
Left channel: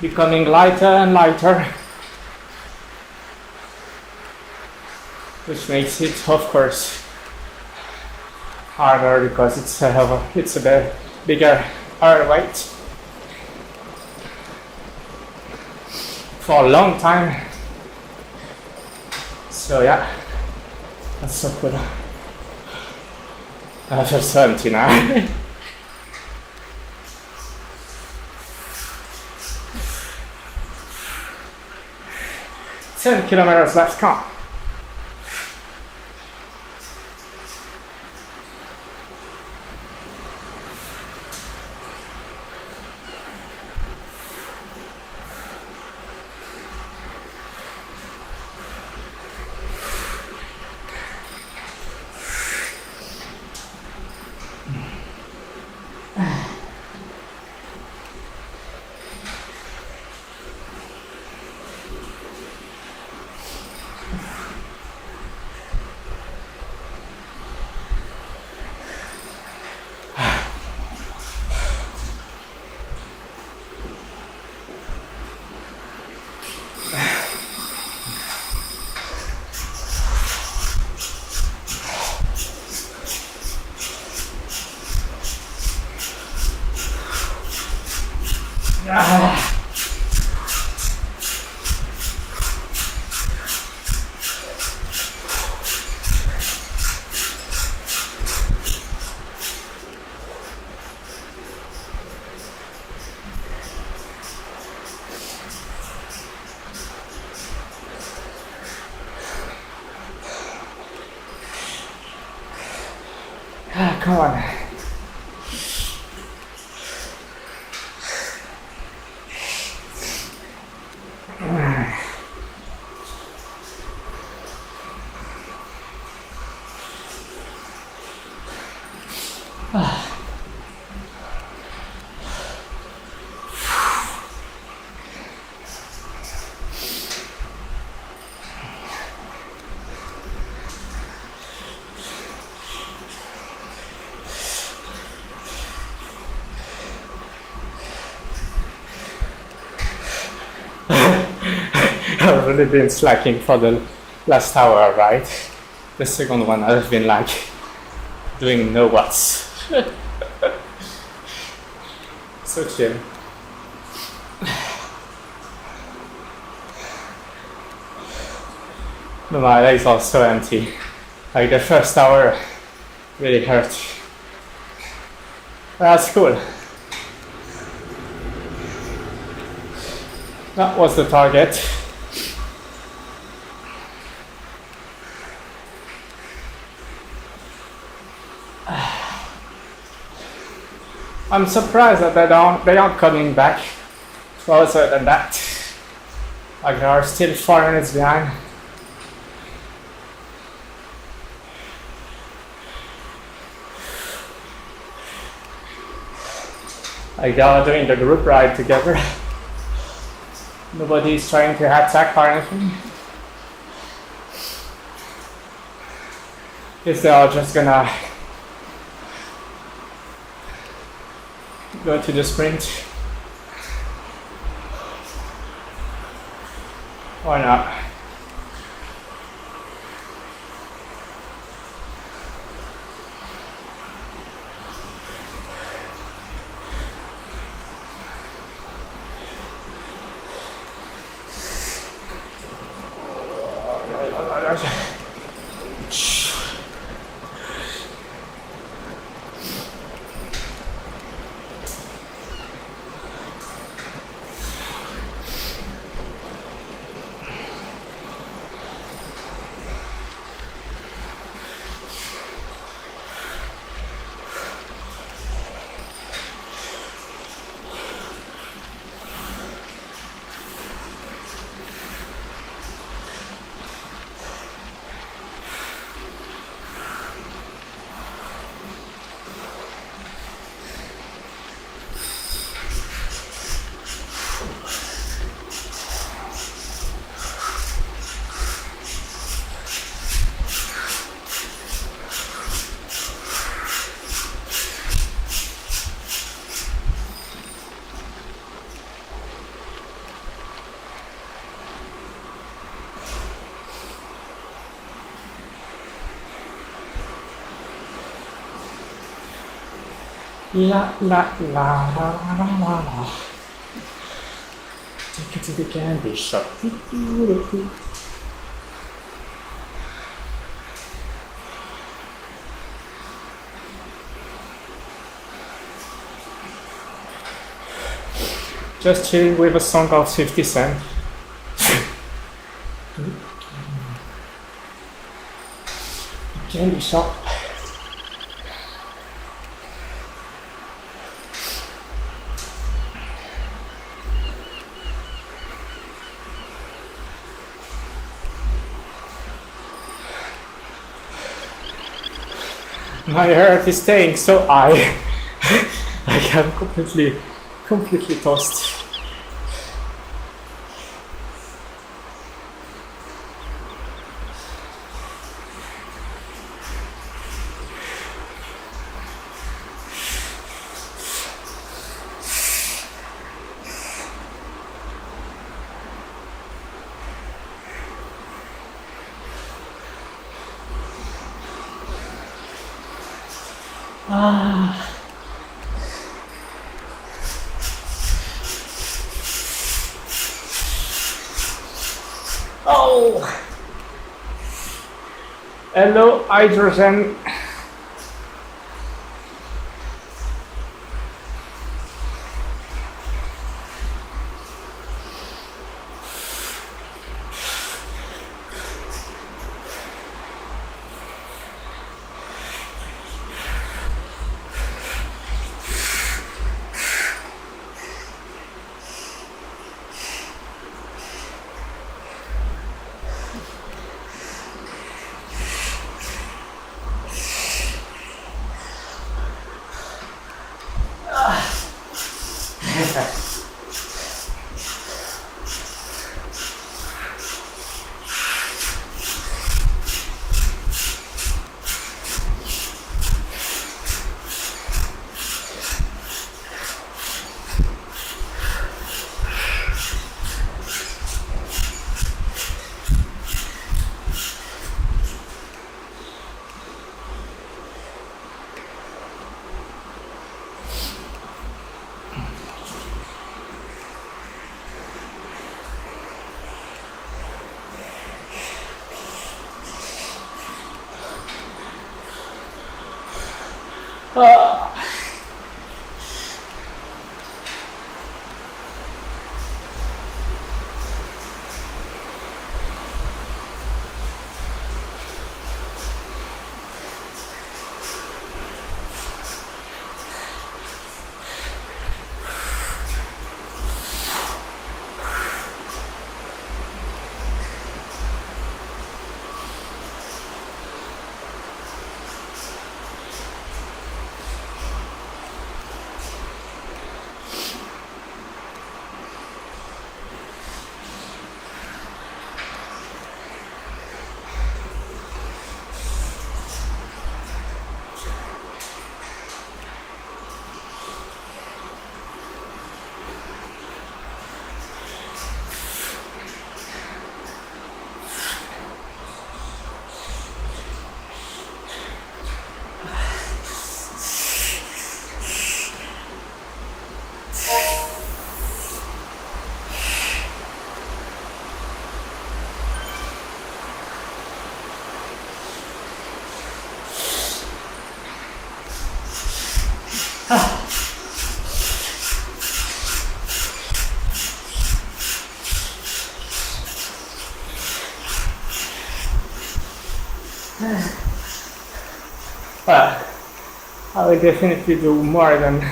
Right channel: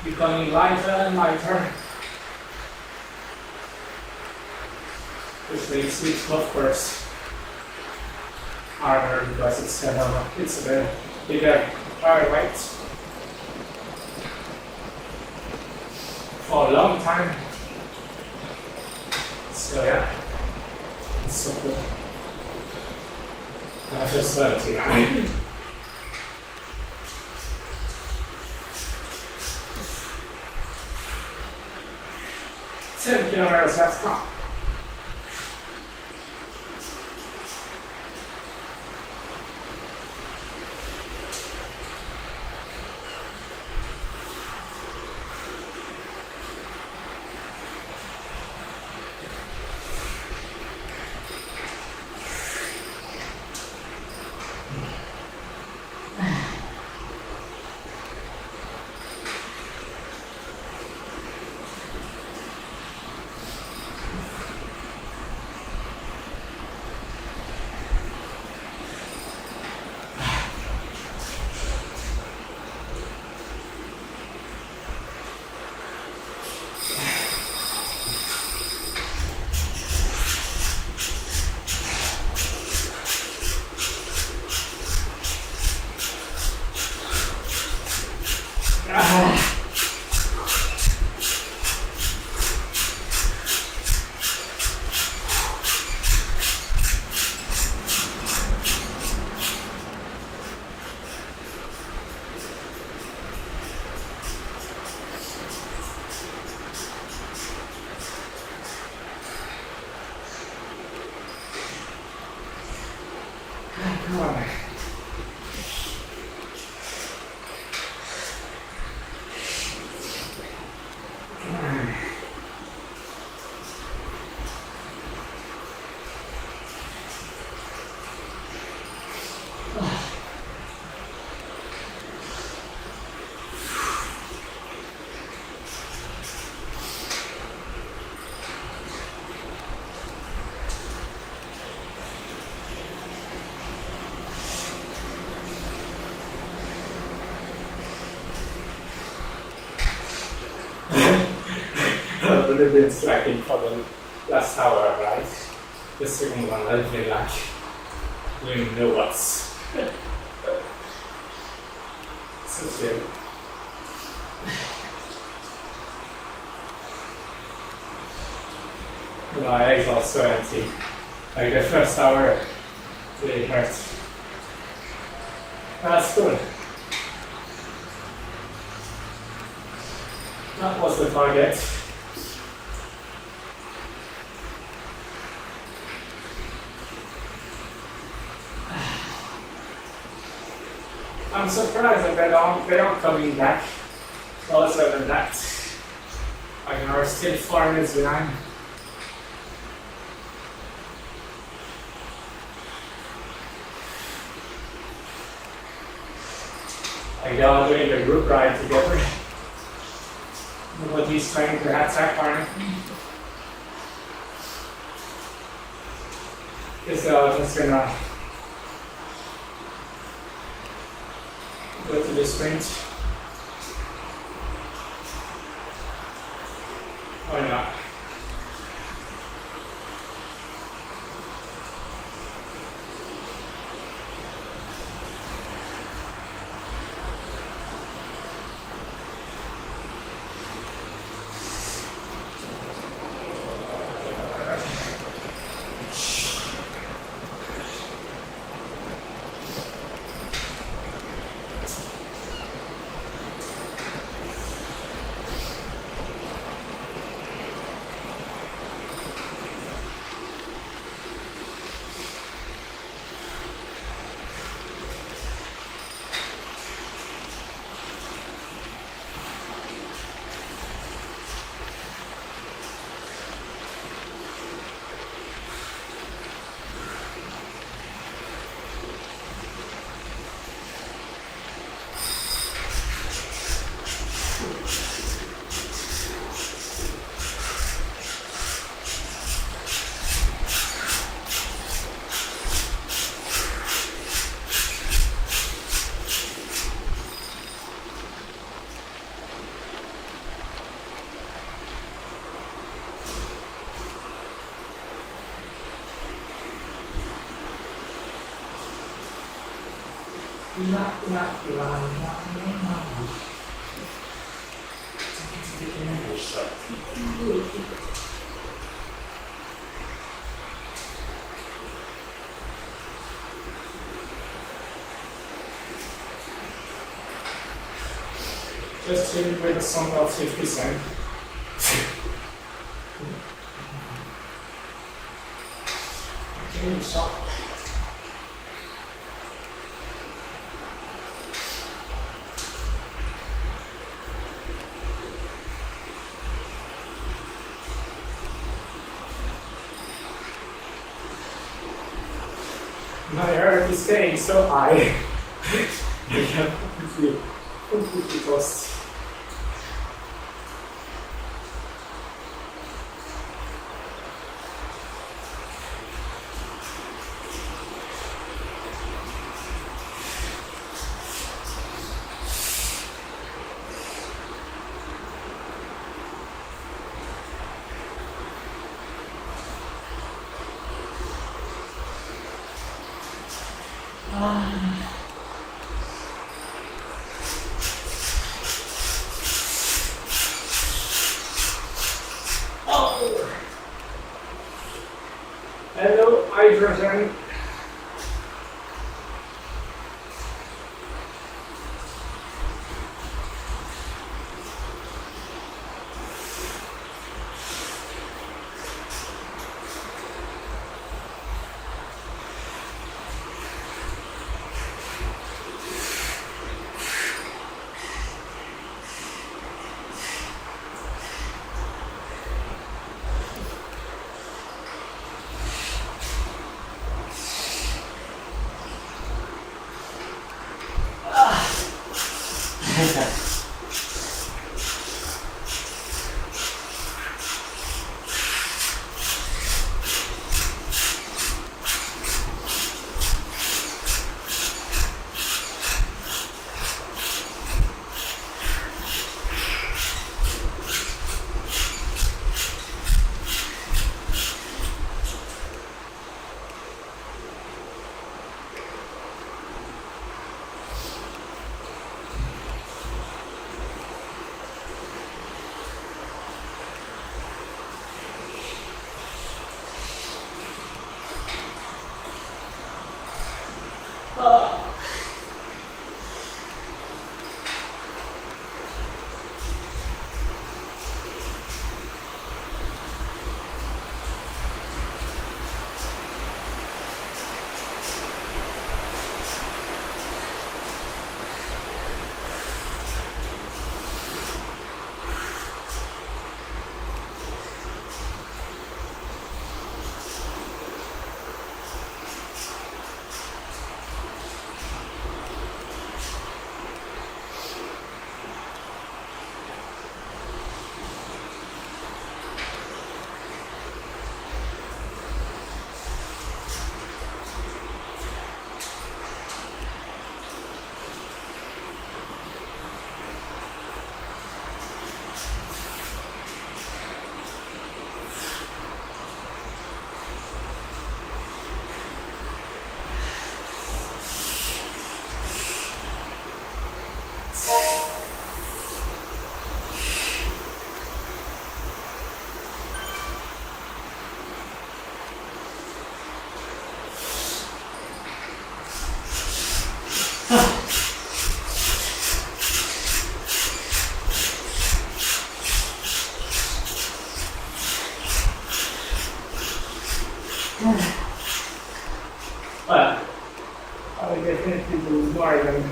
becoming lighter and lighter, which makes it, of course, harder because it's a bit bigger heart weight. For a long time. So yeah, that's so cool. I feel 70 now. 10 kilometers left, come. Come on. I've really been slacking for the last hour, right? The second one I've been like doing no watts. So chill. But my legs are so empty. Like the first hour really hurt. That's cool. That was the target. I'm surprised that they aren't coming back closer than that. Like they are still 4 minutes behind. Like they are doing the group ride together. Nobody is trying to attack or anything. Guess they are just gonna go to the sprint. Why not? La la la la la la la. Take it to the candy shop. Just chill with a song of 50 Cent. Candy shop. My heart is staying so high. I am completely tossed. Oh! Hello, hydrogen. Well, I will definitely do more than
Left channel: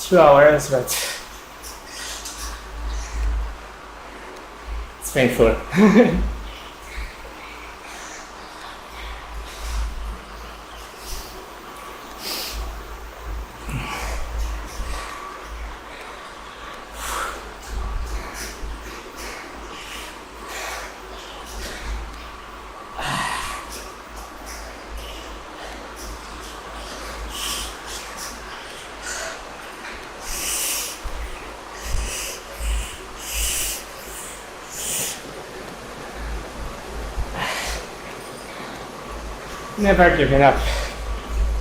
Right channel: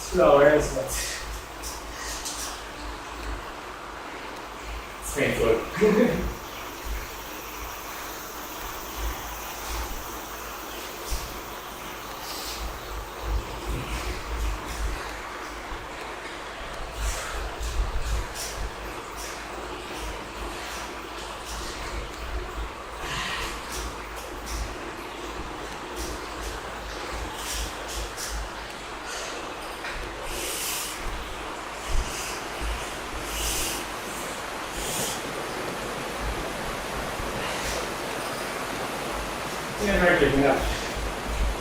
2 hours, but it's painful. Never giving up.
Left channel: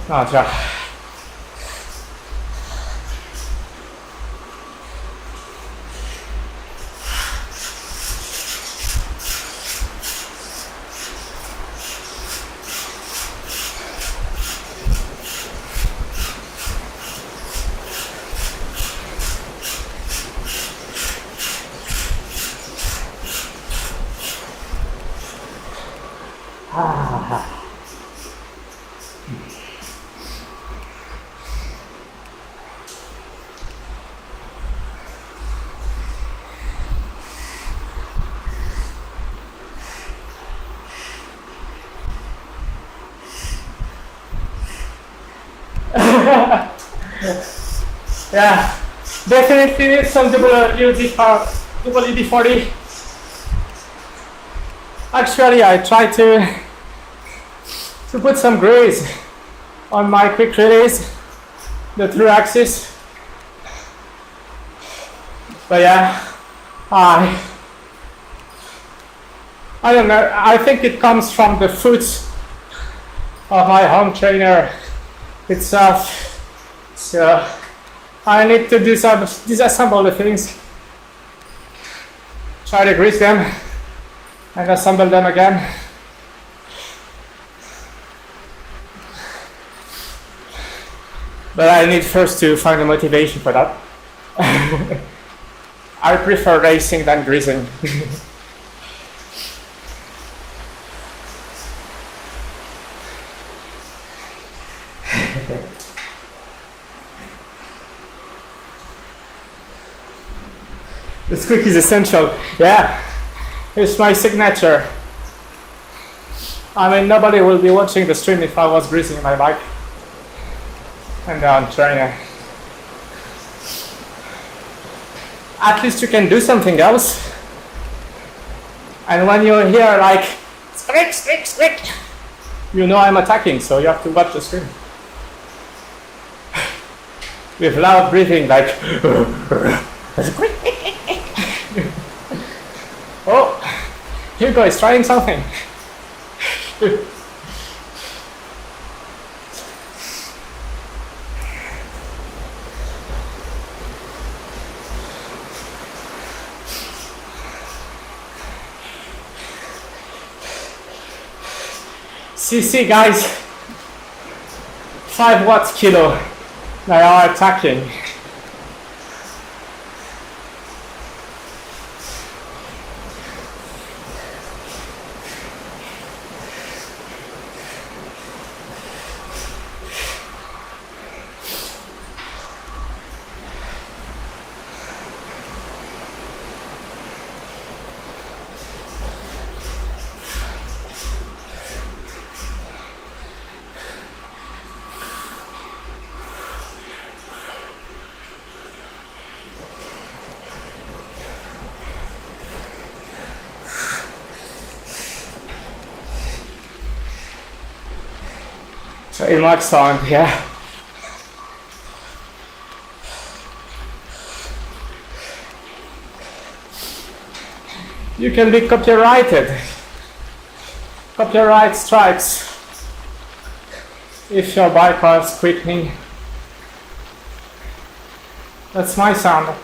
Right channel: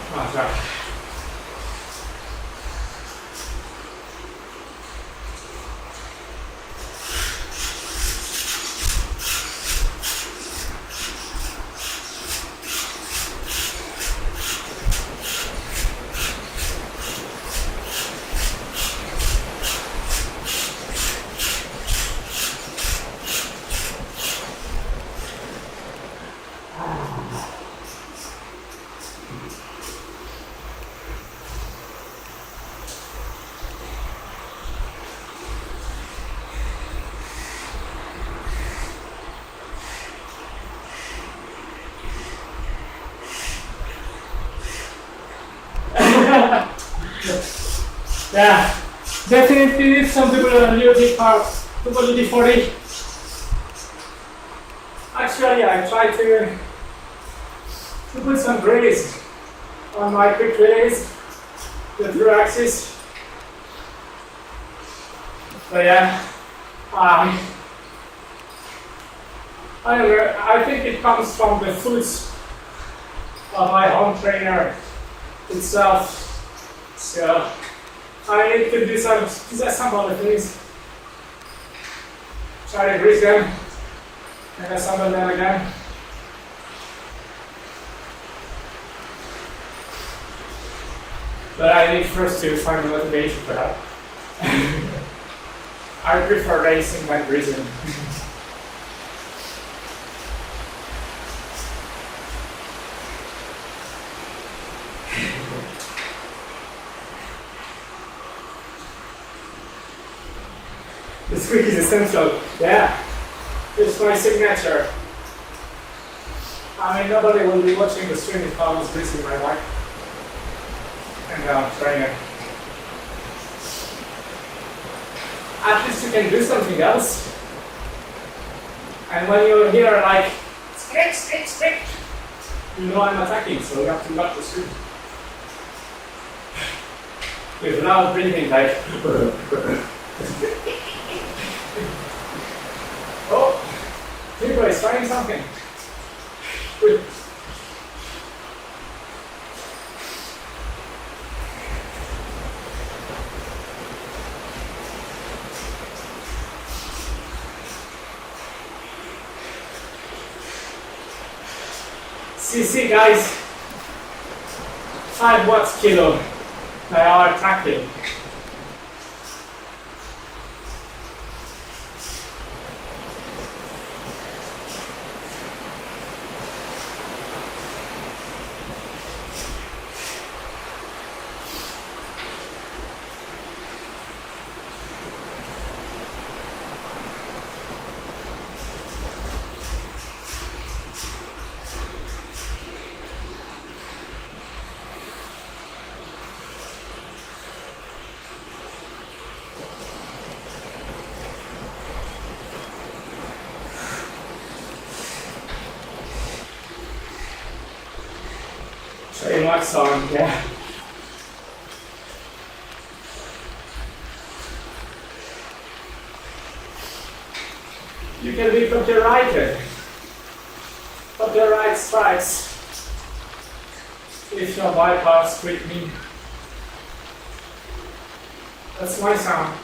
Oh, try. Yeah, definitely some people are double 40. Actually, I try to put some grace on my quick release, the through axis. But yeah, I don't know. I think it comes from the foot of my home trainer itself. So I need to disassemble the things, try to grease them, and assemble them again. But I need first to find a motivation for that. I prefer racing than greasing. The squeak is essential. Yeah, it's my signature. I mean, nobody will be watching the stream if I was greasing my bike. And I'm training. At least you can do something else. And when you hear like squeak, squeak, squeak, you know I'm attacking, so you have to watch the stream. With loud breathing, like. Oh, Hugo is trying something. See, guys, 5 watts kilo they are attacking. So in my song, yeah. You can be copyrighted. Copyright strikes if your bypass quickly. That's my sound.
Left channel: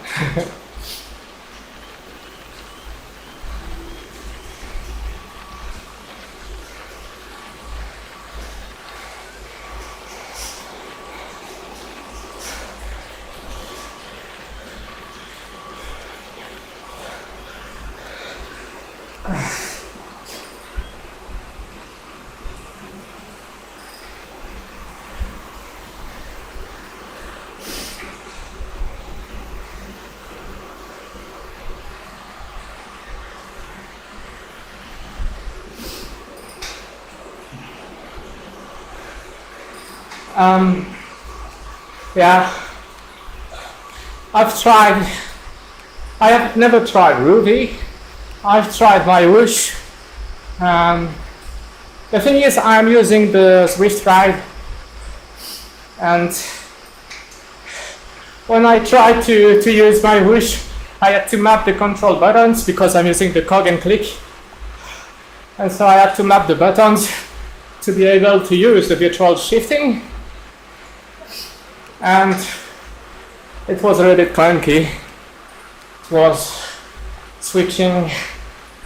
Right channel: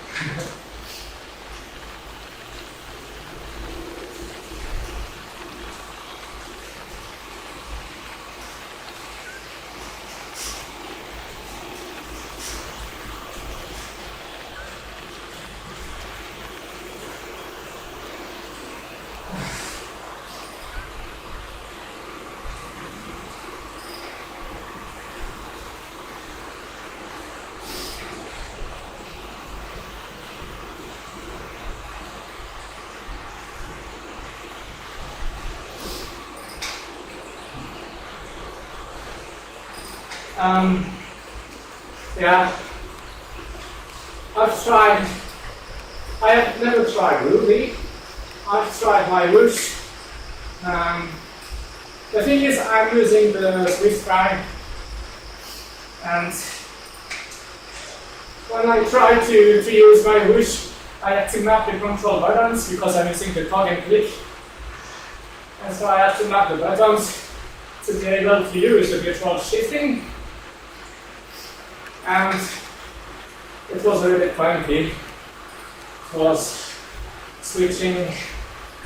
Yeah, I have never tried Ruby. I've tried my whoosh. The thing is, I'm using the Zwift guide, and when I tried to use my whoosh, I had to map the control buttons because I'm using the cog and click, and so I had to map the buttons to be able to use the virtual shifting, and it was a little bit clunky. It was switching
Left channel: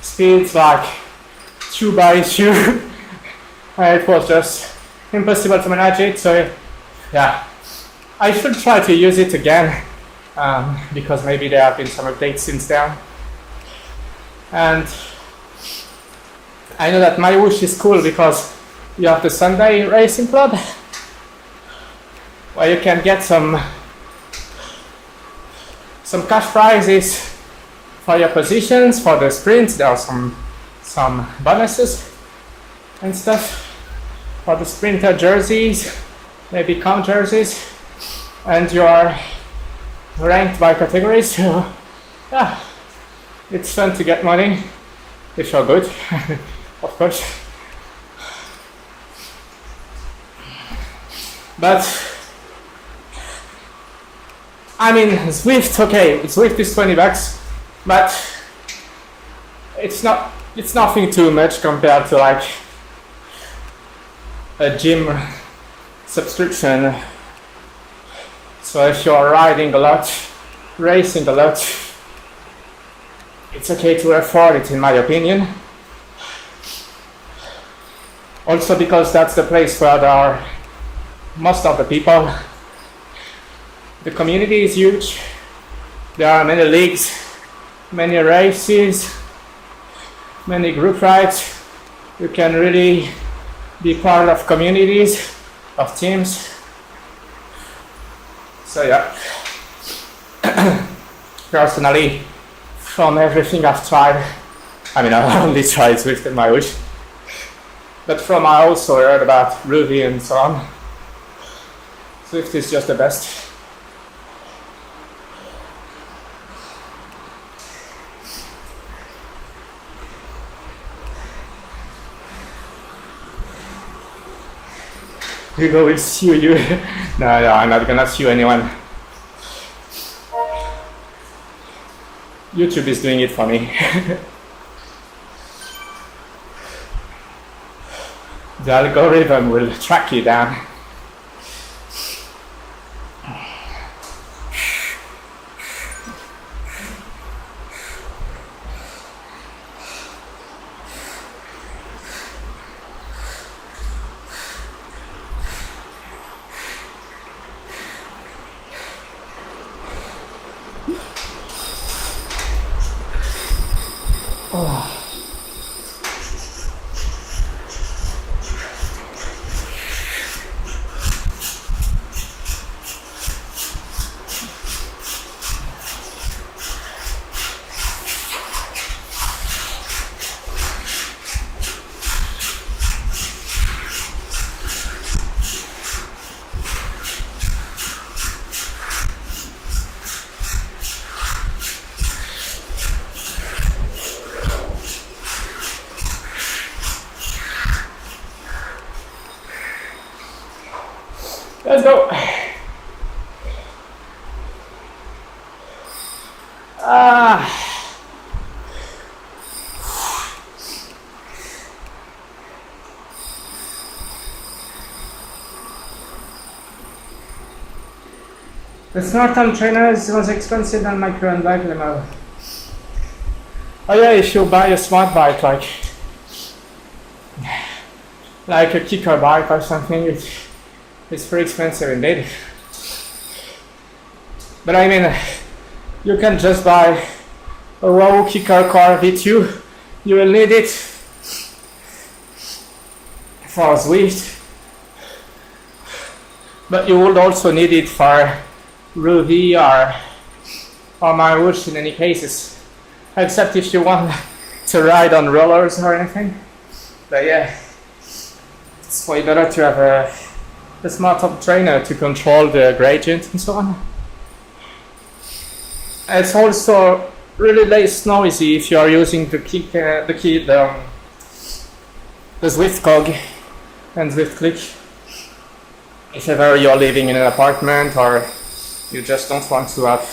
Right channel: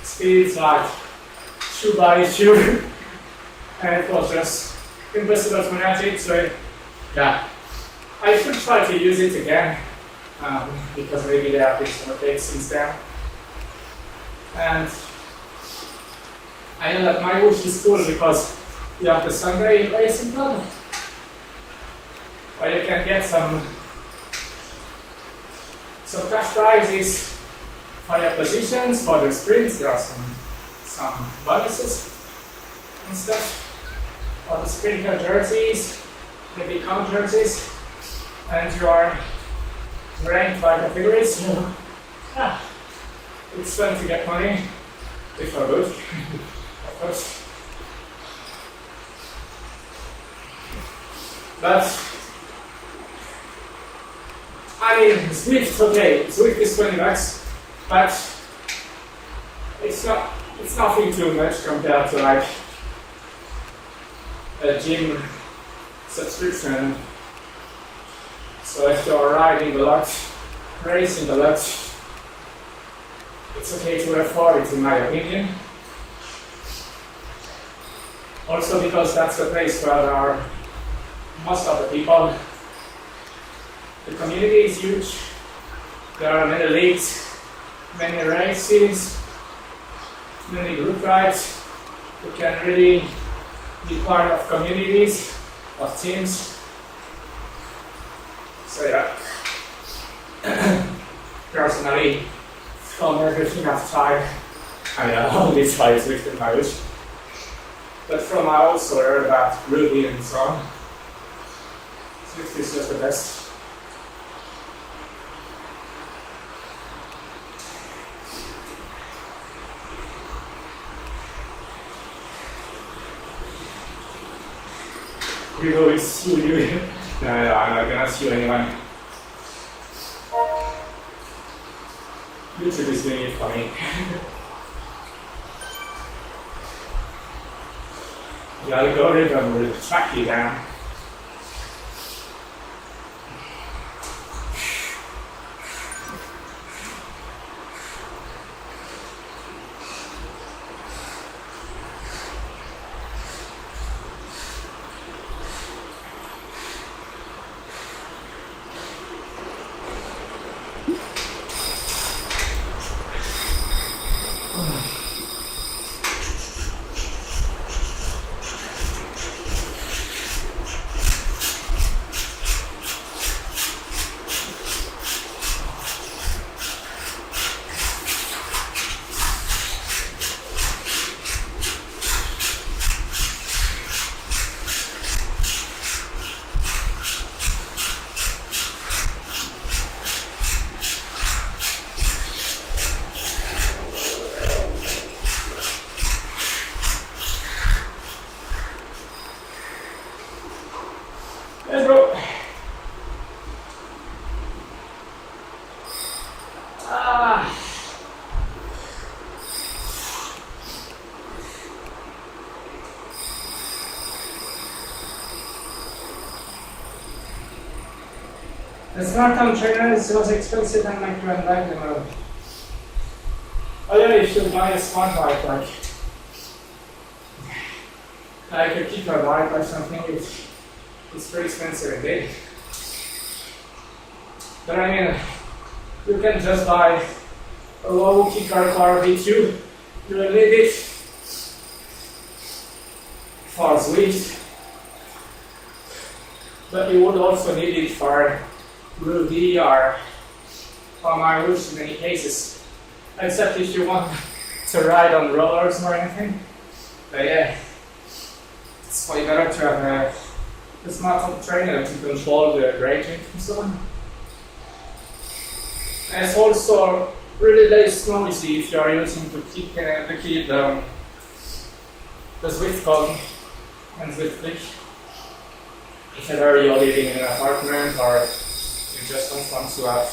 speeds like issue by issue. It was just impossible to manage it, so yeah, I should try to use it again, because maybe there have been some updates since then. And I know that my whoosh is cool because you have the Sunday racing club, where you can get some cash prizes for your positions, for the sprints. There are some bonuses and stuff for the sprinter jerseys, maybe comp jerseys, and you're ranked by categories. So yeah, it's fun to get money if you're good, of course. But I mean, Zwift, okay, Zwift is $20, but it's nothing too much compared to like a gym subscription. So if you're riding a lot, racing a lot, it's okay to afford it, in my opinion. Also because that's the place where there are most of the people. The community is huge. There are many leagues, many races, many group rides. You can really be part of communities, of teams. So yeah, personally, from everything I've tried, I mean, I only tried Zwift and my wish, but from I also heard about Ruby and so on, Zwift is just the best. Hugo will sue you. No, I'm not gonna sue anyone. YouTube is doing it for me. The algorithm will track you down. Let's go. The smart-arm trainer was expensive than my current bike demo. Oh yeah, if you buy a smart bike, like a kicker bike or something, it's pretty expensive indeed. But I mean, you can just buy a raw kicker car V2. You will need it for Zwift, but you would also need it for Ruby or Marush in any cases, except if you want to ride on rollers or anything. But yeah, it's way better to have a smart-arm trainer to control the gradient and so on. It's also really less noisy if you are using the Zwift cog and Zwift click. If ever you're living in an apartment or you just don't want to have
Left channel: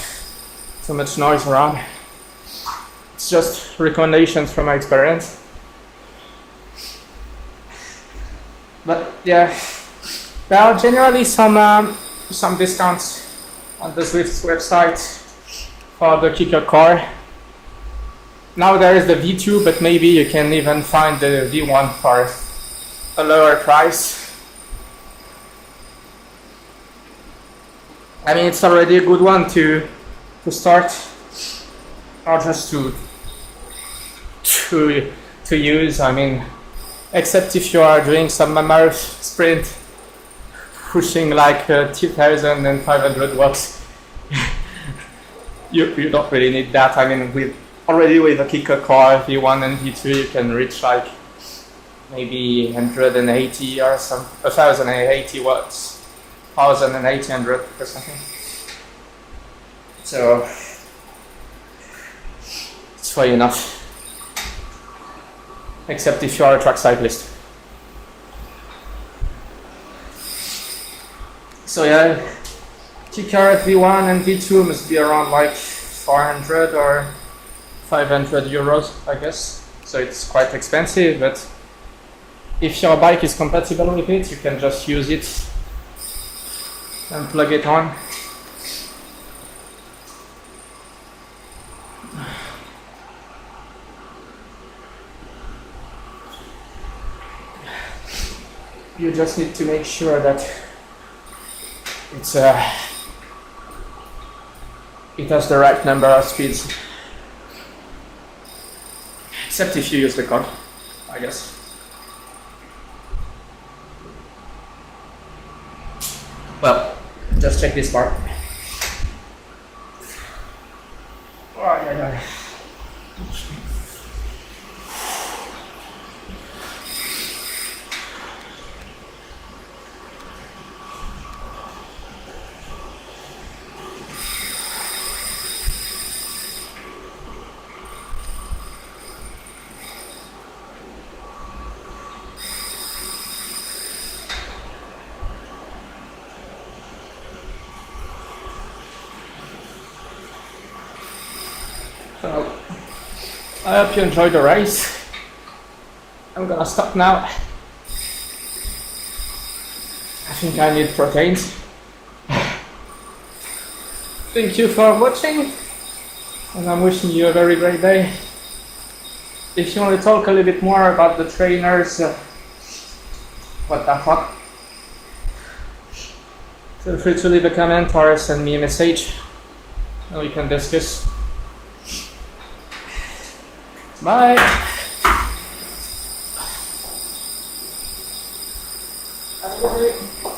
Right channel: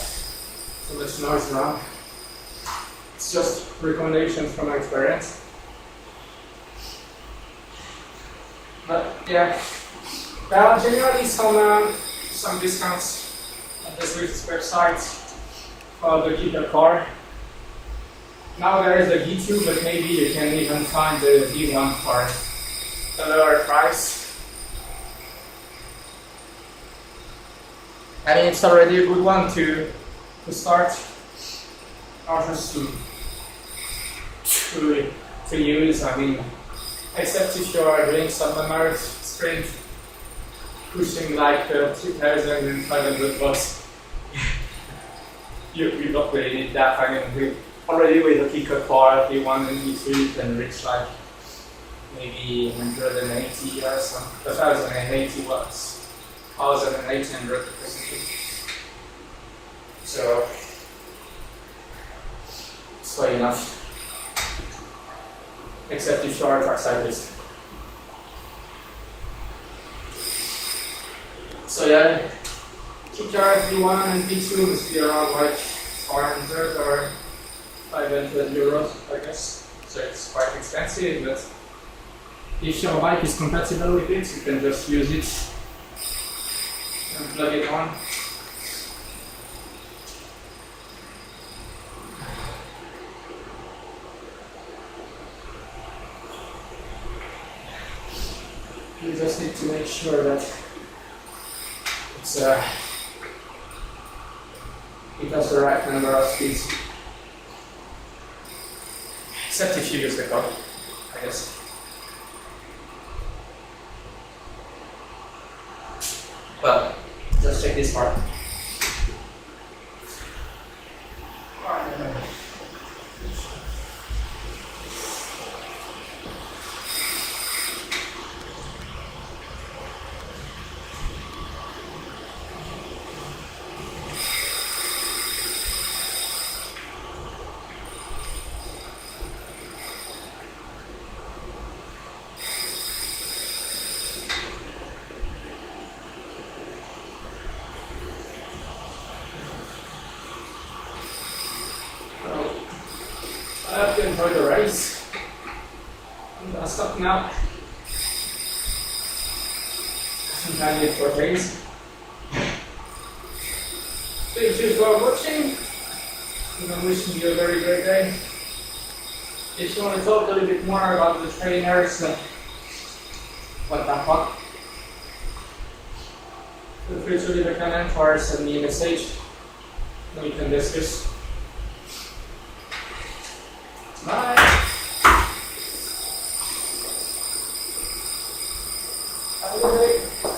so much noise around. It's just recommendations from my experience. But yeah, there are generally some discounts on the Zwift website for the kicker car. Now there is the V2, but maybe you can even find the V1 for a lower price. I mean, it's already a good one to start, or just to use. I mean, except if you are doing some marathon sprint, pushing like 2,500 watts, you don't really need that. I mean, with a kicker car, V1 and V2, you can reach like maybe 180 or some 1,080 watts. 1,800 or something. So it's way enough. Except if you are a track cyclist. So yeah, kicker V1 and V2 must be around like 400 or 500 euros, I guess. So it's quite expensive, but if your bike is compatible with it, you can just use it and plug it on. You just need to make sure that it has the right number of speeds. Except if you use the code, I guess. Well, just check this part. So, I hope you enjoyed the race. I'm gonna stop now. I think I need proteins. Thank you for watching, and I'm wishing you a very great day. If you want to talk a little bit more about the trainers, what the fuck, feel free to leave a comment or send me a message and we can discuss. Bye. Have a good day.